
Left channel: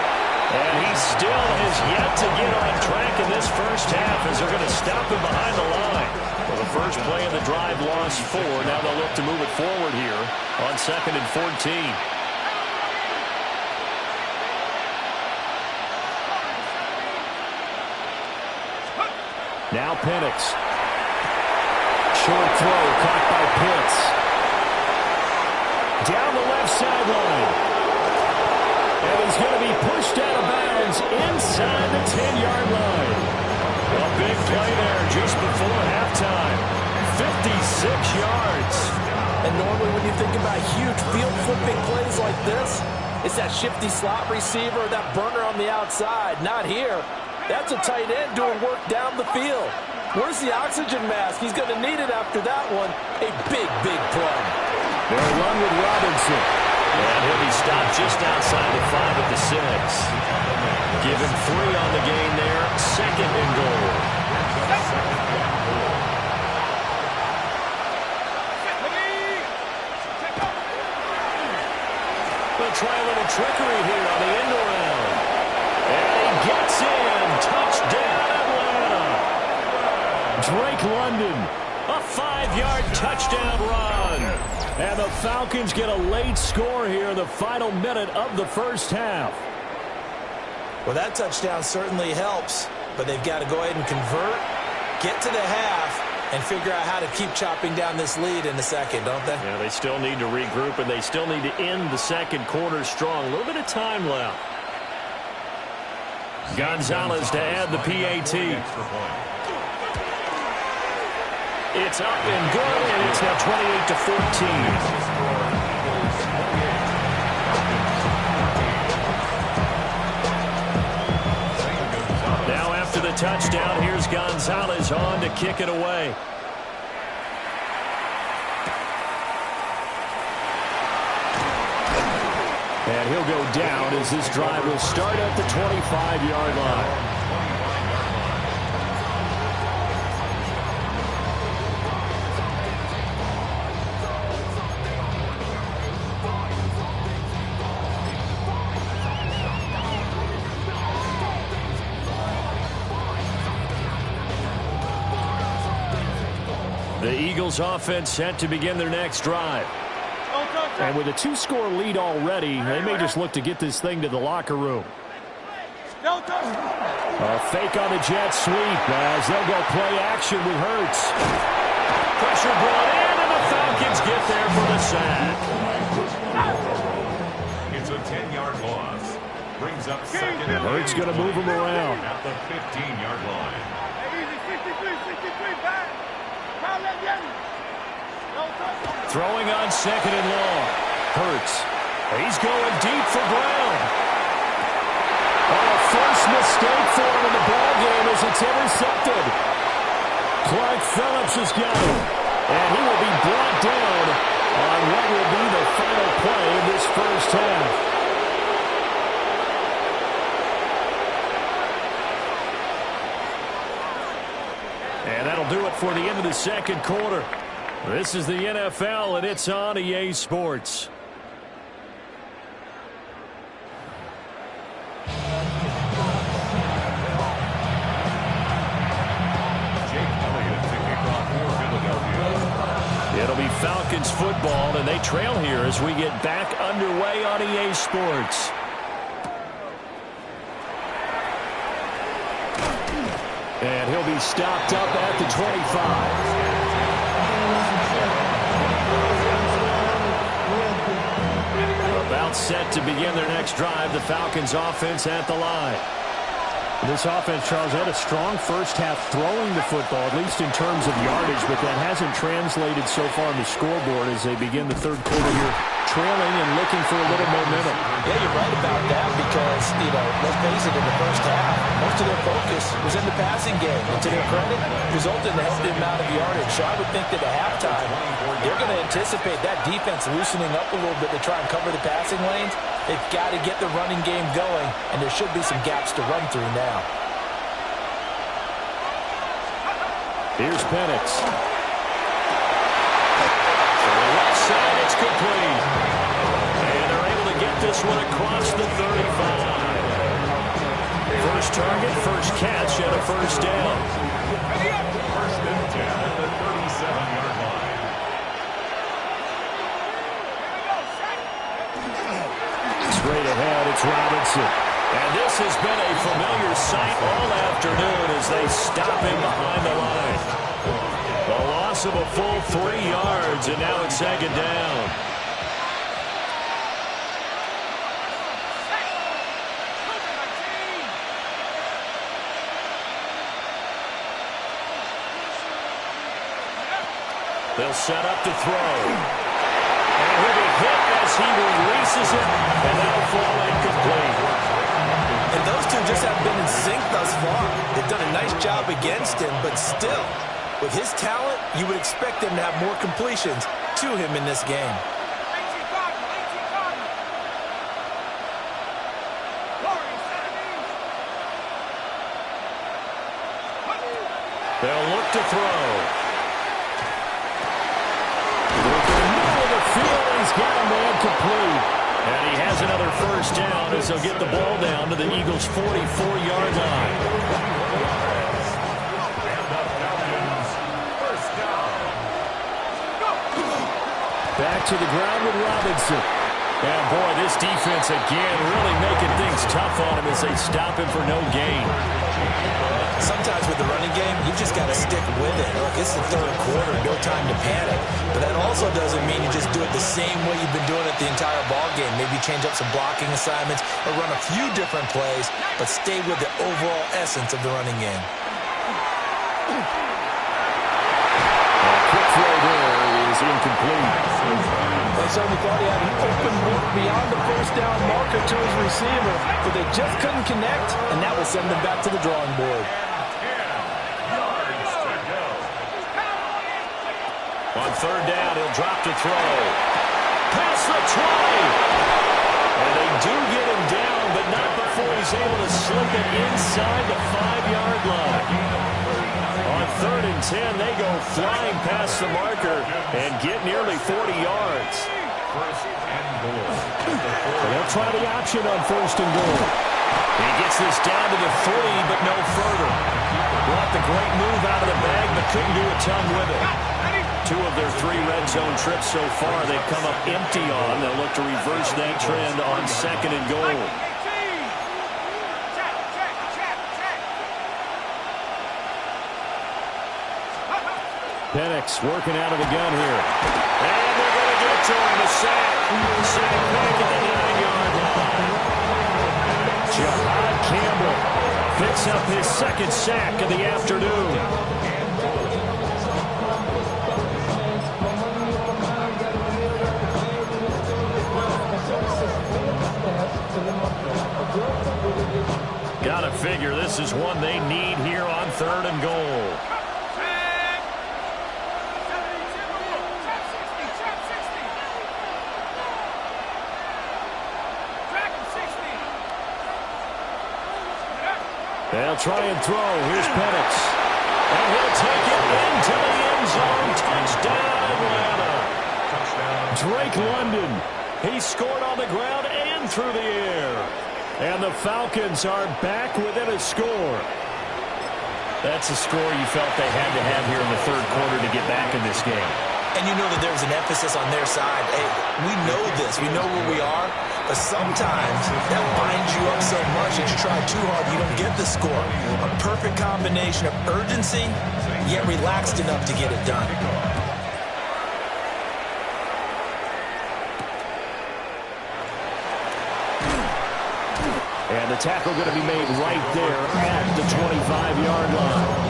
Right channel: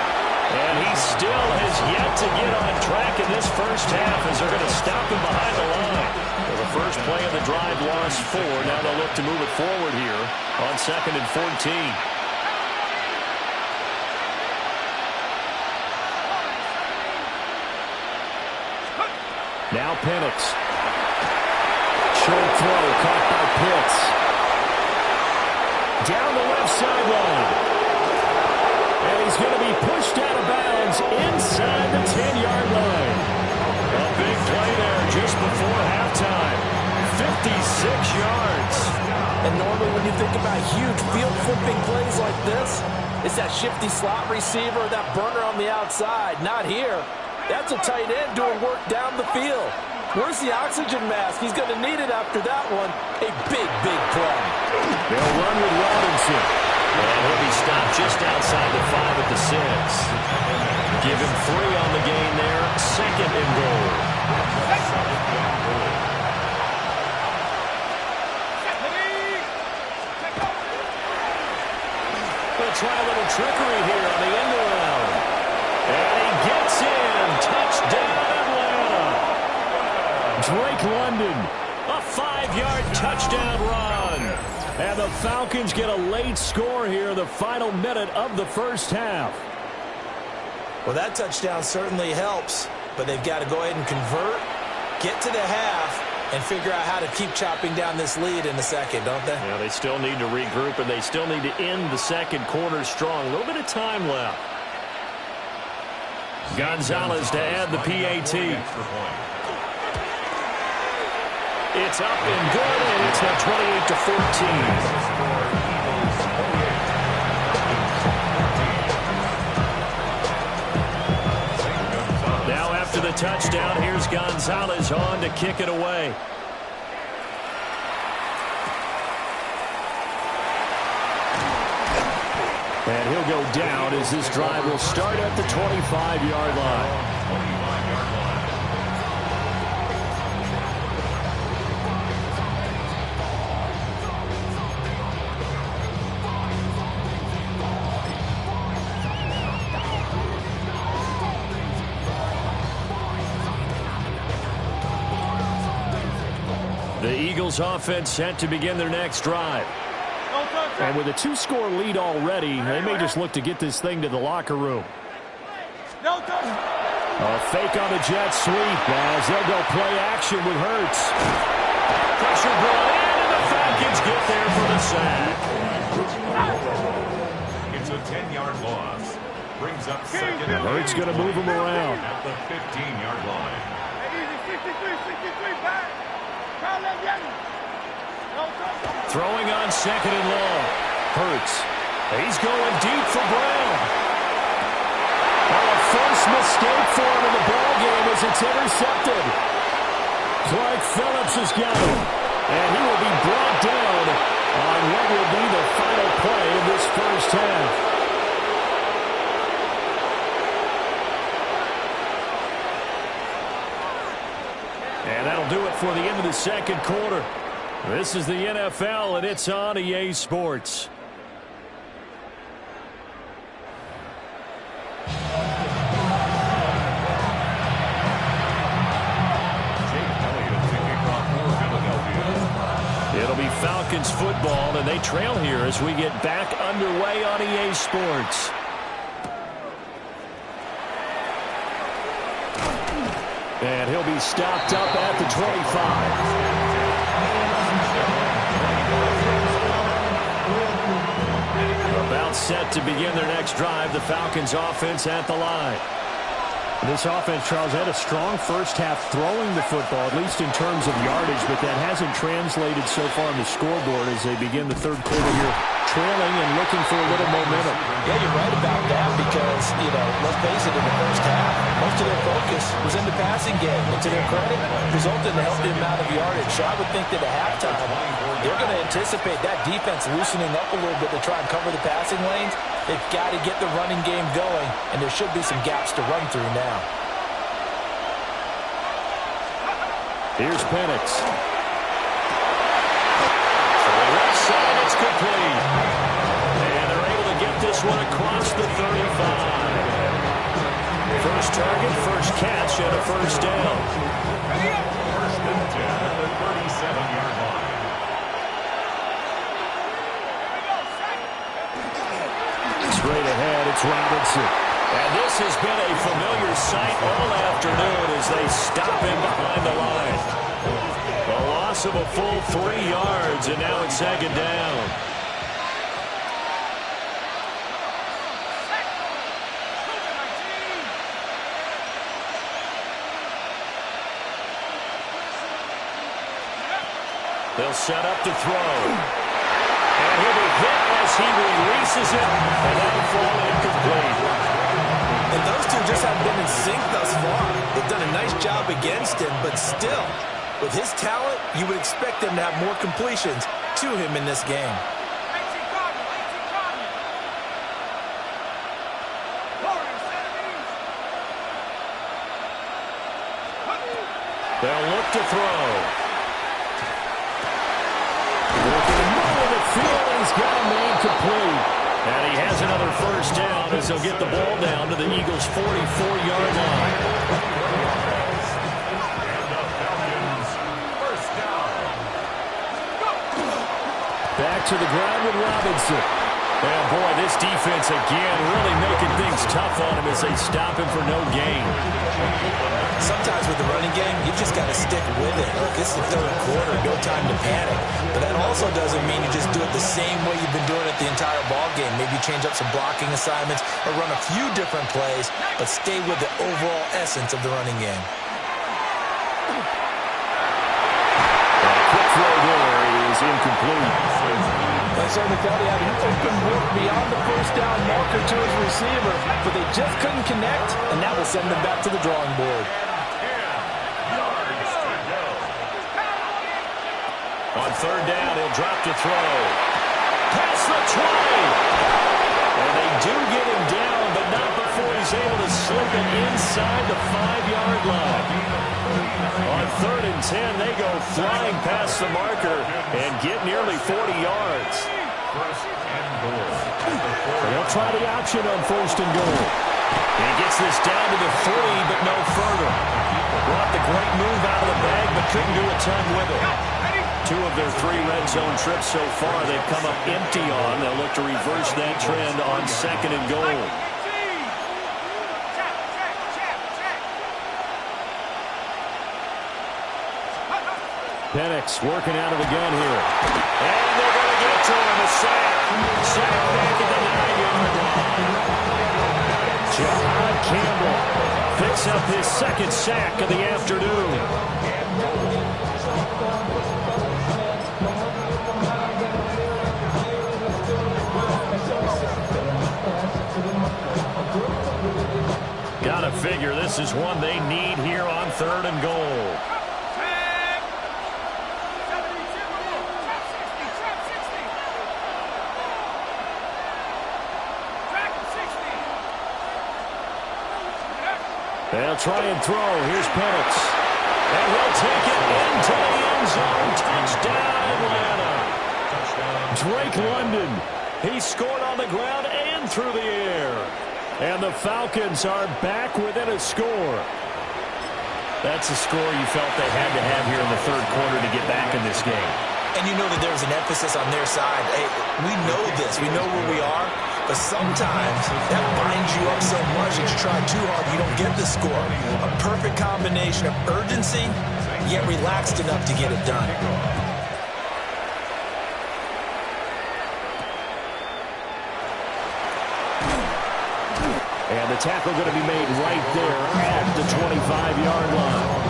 And he still has yet to get on track in this first half as they're going to stop him behind the line. Well, the first play of the drive lost 4. Now they'll look to move it forward here on 2nd and 14. Now Penix. Short throw caught by Pitts. Down the left sideline. And he's going to be pushed out of bounds inside the 10-yard line. A big play there just before halftime. 56 yards. And normally when you think about huge field-flipping plays like this, it's that shifty slot receiver or that burner on the outside. Not here. That's a tight end doing work down the field. Where's the oxygen mask? He's going to need it after that one. A big, big play. They'll run with Robinson. And he'll be stopped just outside the 5 at the 6. Give him 3 on the gain there. 2nd and goal. They'll try a little trickery here on the end around. And he gets in. Touchdown, Atlanta. Drake London. A 5-yard touchdown run. And the Falcons get a late score here in the final minute of the first half. Well, that touchdown certainly helps, but they've got to go ahead and convert, get to the half, and figure out how to keep chopping down this lead in the second, don't they? Yeah, they still need to regroup, and they still need to end the second quarter strong. A little bit of time left. Gonzalez to add the PAT. It's up and good, and it's now 28-14. Now after the touchdown, here's Gonzalez on to kick it away. And he'll go down as this drive will start at the 25-yard line. The Eagles offense set to begin their next drive. And with a 2-score lead already, they may just look to get this thing to the locker room. A fake on the jet sweep as they'll go play action with Hurts. Pressure brought in, and the Falcons get there for the sack. It's a 10-yard loss. Brings up 2nd and Hurts going to move him around. At the 15-yard line. Easy, 63, back. Throwing on 2nd and long. Hurts. He's going deep for Brown. Oh, a first mistake for him in the ball game as it's intercepted. Clark Phillips has got him. And he will be brought down on what will be the final play of this first half. And that'll do it for the end of the second quarter. This is the NFL, and it's on EA Sports. It'll be Falcons football, and they trail here as we get back underway on EA Sports. And he'll be stopped up at the 25. About set to begin their next drive, the Falcons offense at the line. This offense, Charles, had a strong first half throwing the football, at least in terms of yardage, but that hasn't translated so far on the scoreboard as they begin the third quarter here, trailing and looking for a little momentum. Yeah, you're right about that because, let's face it, in the first half, most of their focus was in the passing game. And to their credit, resulted in a healthy amount of yardage. So I would think that at halftime, they're going to anticipate that defense loosening up a little bit to try and cover the passing lanes. They've got to get the running game going, and there should be some gaps to run through now. Here's Penix. To the left side, it's complete. And they're able to get this one across the 35. First target, first catch, and a first down. First and 10 at the 37-yard line. Straight ahead, it's Robinson. And this has been a familiar sight all afternoon as they stop him behind the line. The loss of a full 3 yards, and now it's second down. They'll set up to throw. And he'll be hit as he releases it, and that'll fall incomplete. And those two just haven't been in sync thus far. They've done a nice job against him, but still, with his talent, you would expect them to have more completions to him in this game. They'll look to throw. Looking in the middle of the field, he's got a man complete. And he has another first down as they'll get the ball down to the Eagles' 44-yard line. And the Falcons, first down. Back to the ground with Robinson. And boy, this defense again really making things tough on him as they stop him for no gain. Sometimes with the running game, you've just got to stick with it. Look, it's the third quarter, no time to panic. But that also doesn't mean you just do it the same way you've been doing it the entire ball game. Maybe change up some blocking assignments or run a few different plays, but stay with the overall essence of the running game. A quick throw there is incomplete. They certainly thought he had an open look beyond the first down marker to his receiver, but they just couldn't connect, and that will send them back to the drawing board. 10 yards to go. On third down, he'll drop to throw. Past the 20. And they do get him down, but not before he's able to slip it inside the 5-yard line. On third and 10, they go flying past the marker and get nearly 40 yards. First and goal. They'll try the option on first and goal. He gets this down to the 3, but no further. Brought the great move out of the bag, but couldn't do a ton with it. 2 of their 3 red zone trips so far they've come up empty on. They'll look to reverse that trend on second and goal. Penix working out of the gun here. And they're going to get to him. A sack. Sack back at the 9-yard line. Jahad Campbell picks up his second sack of the afternoon. Gotta figure this is one they need here on third and goal. They'll try and throw. Here's Penix. And he'll take it into the end zone. Touchdown, Atlanta. Touchdown. Drake London. He scored on the ground and through the air. And the Falcons are back within a score. That's a score you felt they had to have here in the third quarter to get back in this game. And you know that there's an emphasis on their side. Hey, we know this. We know where we are. But sometimes that binds you up so much that you try too hard, you don't get the score. A perfect combination of urgency, yet relaxed enough to get it done. And the tackle going to be made right there at the 25-yard line.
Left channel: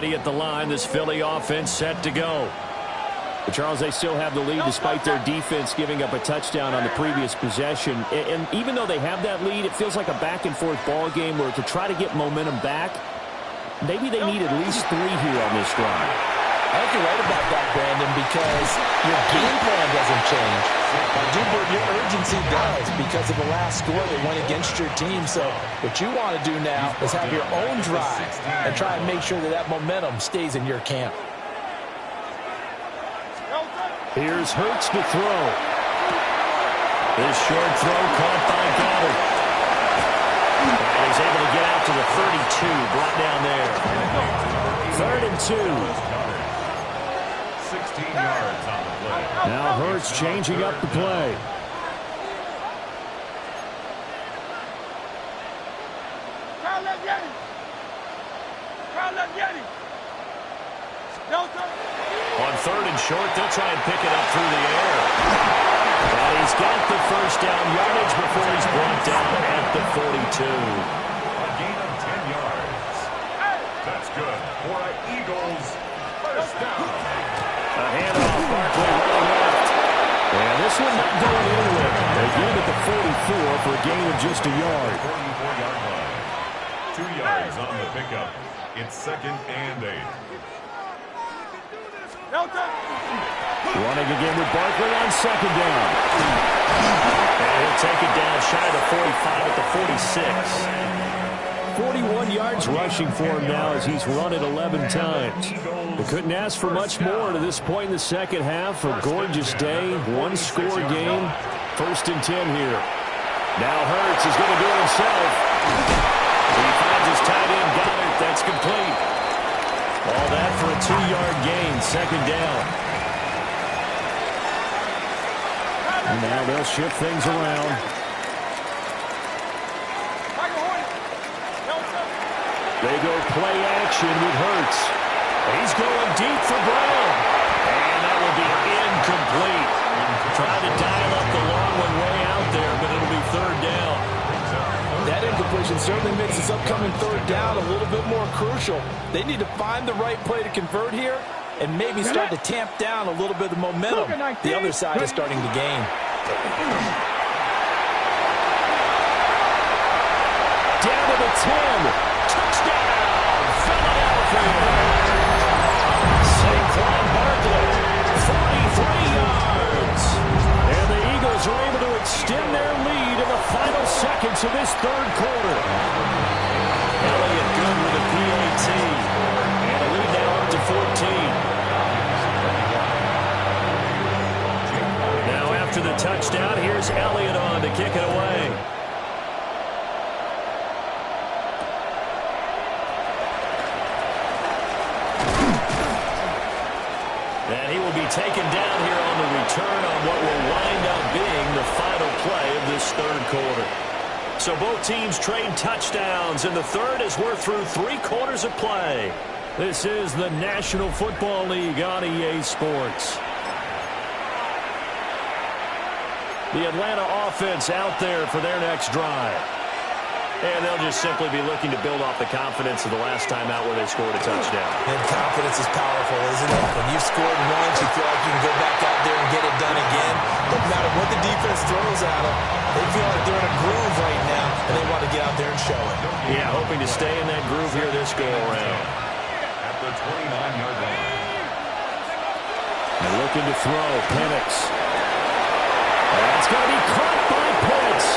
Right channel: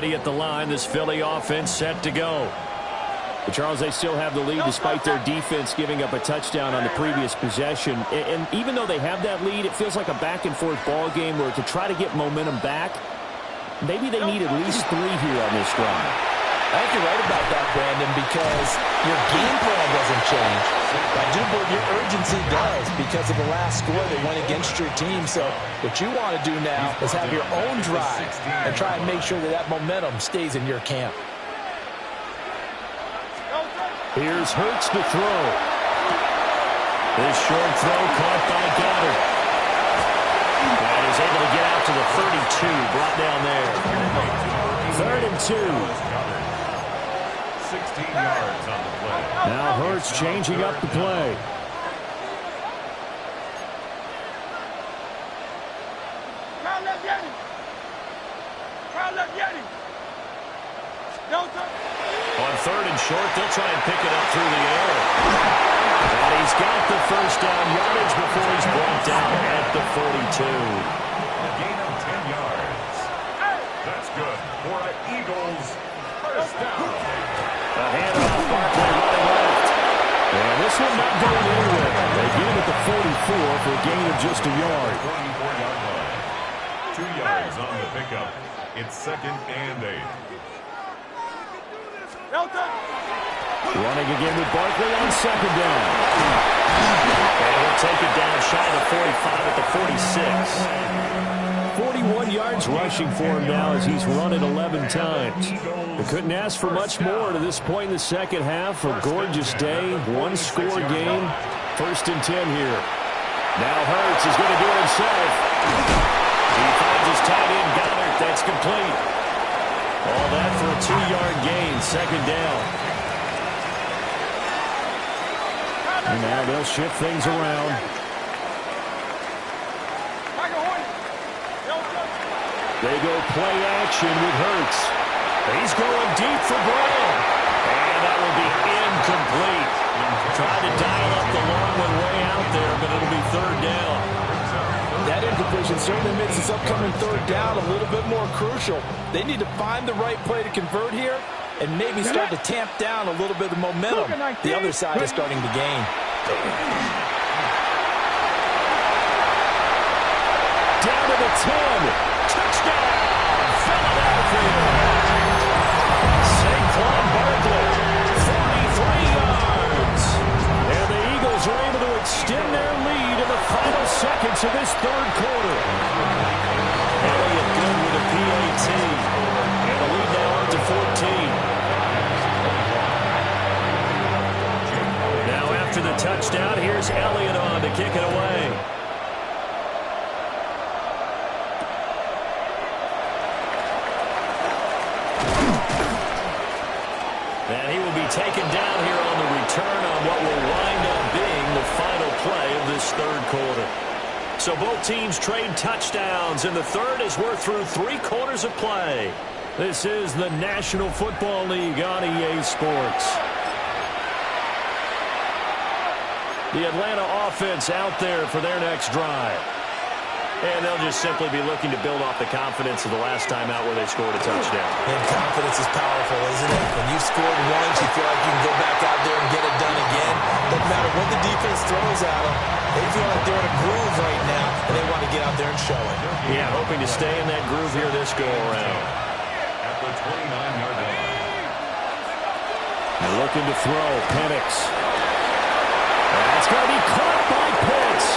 ready at the line. This Philly offense set to go. But Charles, they still have the lead despite their defense giving up a touchdown on the previous possession. And even though they have that lead, it feels like a back-and-forth ball game where to try to get momentum back, maybe they need at least 3 here on this drive. I think you're right about that, Brandon, because your game plan doesn't change. But I do believe your urgency does because of the last score that went against your team. So what you want to do now is have your own drive and try and make sure that that momentum stays in your camp. Here's Hurts to throw. This short throw caught by Goddard. And he's able to get out to the 32, brought down there. 3rd and 2. 16 yards on the play. Now Hurts changing up the play. Crowd, let's get him. Crowd, let's get him. Delta. On 3rd and short, they'll try and pick it up through the air. And he's got the first down yardage before he's brought down at the 42. A gain of 10 yards. That's good for an Eagles first down. A handoff, Barkley running left. And this one not going anywhere. They get him at the 44 for a gain of just a yard. 44-yard line. 2 yards on the pickup. It's 2nd and 8. Running again with Barkley on 2nd down. And he'll take it down shy of the 45 at the 46. 41 yards rushing for him now as he's run it 11 times. They couldn't ask for much more to this point in the second half. A gorgeous day, one-score game. 1st and 10 here. Now Hurts is going to do it himself. He finds his tight end, Goddard. That's complete. All that for a 2-yard gain, 2nd down. And now they'll shift things around. They go play action with Hurts. He's going deep for Brown. And that will be incomplete. Tried to dial up the long one way out there, but it'll be 3rd down. That incompletion certainly makes this upcoming 3rd down a little bit more crucial. They need to find the right play to convert here and maybe start to tamp down a little bit of the momentum the other side is starting to gain. Down to the 10. Touchdown, Philadelphia. Saquon Barkley, 43 yards. And the Eagles are able to extend their lead in the final seconds of this 3rd quarter. Elliott good with a PAT. And the lead now up to 14. Now after the touchdown, here's Elliott on to kick it away. And he will be taken down here on the return on what will wind up being the final play of this 3rd quarter. So both teams trade touchdowns in the 3rd as we're through 3 quarters of play. This is the National Football League on EA Sports. The Atlanta offense out there for their next drive. And they'll just simply be looking to build off the confidence of the last time out where they scored a touchdown. And confidence is powerful, isn't it? When you've scored once, you feel like you can go back out there and get it done again. No matter what the defense throws at them, they feel like they're in a groove right now, and they want to get out there and show it. Yeah, hoping to stay in that groove here this go-around. At the 29-yard line. And looking to throw, Penix. That's going to be caught by Pitts.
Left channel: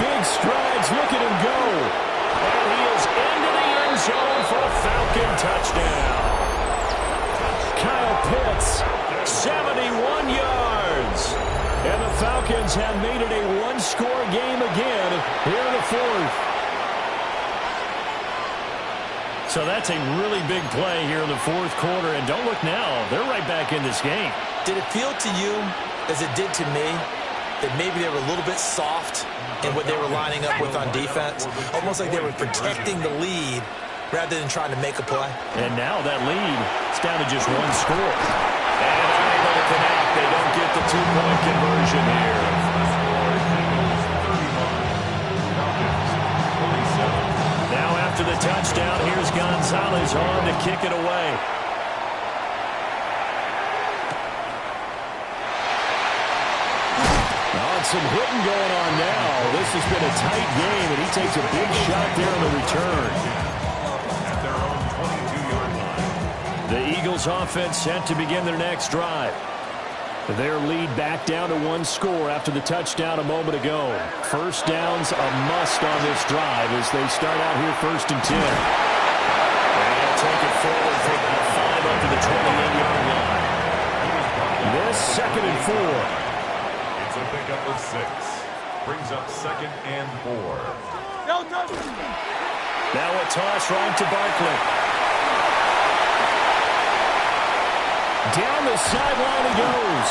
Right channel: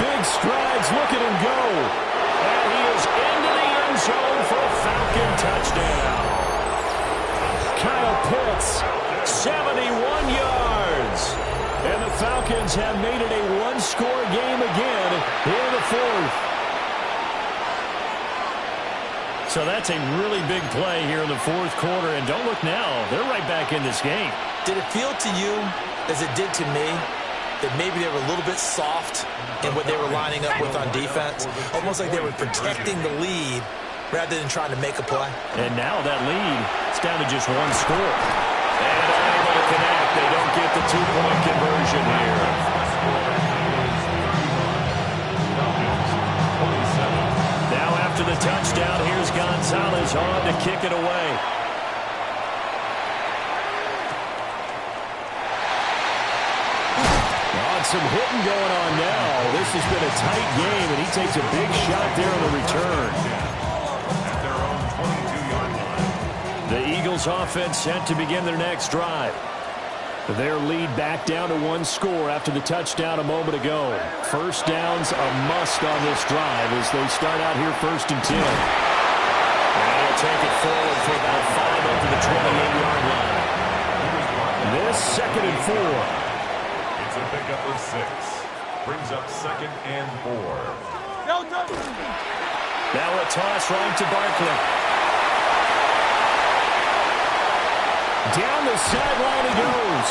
Big strides, look at him go. And he is into the end zone for a Falcon touchdown. Kyle Pitts, 71 yards. And the Falcons have made it a one-score game again here in the 4th. So that's a really big play here in the 4th quarter. And don't look now, they're right back in this game. Did it feel to you, as it did to me, that maybe they were a little bit soft in what they were lining up with on defense? Almost like they were protecting the lead rather than trying to make a play. And now that lead is down to just 1 score. And unable to connect. They don't get the 2-point conversion here. Now after after the touchdown. Here's Gonzalez on to kick it away. Some hitting going on now. This has been a tight game, and he takes a big shot there on the return. At their own 22-yard line. The Eagles offense set to begin their next drive. Their lead back down to one score after the touchdown a moment ago. First down's a must on this drive as they start out here 1st and 10. And he'll take it forward for about 5 up to the 28-yard line. This 2nd and 4. It's a pickup of 6. Brings up 2nd and 4. Now a toss right to Barkley. Down the sideline he goes.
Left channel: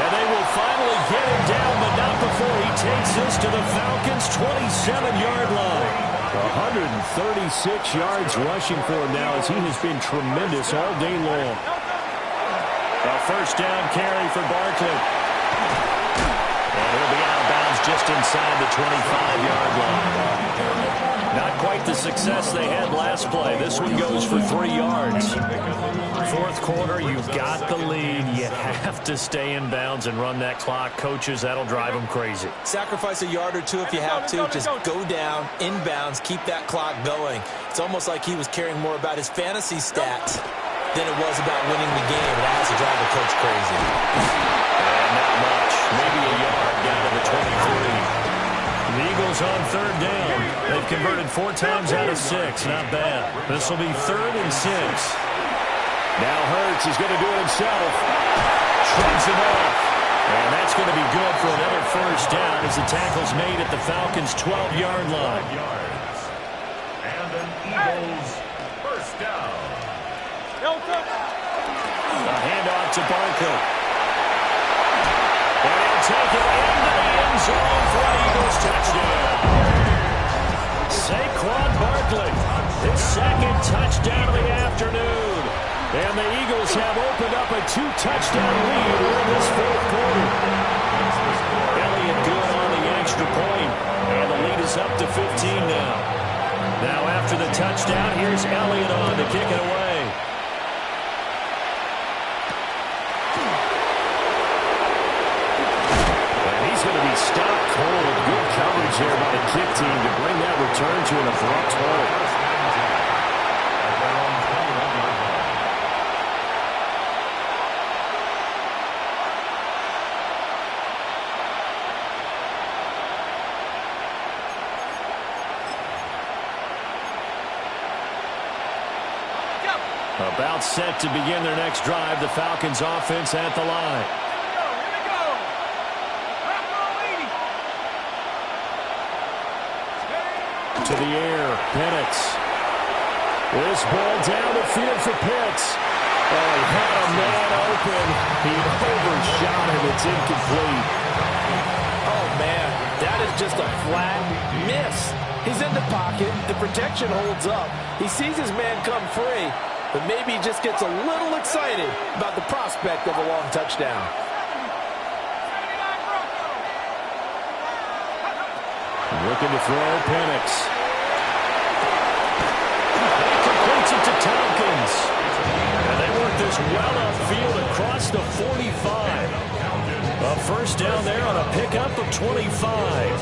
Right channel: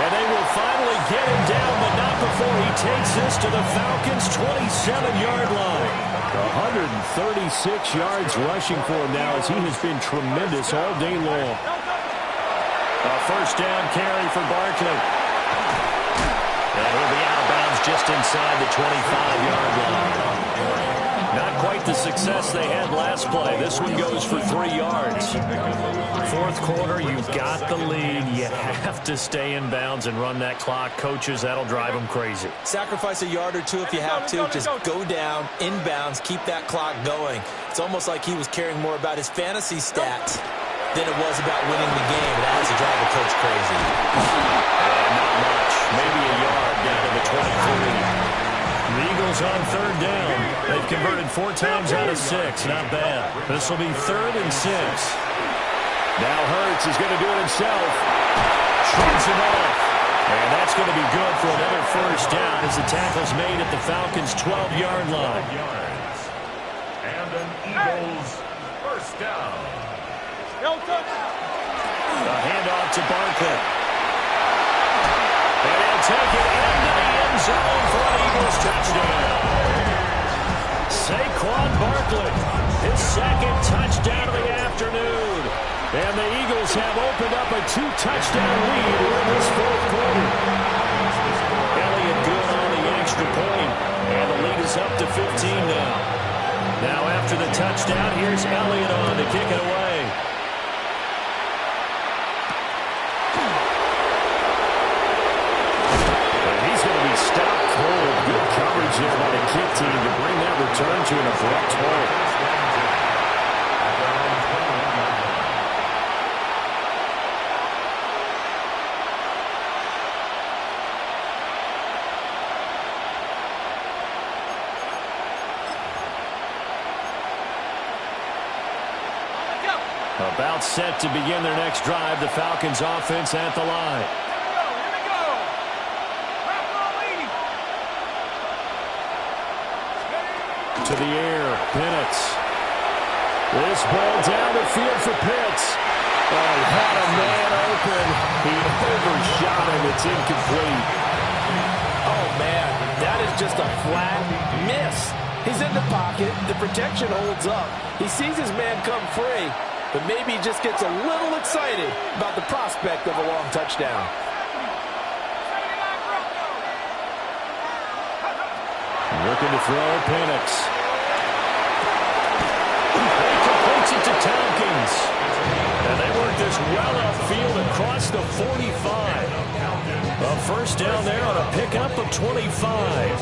And they will finally get him down, but not before he takes this to the Falcons' 27-yard line. 136 yards rushing for him now as he has been tremendous all day long. A first down carry for Barkley. And he'll be out of bounds just inside the 25-yard line. Not quite the success they had last play. This one goes for 3 yards. 4th quarter, you've got the lead. You have to stay in bounds and run that clock. Coaches, that'll drive them crazy. Sacrifice a yard or two if you have to. Just go down, inbounds, keep that clock going. It's almost like he was caring more about his fantasy stats than it was about winning the game. It has to drive the coach crazy. And not much. Maybe a yard down to the 23. The Eagles on 3rd down. They've converted 4 times out of 6. Not bad. This will be 3rd and 6. Now Hurts is going to do it himself. Shrugs it off. And that's going to be good for another first down as the tackle's made at the Falcons' 12-yard line. And an Eagles first down. A handoff to Barkley. And he'll take it into the end zone for an Eagles touchdown. Saquon Barkley, his 2nd touchdown of the afternoon. And the Eagles have opened up a 2-touchdown lead here in this 4th quarter. Elliott good on the extra point, and the lead is up to 15 now. Now after the touchdown, here's Elliott on to kick it away. Going to be stopped cold. Good coverage there by the kick team to bring that return to an abrupt halt. About set to begin their next drive. The Falcons offense at the line. To the air, Penix. This ball down the field for Pitts. Oh, he had a man open. He overshot him. It's incomplete. Oh, man, that is just a flat miss. He's in the pocket. The protection holds up. He sees his man come free, but maybe he just gets a little excited about the prospect of a long touchdown. Looking to throw, Penix. He completes it to Tompkins. And they work this well upfield across the 45. A first down there on a pickup of 25.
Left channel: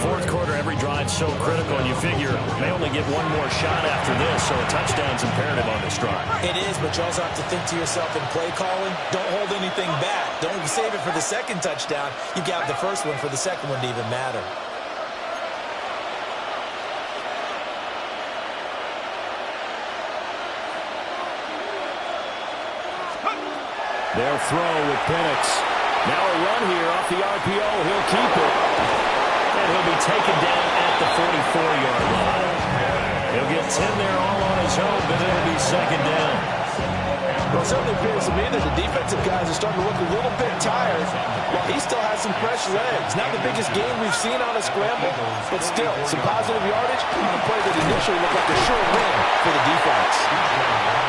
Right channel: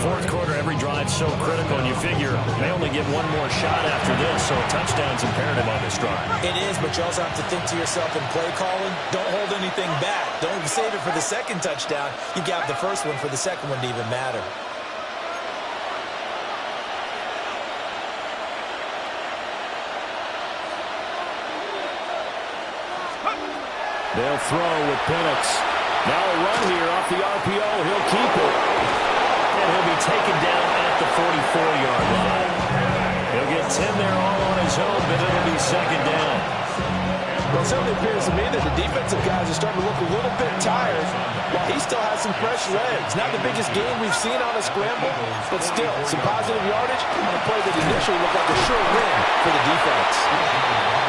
4th quarter, every drive's so critical, and you figure they only get one more shot after this, so a touchdown's imperative on this drive. It is, but you also have to think to yourself in play calling, don't hold anything back. Don't save it for the 2nd touchdown. You got the first one for the 2nd one to even matter. They'll throw with Penix. Now a run here off the RPO. He'll keep it. And he'll be taken down at the 44-yard line. He'll get 10 there all on his own, but it'll be 2nd down. Well, it certainly appears to me that the defensive guys are starting to look a little bit tired while he still has some fresh legs. Not the biggest gain we've seen on a scramble, but still some positive yardage on a play that initially looked like a sure win for the defense.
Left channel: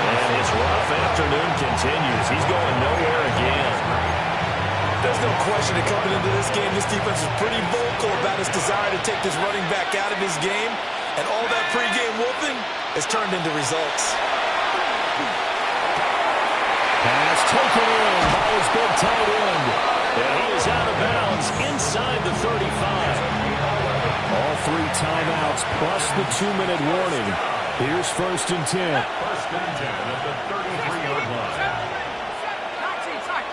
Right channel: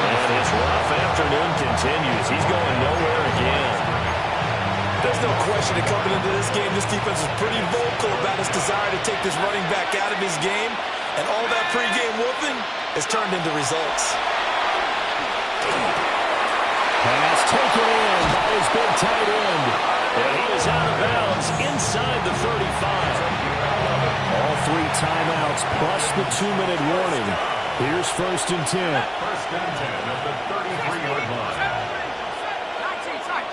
And his rough afternoon continues. He's going nowhere again. There's no question that coming into this game, this defense is pretty vocal about its desire to take this running back out of his game. And all that pregame whooping has turned into results. Pass taken in by his big tight end. And he is out of bounds inside the 35. All 3 timeouts plus the 2-minute warning. Here's 1st and 10. 1st and 10 at the 33-yard line. 19 tight.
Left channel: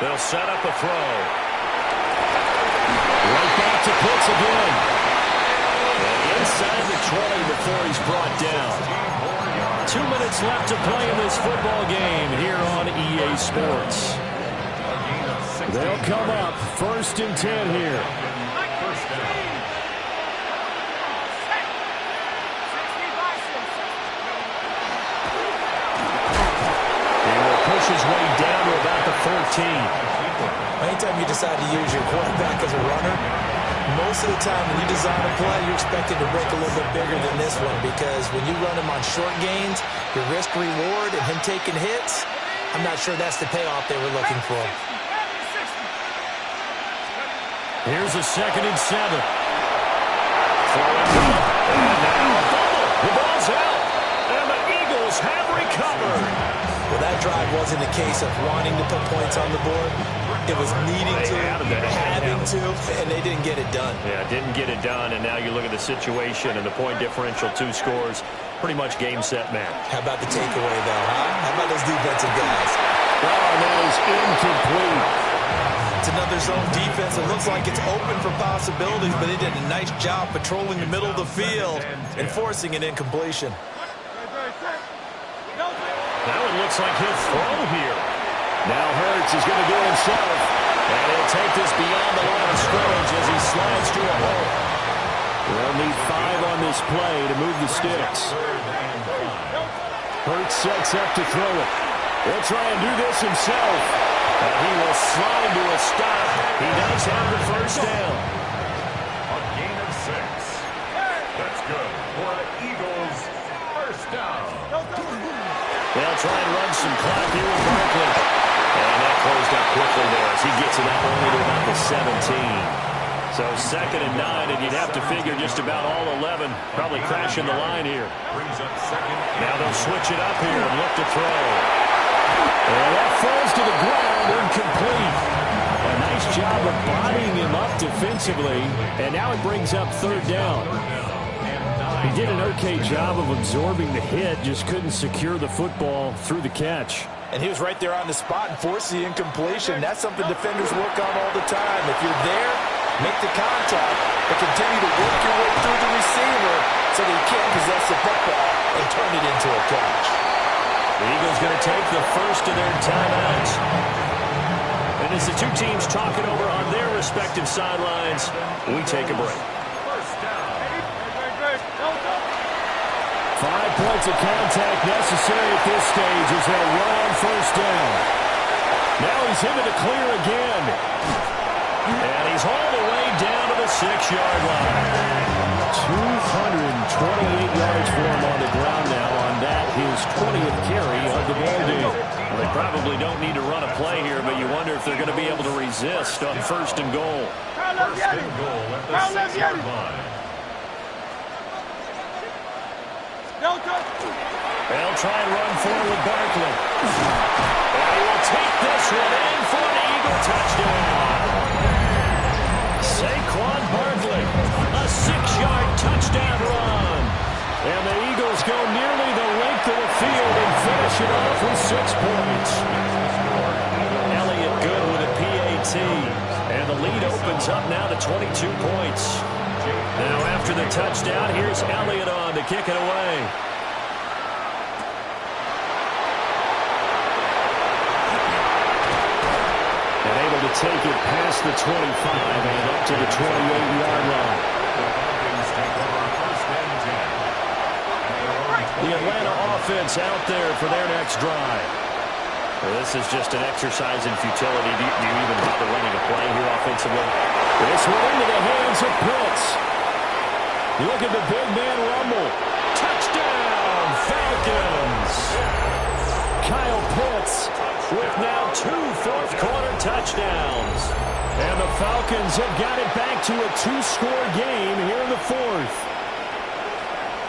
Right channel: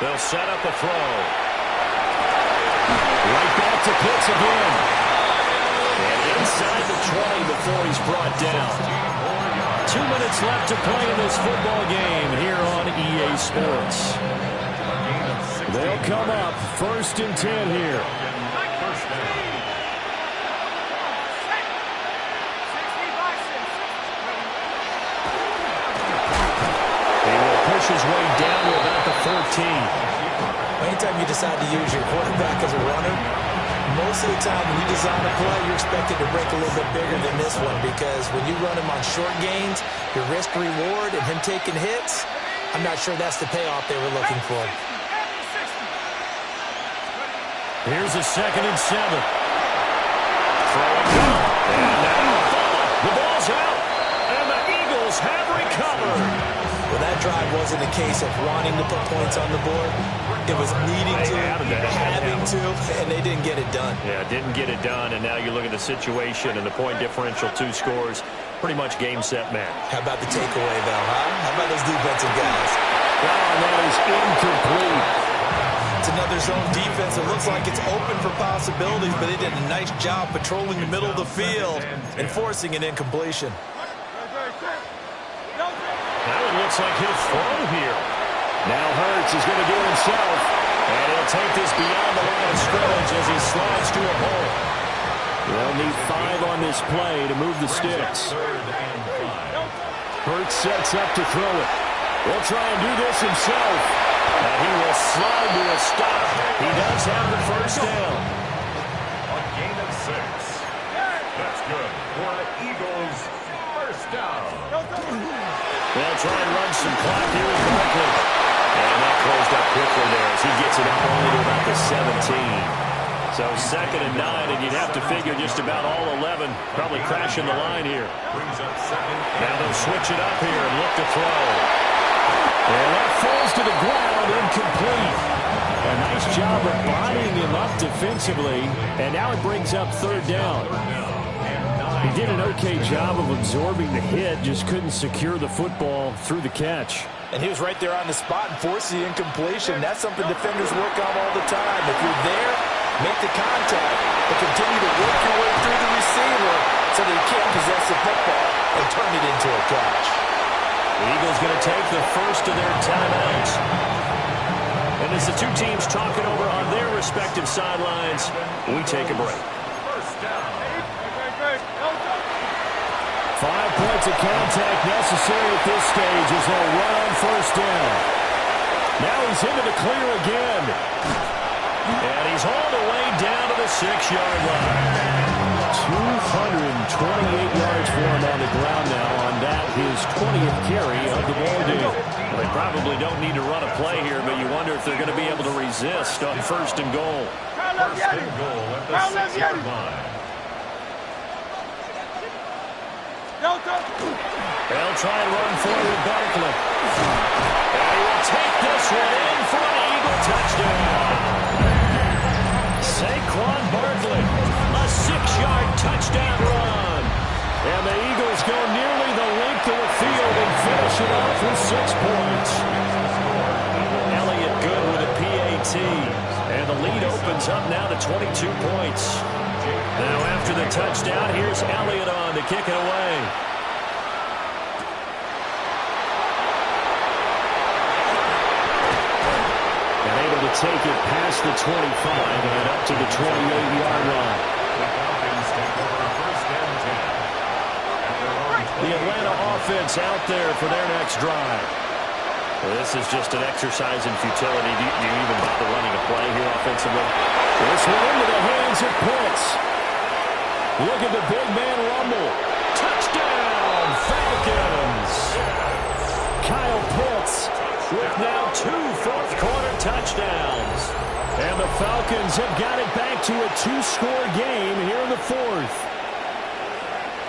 They'll set up a throw. Right back to Pitts again. And inside the 20 before he's brought down. 2 minutes left to play in this football game here on EA Sports. They'll come up 1st and 10 here. First down. He will push his way down to about the 14. Anytime you decide to use your quarterback as a runner, most of the time when you design a play, you're expected to break a little bit bigger than this one, because when you run him on short gains, your risk-reward and him taking hits, I'm not sure that's the payoff they were looking for. Here's a 2nd and 7. Throwing middle. And now a fumble. The ball's out. And the Eagles have recovered. Well, that drive wasn't a case of wanting to put points on the board. It was needing to, having to, and they didn't get it done. Yeah, didn't get it done, and now you look at the situation and the point differential, 2 scores, pretty much game, set, match. How about the takeaway, though, huh? How about those defensive guys? Oh, and that is incomplete. It's another zone defense. It looks like it's open for possibilities, but they did a nice job patrolling the middle of the field and forcing an incompletion. Now it looks like he'll throw here. Now Hurts is going to do it himself. And he'll take this beyond the line of scrimmage as he slides to a hole. They'll need 5 on this play to move the sticks. Hurts sets up to throw it. He'll try and do this himself. And he will slide to a stop. He does have the first down. A gain of 6. That's good for the Eagles. First down. They'll try and run some clock here with Barkley. And that closed up quickly there as he gets it up only to about the 17. So 2nd and 9, and you'd have to figure just about all 11 probably crashing the line here. Brings up 2nd. Now they'll switch it up here and look to throw. And that falls to the ground, incomplete. A nice job of bodying him up defensively, and now it brings up 3rd down. He did an okay job of absorbing the hit, just couldn't secure the football through the catch. And he was right there on the spot and forced the incompletion. That's something defenders work on all the time. If you're there, make the contact, but continue to work your way through the receiver so that you can't possess the football and turn it into a catch. The Eagles going to take the first of their timeouts. And as the 2 teams talk it over on their respective sidelines, we take a break. First down. 5 points of contact necessary at this stage as they'll run on 1st down. Now he's into the clear again. And he's hauled away down to the 6-yard line. 228 yards for him on the ground now on that, his 20th carry of the ball game. Well, they probably don't need to run a play here, but you wonder if they're going to be able to resist on 1st and goal. First and goal at the 6-yard line. They'll try and run forward with Barkley. And he will take this one in for an Eagle touchdown. Saquon Barkley, a 6-yard touchdown run. And the Eagles go nearly the length of the field and finish it off with 6 points. Elliott good with a PAT. And the lead opens up now to 22 points. Now after the touchdown, here's Elliott on to kick it away. And able to take it past the 25 and up to the 28-yard line. The Falcons take over 1st and 10. The Atlanta offense out there for their next drive. Well, this is just an exercise in futility. Do you even bother running a play here offensively? This one into the hands of Pitts. Look at the big man rumble. Touchdown, Falcons. Kyle Pitts with now 2 fourth-quarter touchdowns. And And the Falcons have got it back to a 2-score game here in the fourth.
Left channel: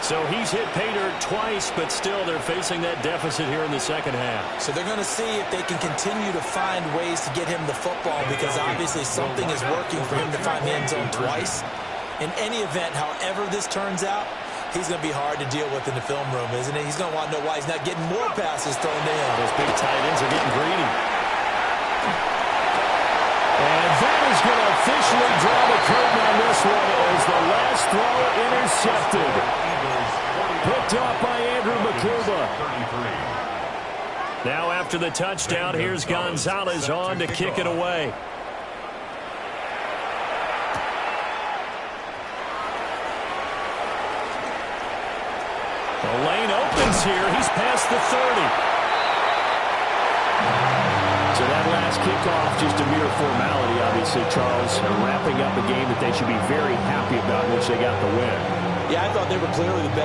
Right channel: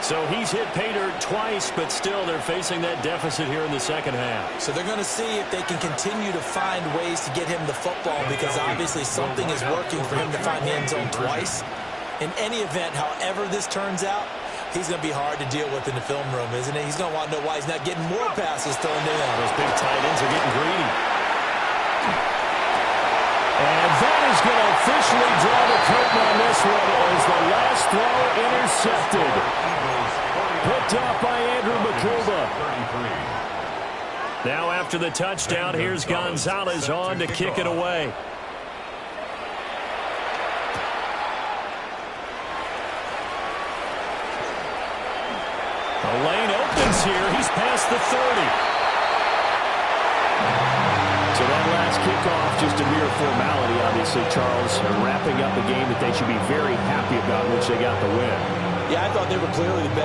So he's hit pay dirt twice, but still they're facing that deficit here in the second half. So they're going to see if they can continue to find ways to get him the football, because obviously something is working for him to find the end zone twice. In any event, however this turns out, he's going to be hard to deal with in the film room, isn't he? He's going to want to know why he's not getting more passes thrown to him. Those big tight ends are getting greedy. And that is going to officially draw the curtain on this one as the last throw intercepted. Picked off by Andrew Makuba. Now after the touchdown, here's Gonzalez on to kick it away. The lane opens here. He's past the 30. So that last kickoff, just a mere formality, obviously, Charles, wrapping up a game that they should be very happy about, in which they got the win. Yeah, I thought they were clearly the better